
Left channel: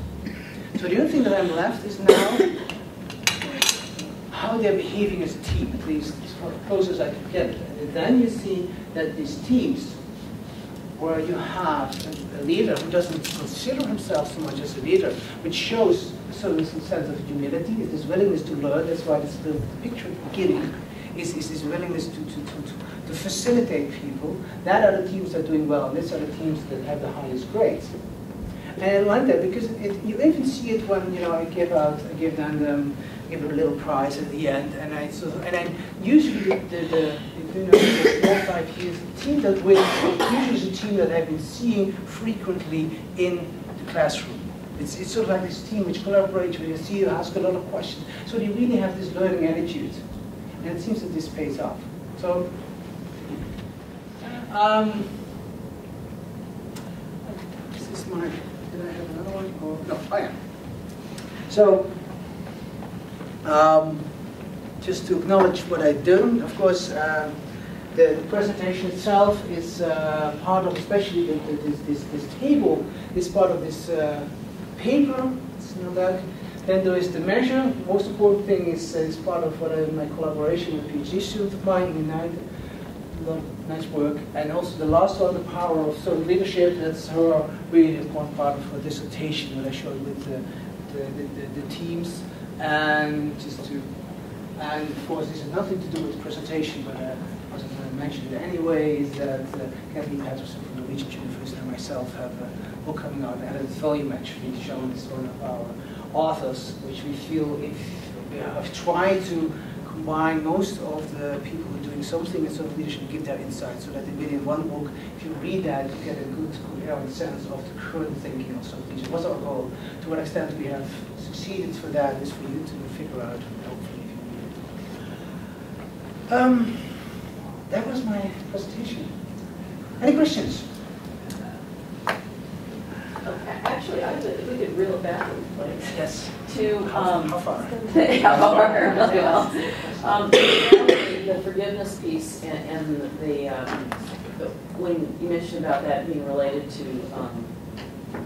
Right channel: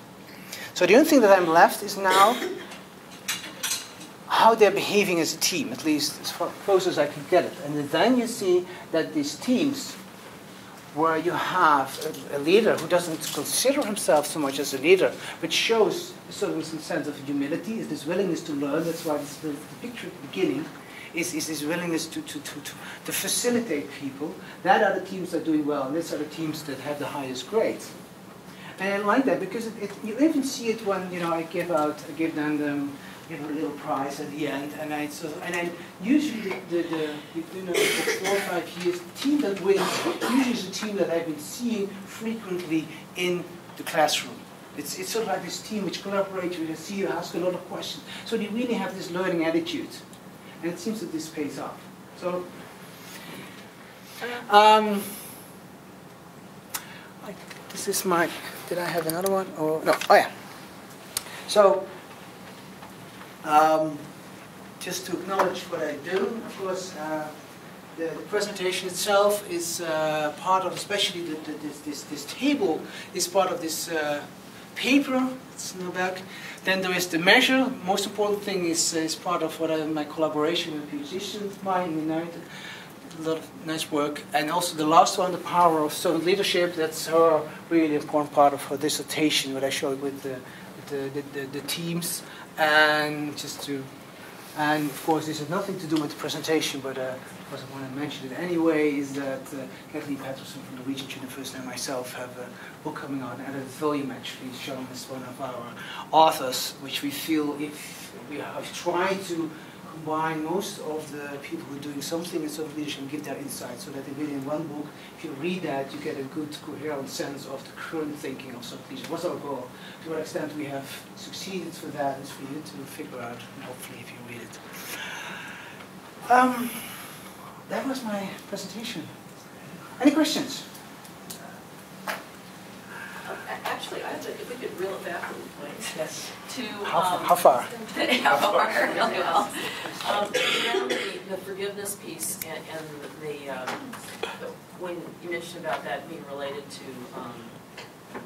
So the only thing that I'm left is now how they're behaving as a team, at least as close as I can get it. And then you see that these teams, where you have a leader who doesn't consider himself so much as a leader, but shows a certain sense of humility, is this willingness to learn. That's why the picture at the beginning is this willingness to facilitate people. That are the teams that are doing well, and these are the teams that have the highest grades. And I like that because you even see it when I give them a little prize at the end, and usually between 4 or 5 years, the team that wins usually is a team that I've been seeing frequently in the classroom. It's sort of like this team which collaborates, which I see you ask a lot of questions. So they really have this learning attitude, and it seems that this pays off. So. This is my. Did I have another one? Or no? Oh yeah. So. Just to acknowledge what I do, of course, the presentation itself is part of, especially this table is part of this paper. It's in the back. Then there is the measure. Most important thing is part of my collaboration with PhD students applying United. A lot of nice work. And also the last one, the power of servant leadership. That's her really important part of her dissertation, what I showed with the teams. And of course, this has nothing to do with the presentation, but I want to mention it anyway, is that Kathleen Patterson from the Regent University and myself have a book coming out, and it's volume actually, shown as one of our authors, which we feel if we have tried to combine most of the people who are doing something in servant leadership and give their insights, so that in one book, if you read that, you get a good, coherent sense of the current thinking of servant leadership. What's our goal? To what extent we have succeeded for that is for you to figure out, hopefully, if you read it. That was my presentation. Any questions? Actually, if we could reel it back a little bit. Yes. To, How far? How far? Really well. The forgiveness piece and when you mentioned about that being related to,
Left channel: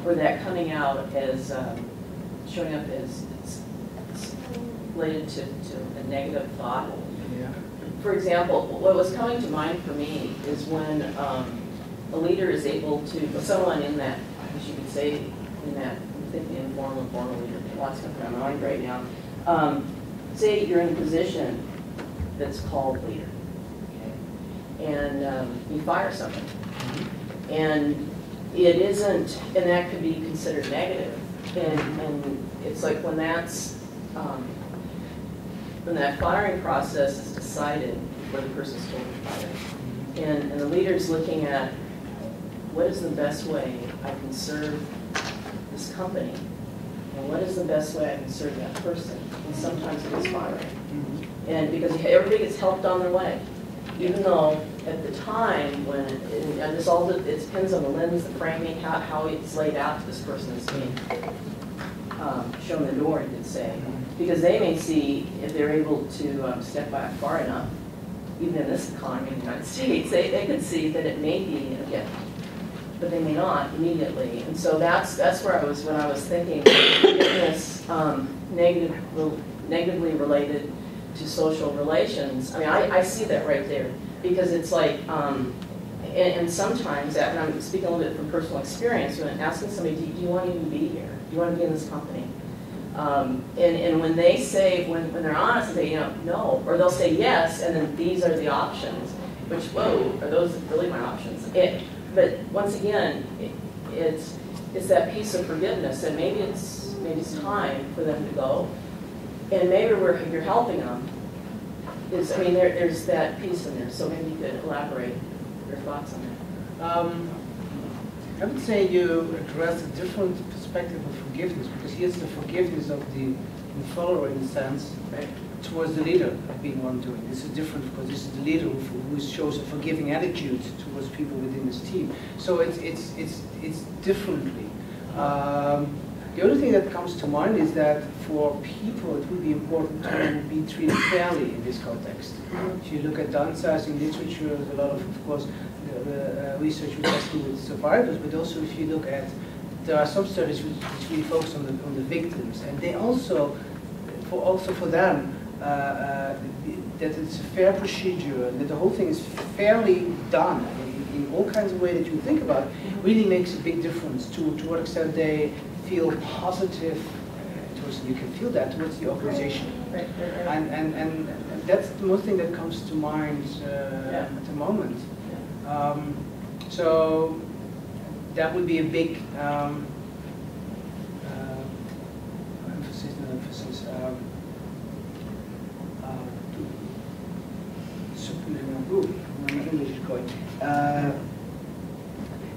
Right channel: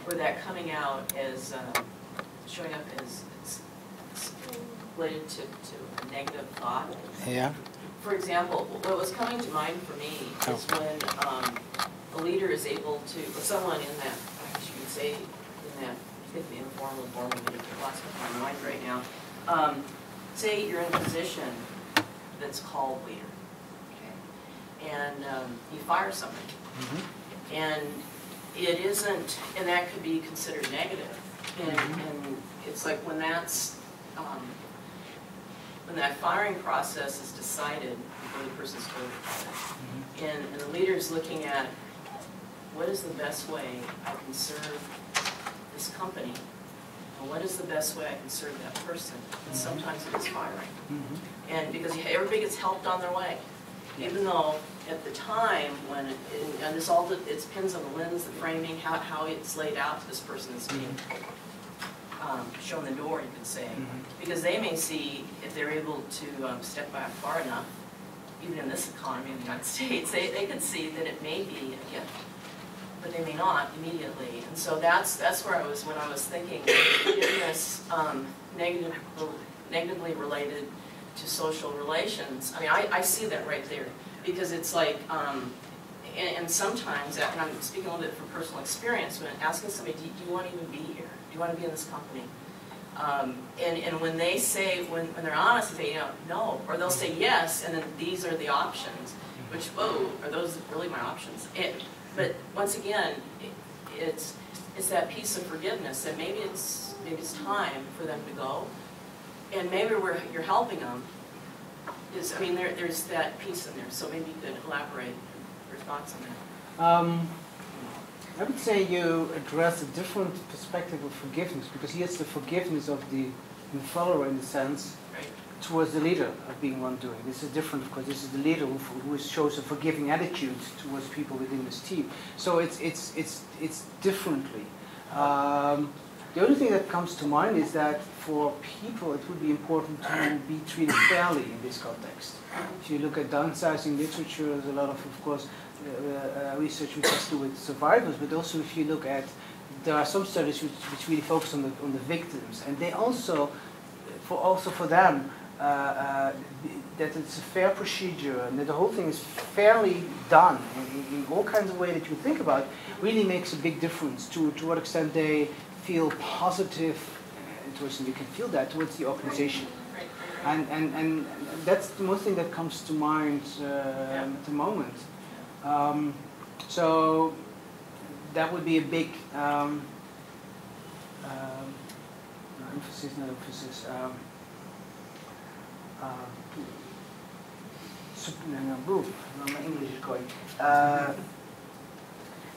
or that coming out as, showing up as it's related to a negative thought. Yeah. For example, what was coming to mind for me is when a leader is able to, someone in that, I guess you could say, in that, I'm thinking informal, formal leader, lots of my mind right now. Say you're in a position that's called leader, okay? And you fire someone. And it isn't, and that could be considered negative. And it's like when that's, when that firing process is decided before the person's told to fire, and the leader's looking at what is the best way I can serve this company, and what is the best way I can serve that person, and sometimes it is firing. And because everybody gets helped on their way, even though at the time when, and this all, it depends on the lens, the framing, how it's laid out to this person that's being shown the door, you could say. Because they may see, if they're able to step back far enough, even in this economy in the United States, they can see that it may be a gift, but they may not immediately. And so that's where I was when I was thinking forgiveness negatively related to social relations. I mean, I see that right there, because it's like, and sometimes, and I'm speaking a little bit from personal experience, when asking somebody, do you want to even be here? Do you want to be in this company? And when they say, when they're honest, they say, no, or they'll say yes, and then these are the options, which, whoa, are those really my options? But once again, it's that piece of forgiveness that maybe it's time for them to go, and maybe where you're helping them is, I mean, there's that piece in there. So maybe you could elaborate your thoughts on that. I would say you address a different perspective of forgiveness, because here's the forgiveness of the follower, in a sense, right, towards the leader being wrongdoing. This is different because this is the leader who shows a forgiving attitude towards people within his team. So it's differently. The only thing that comes to mind is that for people it would be important to be treated fairly in this context. If you look at downsizing literature, there's a lot of course, research which has to do with survivors, but also if you look at, there are some studies which really focus on the victims, and they also for them that it's a fair procedure, and that the whole thing is fairly done in all kinds of ways that you think about, really makes a big difference to what extent they feel positive towards, you can feel that towards the organization. Right. And that's the most thing that comes to mind at the moment. So that would be a big emphasis. My English is going.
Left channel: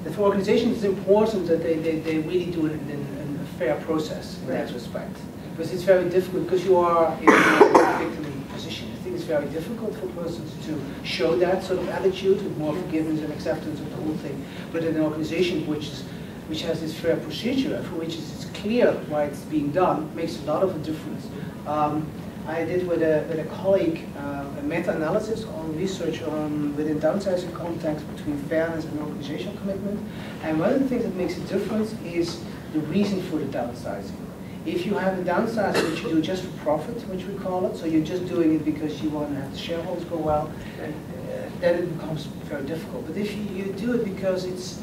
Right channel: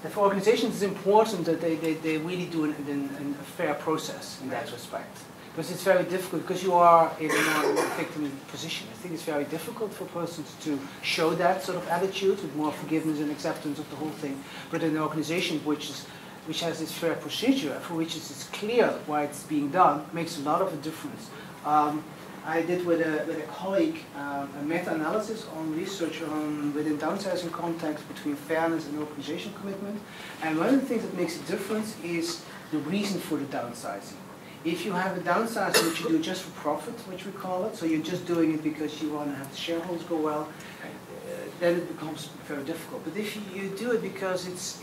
And for organizations, it's important that they really do it in a fair process in that respect. Because it's very difficult, because you are in a victim position. I think it's very difficult for persons to show that sort of attitude with more forgiveness and acceptance of the whole thing. But in an organization which has this fair procedure, for which it's clear why it's being done, makes a lot of a difference. I did with a colleague a meta-analysis on research within downsizing context between fairness and organizational commitment. And one of the things that makes a difference is the reason for the downsizing. If you have a downsizing which you do just for profit, which we call it, so you're just doing it because you want to have the shareholders go well, then it becomes very difficult. But if you do it because it's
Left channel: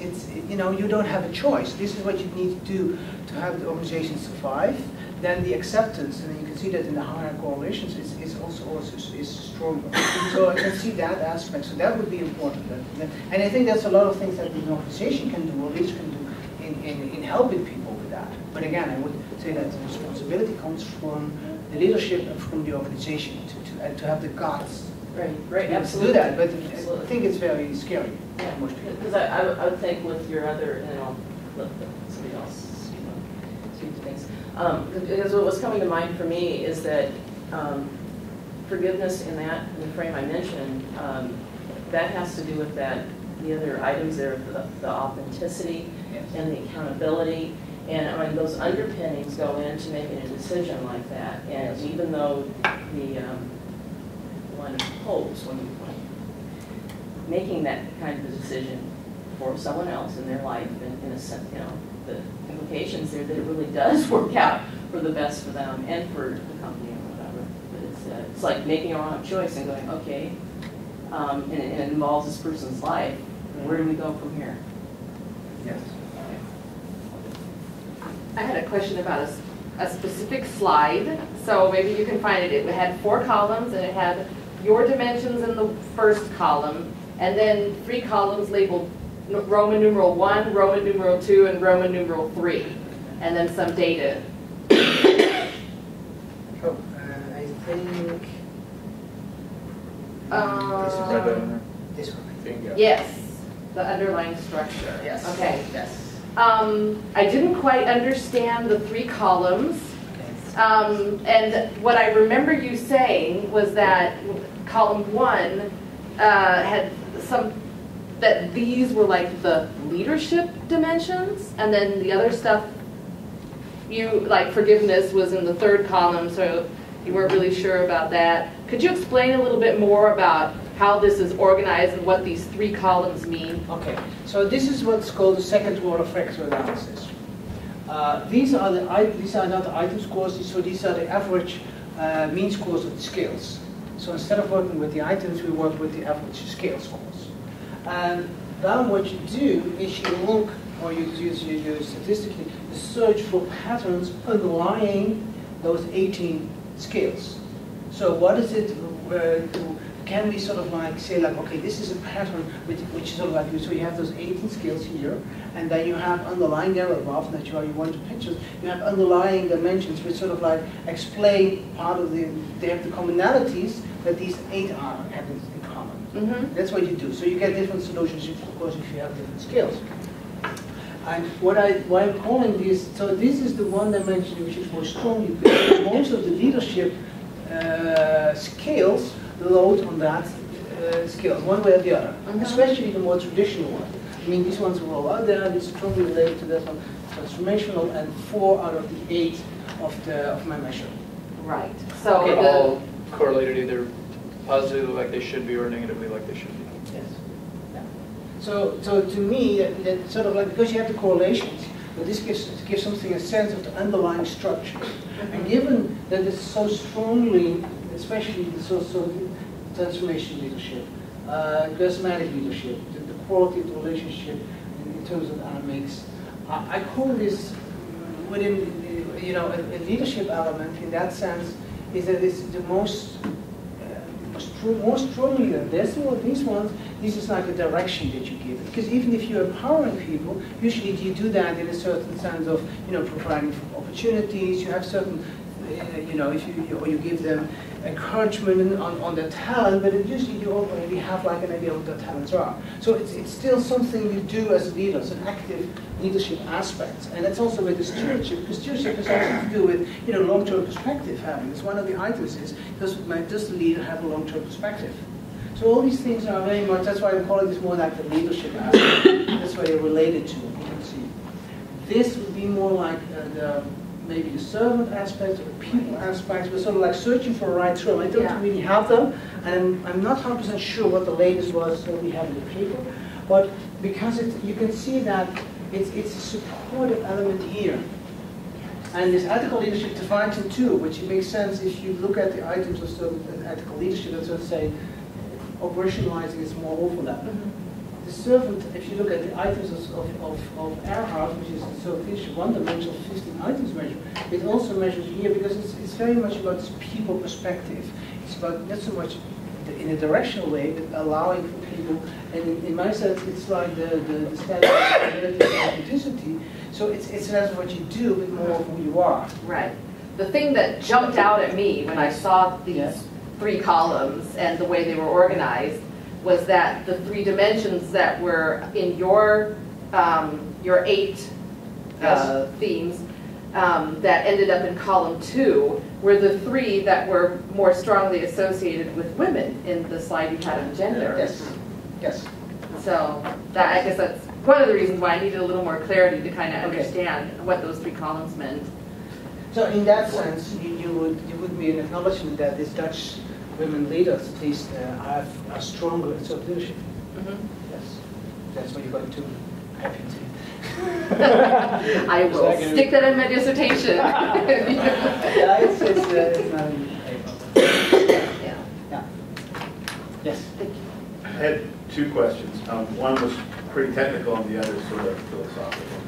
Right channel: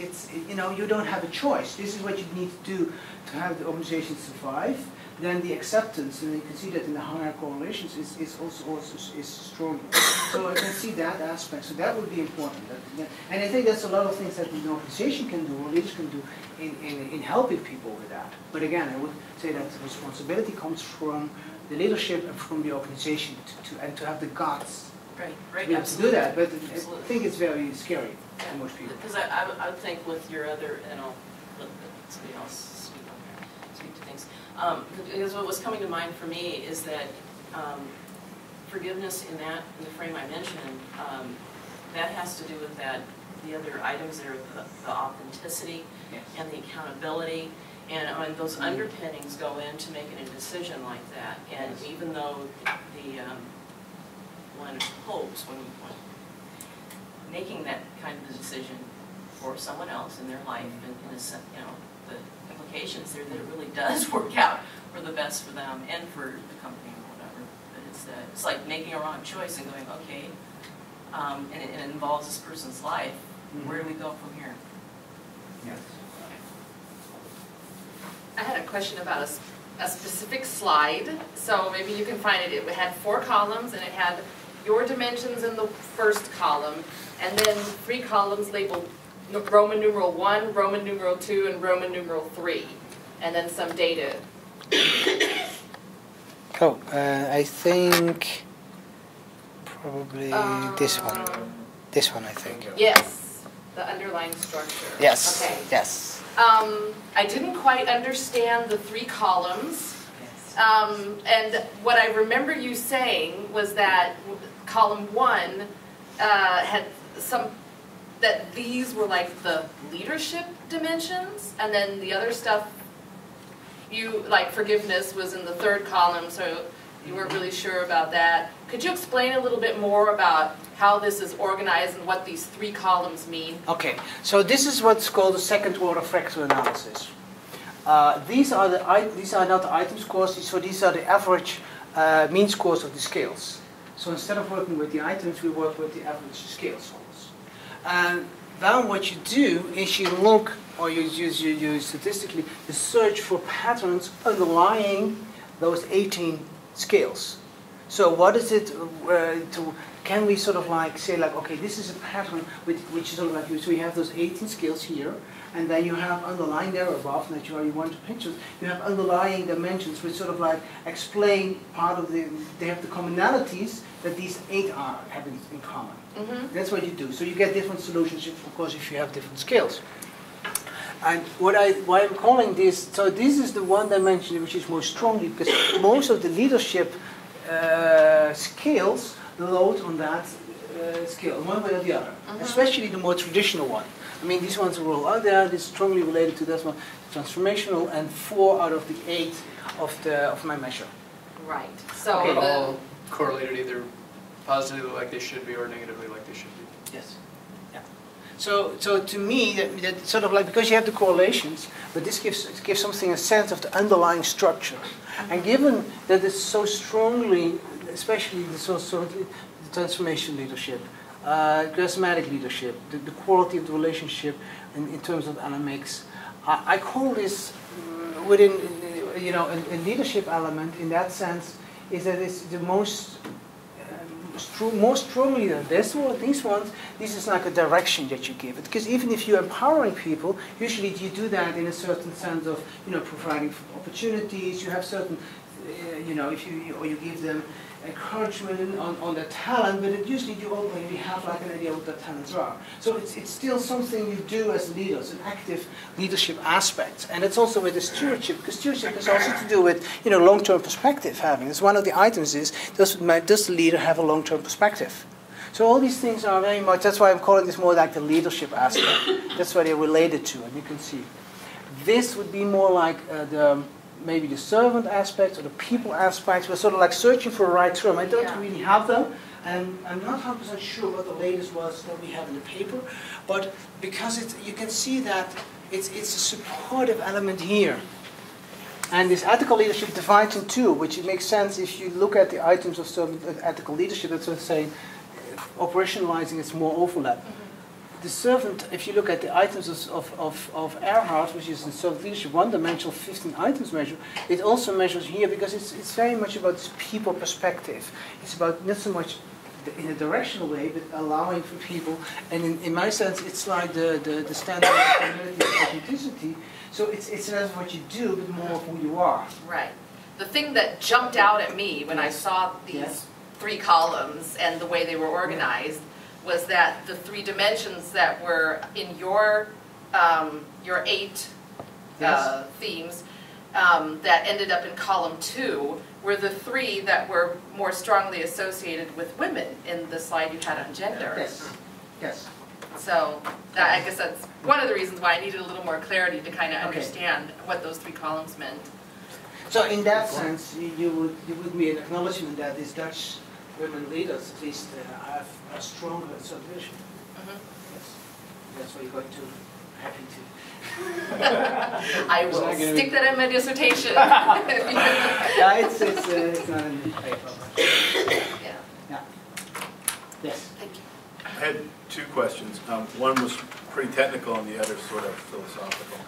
you don't have a choice, this is what you need to do to have the organization survive, then the acceptance, and you can see that in the higher correlations, is also stronger. So I can see that aspect. So that would be important. And I think that's a lot of things that an organization can do, or leaders can do, in helping people with that. But again, I would say that the responsibility comes from the leadership from the organization to have the guts Right, to absolutely. do that. But Absolutely. I think it's very scary Yeah, for most people. because I would think with your other, and I'll let somebody else speak to things. Because what was coming to mind for me is that forgiveness in the frame I mentioned, that has to do with the other items there, the authenticity and the accountability. And I mean, those underpinnings go into making a decision like that. And even though the one hopes when making that kind of a decision for someone else in their life, and in a sense, the implications there that it really does work out for the best for them and for the company or whatever. But it's like making a wrong choice and going, okay, and it involves this person's life. Where do we go from here? Yes. I had a question about a specific slide, so maybe you can find it. It had 4 columns, and it had your dimensions in the first column, and then 3 columns labeled Roman numeral 1, Roman numeral 2, and Roman numeral 3, and then some data. Oh, I think probably this one. This one, I think. Yes, the underlying structure. Yes. Okay. Yes. I didn't quite understand the 3 columns, and what I remember you saying was that column 1 had that these were like the leadership dimensions, and then the other stuff, like forgiveness was in the 3rd column, so you weren't really sure about that. Could you explain a little bit more about how this is organized and what these 3 columns mean? Okay, so this is what's called the second order fractal analysis. These are not the item scores, so these are the average mean scores of the scales. So instead of working with the items, we work with the average scale scores. And then what you do is you look, or you statistically, you search for patterns underlying those 18 scales. So what is it can we sort of like say like, okay, this is a pattern which sort of like, so you have those 18 scales here, and then you have underlying there above, and that's why you want to pictures, you have underlying dimensions which sort of like explain part of they have the commonalities that these 8 are having in common. Mm-hmm. That's what you do. So you get different solutions, of course, if you have different scales. And why I'm calling this, so this is the one dimension which is more strongly, because most of the leadership scales load on that scale, one way or the other, especially the more traditional one. I mean, these ones are all out there, it's strongly related to this one, transformational, and 4 out of the 8 of my measure. Right. So But the, all correlated either positively like they should be or negatively like they should be. Yes. Yeah. So to me, that sort of like, because you have the correlations, but this gives something a sense of the underlying structure. And given that it's so strongly, especially the transformation leadership, charismatic leadership, the quality of the relationship in terms of dynamics, I call this within, a leadership element in that sense is that it's the most strongly than this one, these ones, this is like a direction that you give it. Because even if you're empowering people, usually you do that in a certain sense of, providing opportunities, you have certain, if you give them encouragement on their talent, but usually you already have like an idea of what their talents are. So it's still something you do as leaders, an active leadership aspect. And that's also with the stewardship, because stewardship has also to do with long-term perspective having. It's one of the items is, does the leader have a long-term perspective? So all these things are very much, that's why I'm calling this more like the leadership aspect. That's why they're related to it, you can see. This would be more like maybe the servant aspect or the people aspect. We're sort of like searching for a right term. I don't really have them, and I'm not 100% sure what the latest was that we have in the paper, but because you can see that it's a supportive element here. And this ethical leadership divides in 2, which makes sense if you look at the items of servant ethical leadership, that's what I say, operationalizing is more overlap. Mm-hmm. The servant, if you look at the items of Earhart, which is in servant leadership, one-dimensional 15 items measure, it also measures here because it's very much about this people perspective. It's about not so much in a directional way, but allowing for people, and in my sense, it's like the standard of authenticity. So it's less of what you do, but more of who you are. right. the thing that jumped out at me when I saw these 3 columns and the way they were organized was that the 3 dimensions that were in your 8 themes that ended up in column 2 were the 3 that were more strongly associated with women in the slide you had on gender. Yes. Yes. So that, I guess that's one of the reasons why I needed a little more clarity to kind of understand what those 3 columns meant. So in that sense, you would be an acknowledgement that these Dutch women leaders, at least, are stronger in self leadership. Yes, that's what you're going to happy to. I will stick that in my dissertation. Yeah, it's not in the paper. Yeah. Yes. Thank you. I had 2 questions. One was pretty technical and the other sort of philosophical.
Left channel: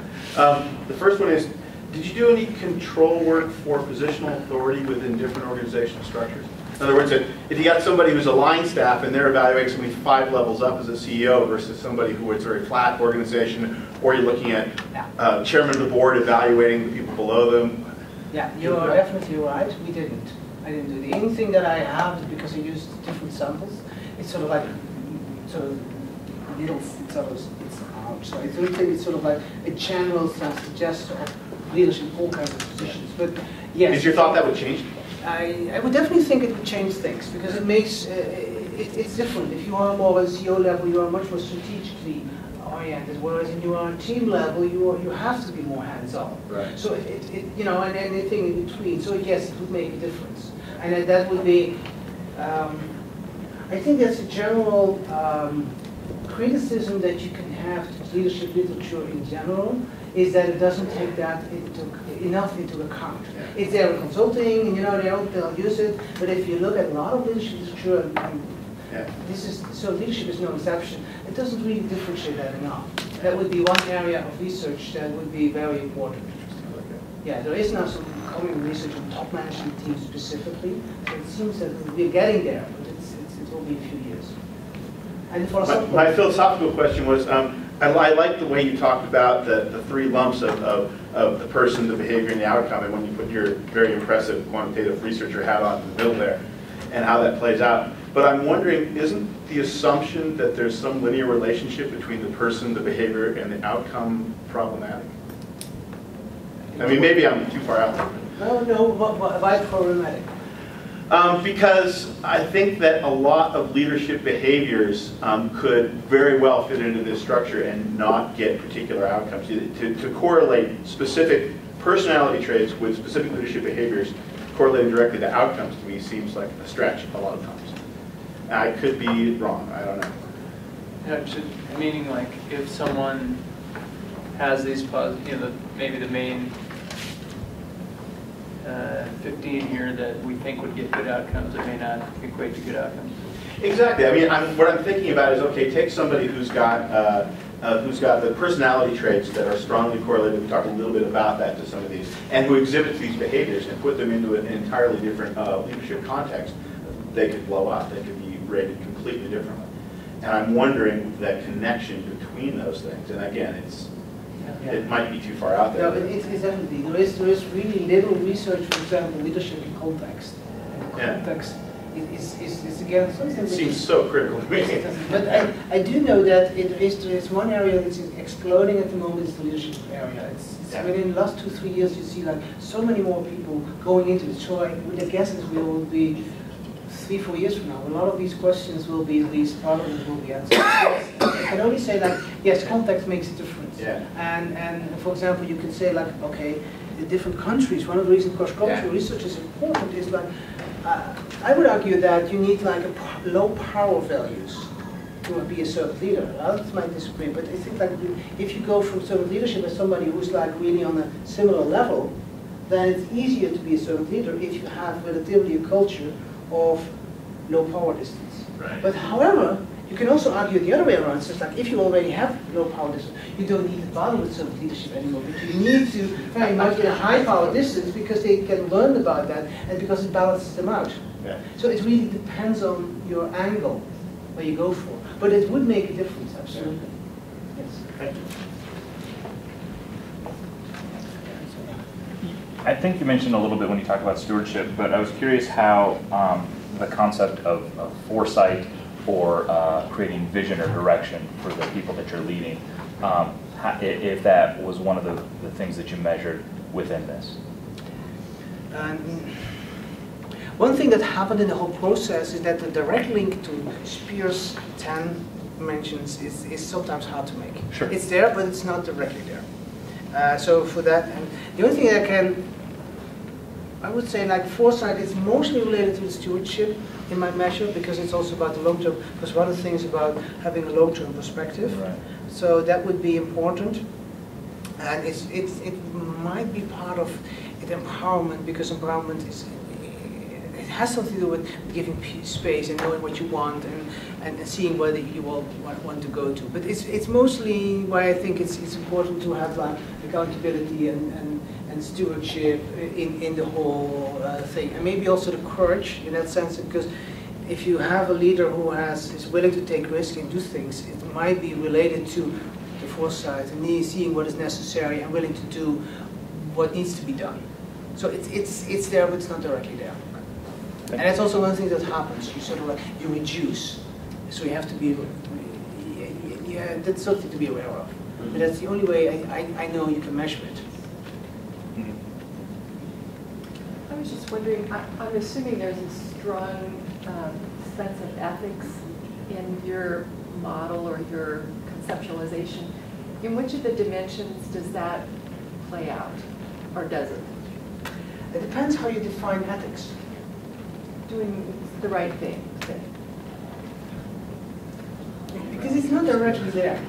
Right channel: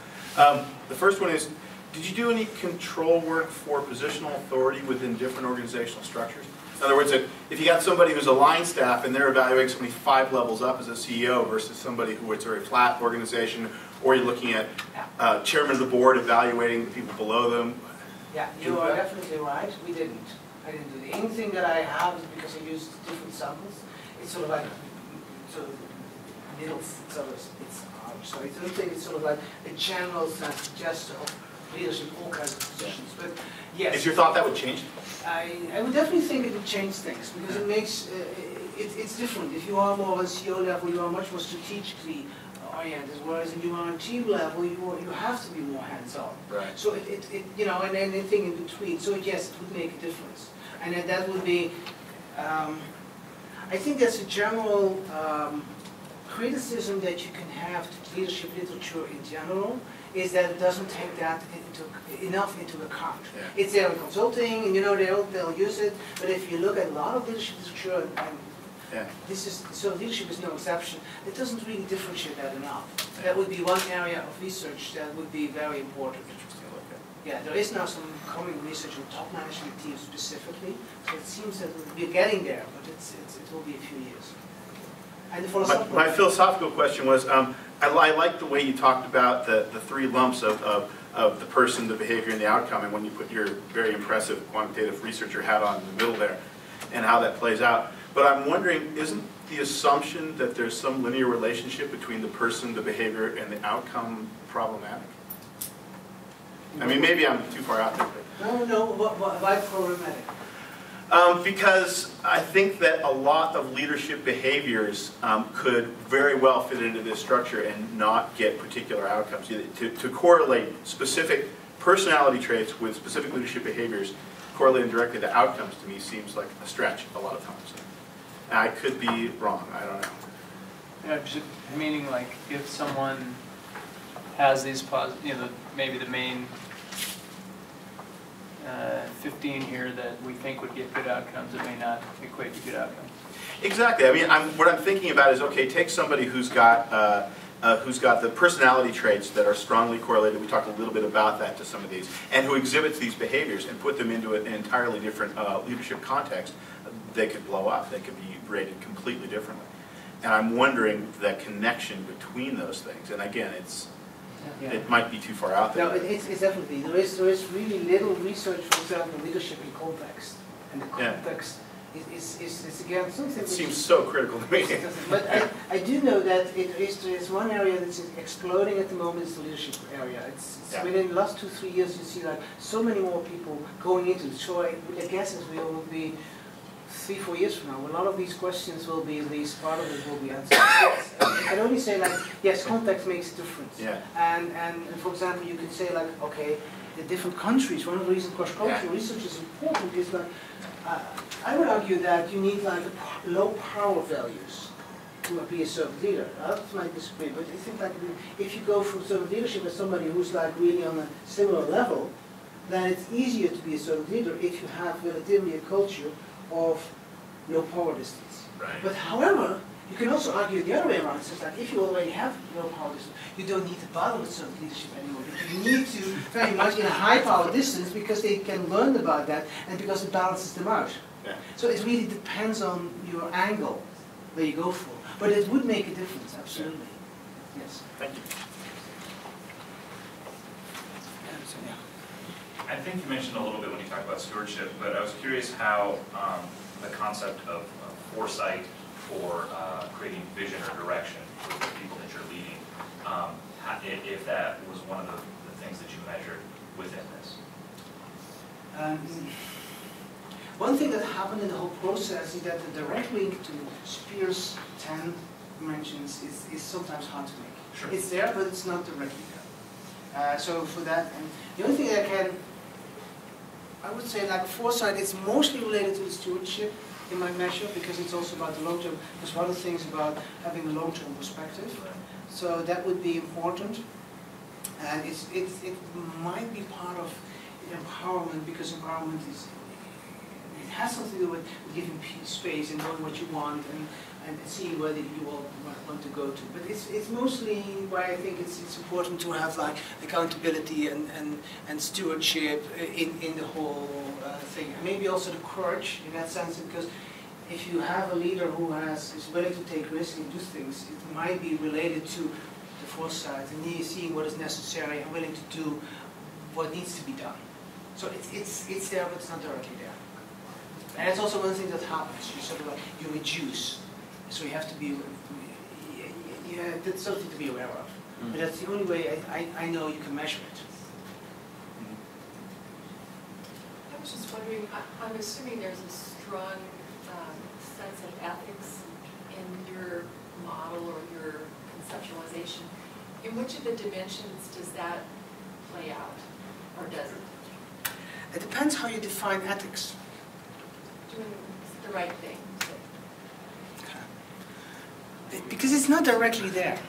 The first one is, did you do any control work for positional authority within different organizational structures? In other words, if you got somebody who's a line staff and they're evaluating somebody 5 levels up as a CEO versus somebody who is a very flat organization, or you're looking at chairman of the board evaluating the people below them. Yeah, you are definitely right. We didn't. I didn't do the only thing that I have is because I used different samples. It's sort of like little, so I don't think it's sort of like a general suggestion of leadership in all kinds of positions. But yes. Is your thought that would change? I would definitely think it would change things because it makes it's different. If you are more on CEO level, you are much more strategically oriented, whereas if you are on team level, you have to be more hands-on. Right. So and anything in between. So yes, it would make a difference, and that would be. I think there's a general criticism that you can have to leadership literature in general, is that it doesn't take that enough into account. Yeah. It's there in consulting, and they'll use it. But if you look at a lot of leadership literature, and leadership is no exception. It doesn't really differentiate that enough. Yeah. That would be one area of research that would be very important. Yeah, there is now some coming research on top management teams specifically. So it seems that we're getting there, but it will be a few years. And my philosophical question was. I like the way you talked about the 3 lumps of the person, the behavior, and the outcome, and when you put your very impressive quantitative researcher hat on in the middle there, and how that plays out. But I'm wondering, isn't the assumption that there's some linear relationship between the person, the behavior, and the outcome problematic? I mean, maybe I'm too far out there. No, why problematic? Because I think that a lot of leadership behaviors could very well fit into this structure and not get particular outcomes. To correlate specific personality traits with specific leadership behaviors, correlating directly to outcomes, to me seems like a stretch a lot of times. I could be wrong, I don't know. Yeah, meaning like if someone has these maybe the main 15 here that we think would get good outcomes, it may not equate to good outcomes. Exactly. I mean, what I'm thinking about is, okay, take somebody who's got the personality traits that are strongly correlated. We talked a little bit about that to some of these, and who exhibits these behaviors, and put them into an entirely different leadership context. They could blow up. They could be rated completely differently. And I'm wondering that connection between those things. And again, it might be too far out there. No, it's definitely. There is really little research, for example, leadership in context. And the context is again something it seems so critical to me. But I do know that there is one area that's exploding at the moment, is the leadership area. Within the last 2-3 years, you see like so many more people going into it. So I would guess that we will be 3-4 years from now, a lot of these questions will be, at least part of it will be answered. I can only say that, yes, context makes a difference. Yeah. And for example, you can say like, okay, in different countries, one of the reasons cross-cultural research is important is like, I would argue that you need like a low power values to be a servant leader. Others might disagree, but I think that if you go from servant leadership as somebody who's like really on a similar level, then it's easier to be a servant leader if you have relatively a culture of low power distance. Right. But however, you can also argue the other way around. It's just like if you already have low power distance, you don't need to bother with servant leadership anymore. But you need to very much in a high power distance because they can learn about that and because it balances them out. Yeah. So it really depends on your angle where you go for. But it would make a difference, absolutely. Yeah. Yes. Thank you. I think you mentioned a little bit when you talked about stewardship, but I was curious how the concept of foresight or creating vision or direction for the people that you're leading, if that was one of the things that you measured within this. One thing that happened in the whole process is that the direct link to Spear's 10 dimensions is sometimes hard to make. Sure. It's there, but it's not directly there. So for that, and the only thing I would say like foresight, it's mostly related to the stewardship in my measure, because it's also about the long term, because one of the things about having a long term perspective. Right. So that would be important. And it might be part of empowerment, because empowerment it has something to do with giving space and knowing what you want and seeing whether you will want to go to. But it's mostly why I think it's important to have like accountability and stewardship in the whole thing, and maybe also the courage in that sense, because if you have a leader who is willing to take risks and do things, it might be related to the foresight and seeing what is necessary and willing to do what needs to be done. So it's there, but it's not directly there. And that's also one thing that happens. You sort of like, you reduce. So you have to be, yeah, that's something to be aware of. But that's the only way I know you can measure it. I was just wondering, I'm assuming there's a strong sense of ethics in your model or your conceptualization. In which of the dimensions does that play out, or does it? It depends how you define ethics. Doing the right thing, say. Because it's not directly there.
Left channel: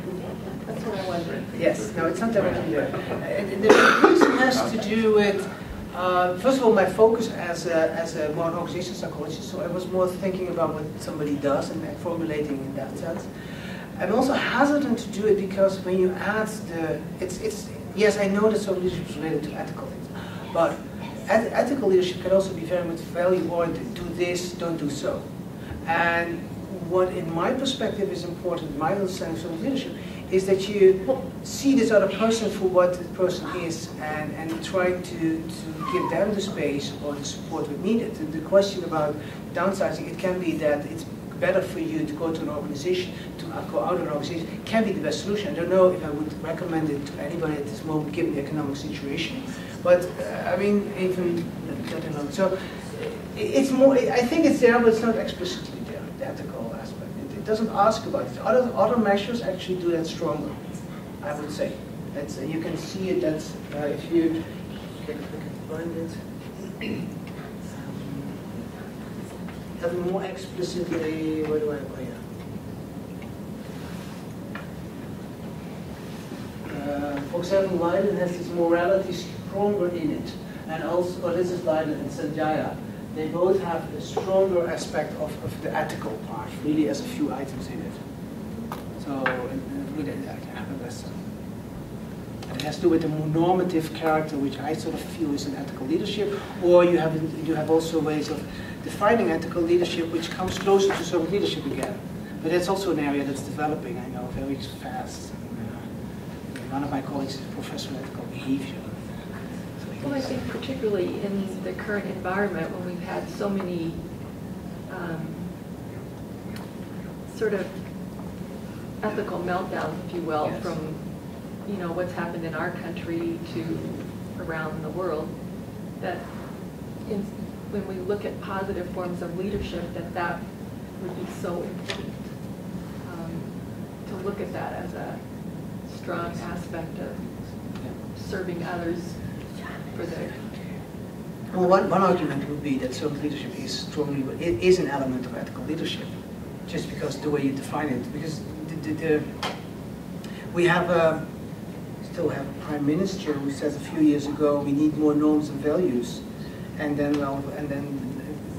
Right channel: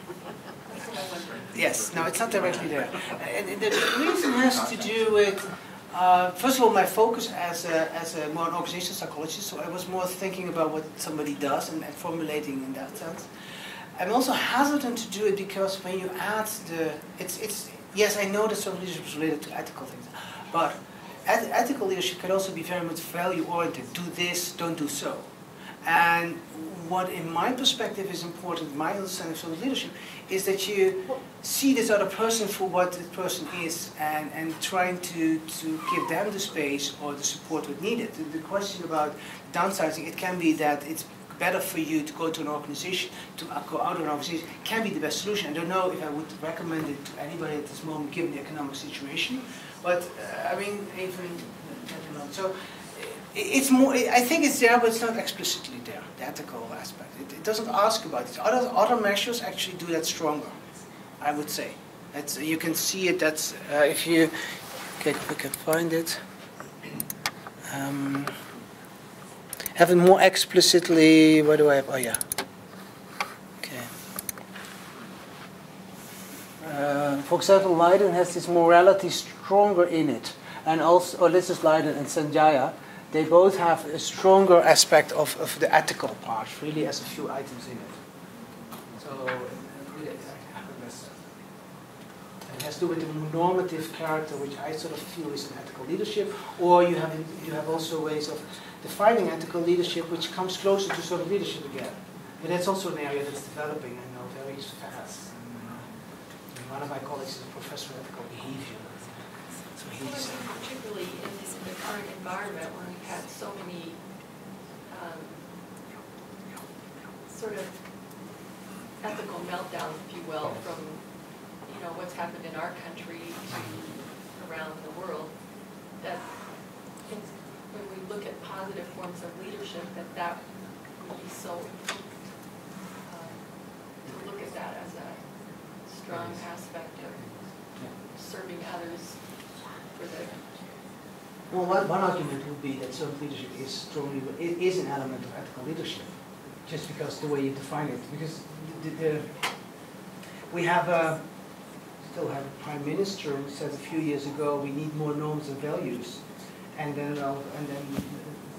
That's what I wondered. Yes, no, it's not directly there. And the reason has to do with, first of all, my focus as a more organizational psychologist, so I was more thinking about what somebody does and formulating in that sense. I'm also hesitant to do it because when you add yes, I know that some leadership is related to ethical things, but ethical leadership can also be very much value-oriented. Do this, don't do so. And what, in my perspective, is important, my understanding of leadership, is that you see this other person for what the person is and trying to give them the space or the support that's needed. The question about downsizing, it can be that it's better for you to go to an organization, to go out of an organization, can be the best solution. I don't know if I would recommend it to anybody at this moment, given the economic situation. But I mean, even let alone. So it's more. I think it's there, but it's not explicitly there. The ethical aspect. It doesn't ask about it. Other measures actually do that stronger. I would say. You can see it. That's if you. Okay, if we can find it. Have it more explicitly. Where do I have? Oh yeah. For example, Leiden has this morality stronger in it, and also this is Leiden and Sanjaya. They both have a stronger aspect of the ethical part, really, as a few items in it. So really, it has to do with the more normative character, which I sort of feel is an ethical leadership. Or you have also ways of defining ethical leadership, which comes closer to sort of leadership again. But that's also an area that's developing, I know, very fast. One of my colleagues is a professor of ethical behavior. Well, I think particularly in the current environment when we've had so many sort of ethical meltdowns, if you will, yes, from what's happened in our country to around the world, that when we look at positive forms of leadership, that would be so important to look at that as a strong aspect of serving others for their. Well, one argument would be that servant leadership is an element of ethical leadership, just because the way you define it. Because we still have a prime minister who said a few years ago we need more norms and values, and then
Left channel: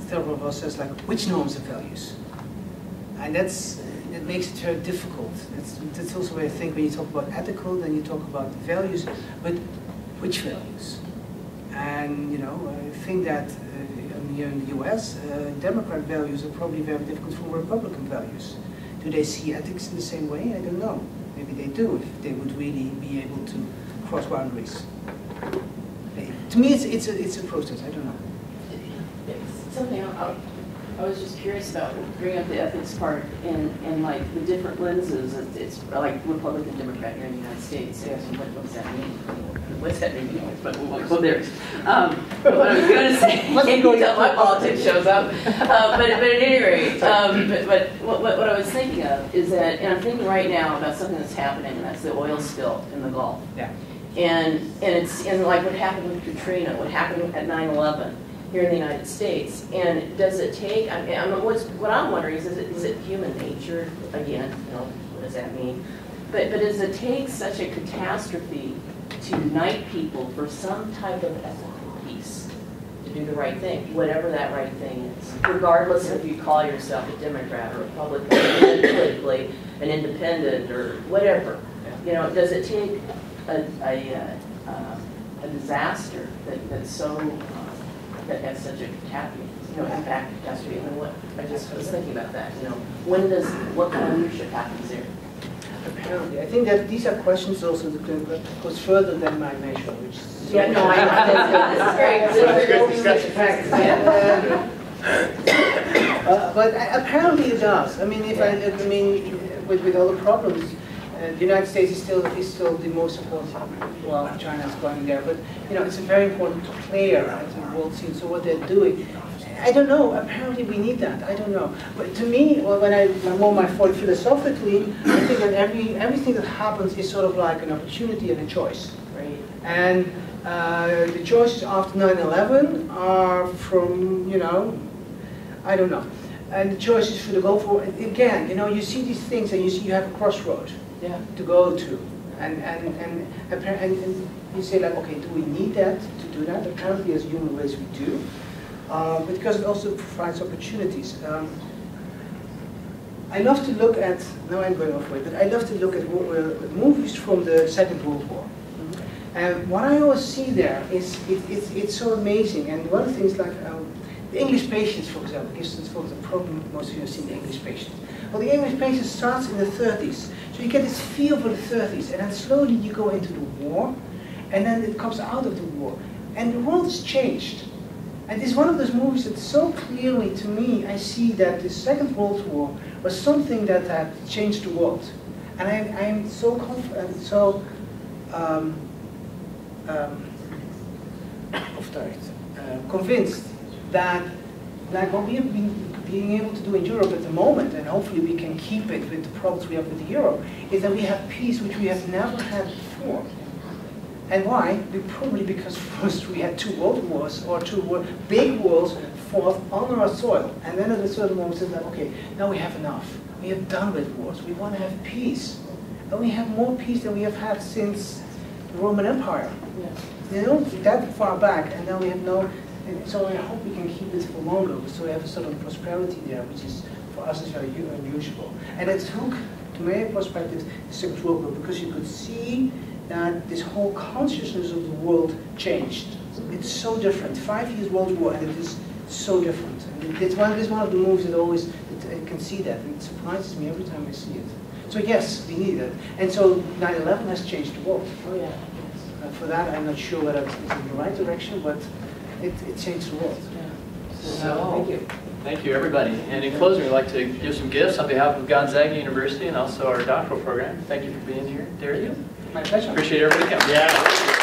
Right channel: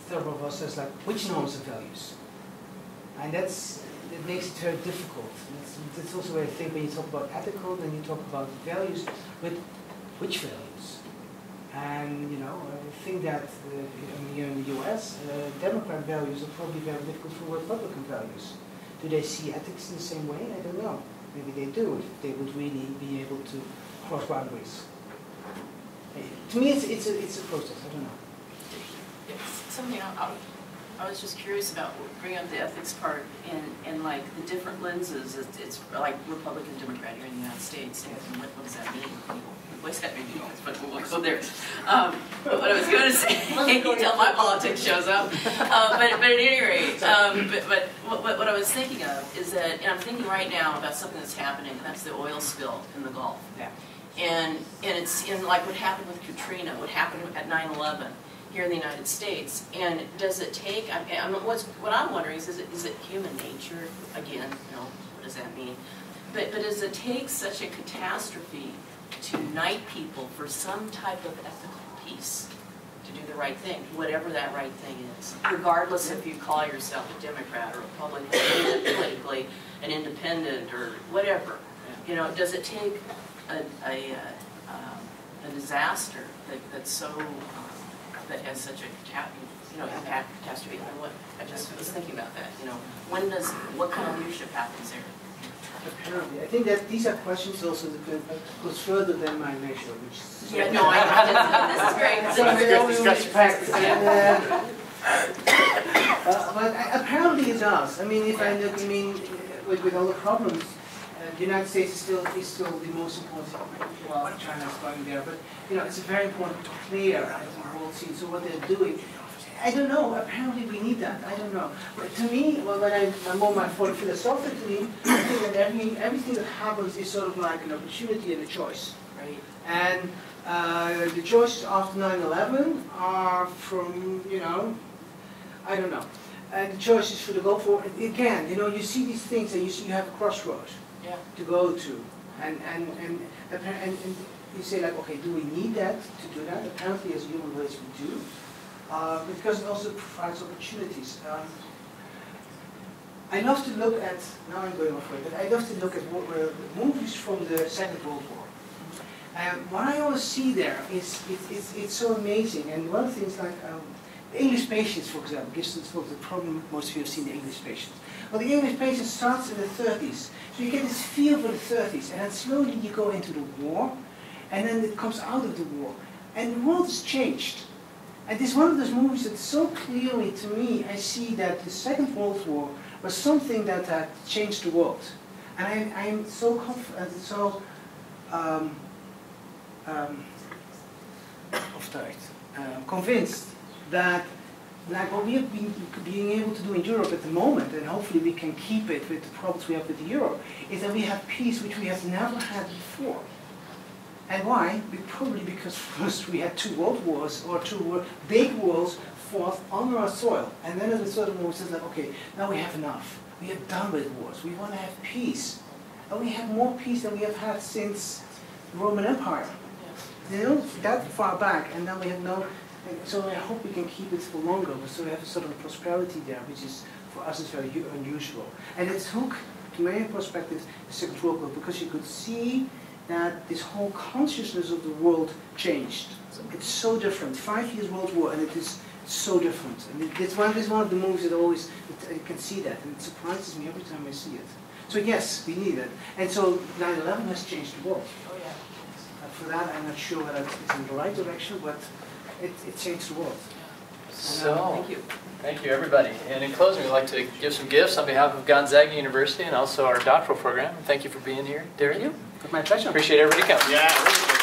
several of us says like, which norms and values? And it makes it very difficult. That's also where I think when you talk about ethical, then you talk about values, but which values? And I think that here in the U.S., Democrat values are probably very difficult for Republican values. Do they see ethics in the same way? I don't know. Maybe they do, if they would really be able to cross boundaries. Maybe. to me, it's a process. I don't know. It's something I was just curious about, bringing up the ethics part and like the different lenses. It's like Republican, Democrat here in the United States. Yes. And what does that mean? What does that mean? But we'll go there. But what I was going to say, can't you tell my politics shows up? But at any rate, but what I was thinking of is that, and I'm thinking right now about something that's happening, and that's the oil spill in the Gulf. Yeah. And it's like what happened with Katrina, what happened at 9/11 here in the United States. And does it take? I mean, what I'm wondering is it human nature again? What does that mean? But does it take such a catastrophe to unite people for some type of ethical peace, to do the right thing, whatever that right thing is, regardless if you call yourself a Democrat or Republican, or politically an independent or whatever? Does it take a disaster that's so that has such a catastrophe? I mean, I just was thinking about that. What kind of leadership happens there? Apparently, I think that these are questions also that goes further than my measure, which is this is very discussion. But apparently it does. I mean, with all the problems, the United States is still the most important. Well, China is going there, but it's a very important player in the world scene. So what they're doing, I don't know. Apparently we need that. I don't know. But to me, when I'm on my thought philosophically, I think that everything that happens is sort of like an opportunity and a choice. Right. And the choices after 9/11 are from I don't know. And the choices for the go for again, you see these things and you have a crossroad to go to, and you say like, okay, do we need that to do that? Apparently, as human race, we do. Because it also provides opportunities. I love to look at, now I'm going off way, but I love to look at movies from the Second World War. And what I always see there is, it's so amazing. And one of the things like, the English Patients, for example, gives us the problem most of you have seen the English Patients. Well, the English Patient starts in the 30s. So you get this feel for the 30s, and then slowly you go into the war, and then it comes out of the war. And the world has changed. And this is one of those movies that so clearly, to me, I see that the Second World War was something that had changed the world. And I am so confident, so convinced that what we have been being able to do in Europe at the moment, and hopefully we can keep it with the problems we have with Europe, is that we have peace which we have never had before. And why? Probably because first we had 2 world wars, or 2 big wars fought on our soil. And then at a certain moment we said, okay, now we have enough. We are done with wars. We want to have peace. And we have more peace than we have had since the Roman Empire. That far back, and now we have no. And so I hope we can keep this for longer. So we have a sort of prosperity there, which is, for us, is very unusual. And it took, to my perspective, the Second World War, because you could see that this whole consciousness of the world changed. It's so different. 5 years World War, and it is so different. And it's one of the movies that always, I can see that, and it surprises me every time I see it. So yes, we need it. And so 9/11 has changed the world. Oh yeah. For that, I'm not sure whether it's in the right direction, but it changed the world. Yeah. So, thank you. Thank you, everybody. And in closing, we'd like to give some gifts on behalf of Gonzaga University and also our doctoral program. Thank you for being here, Derek. My pleasure. Appreciate everybody coming. Yeah.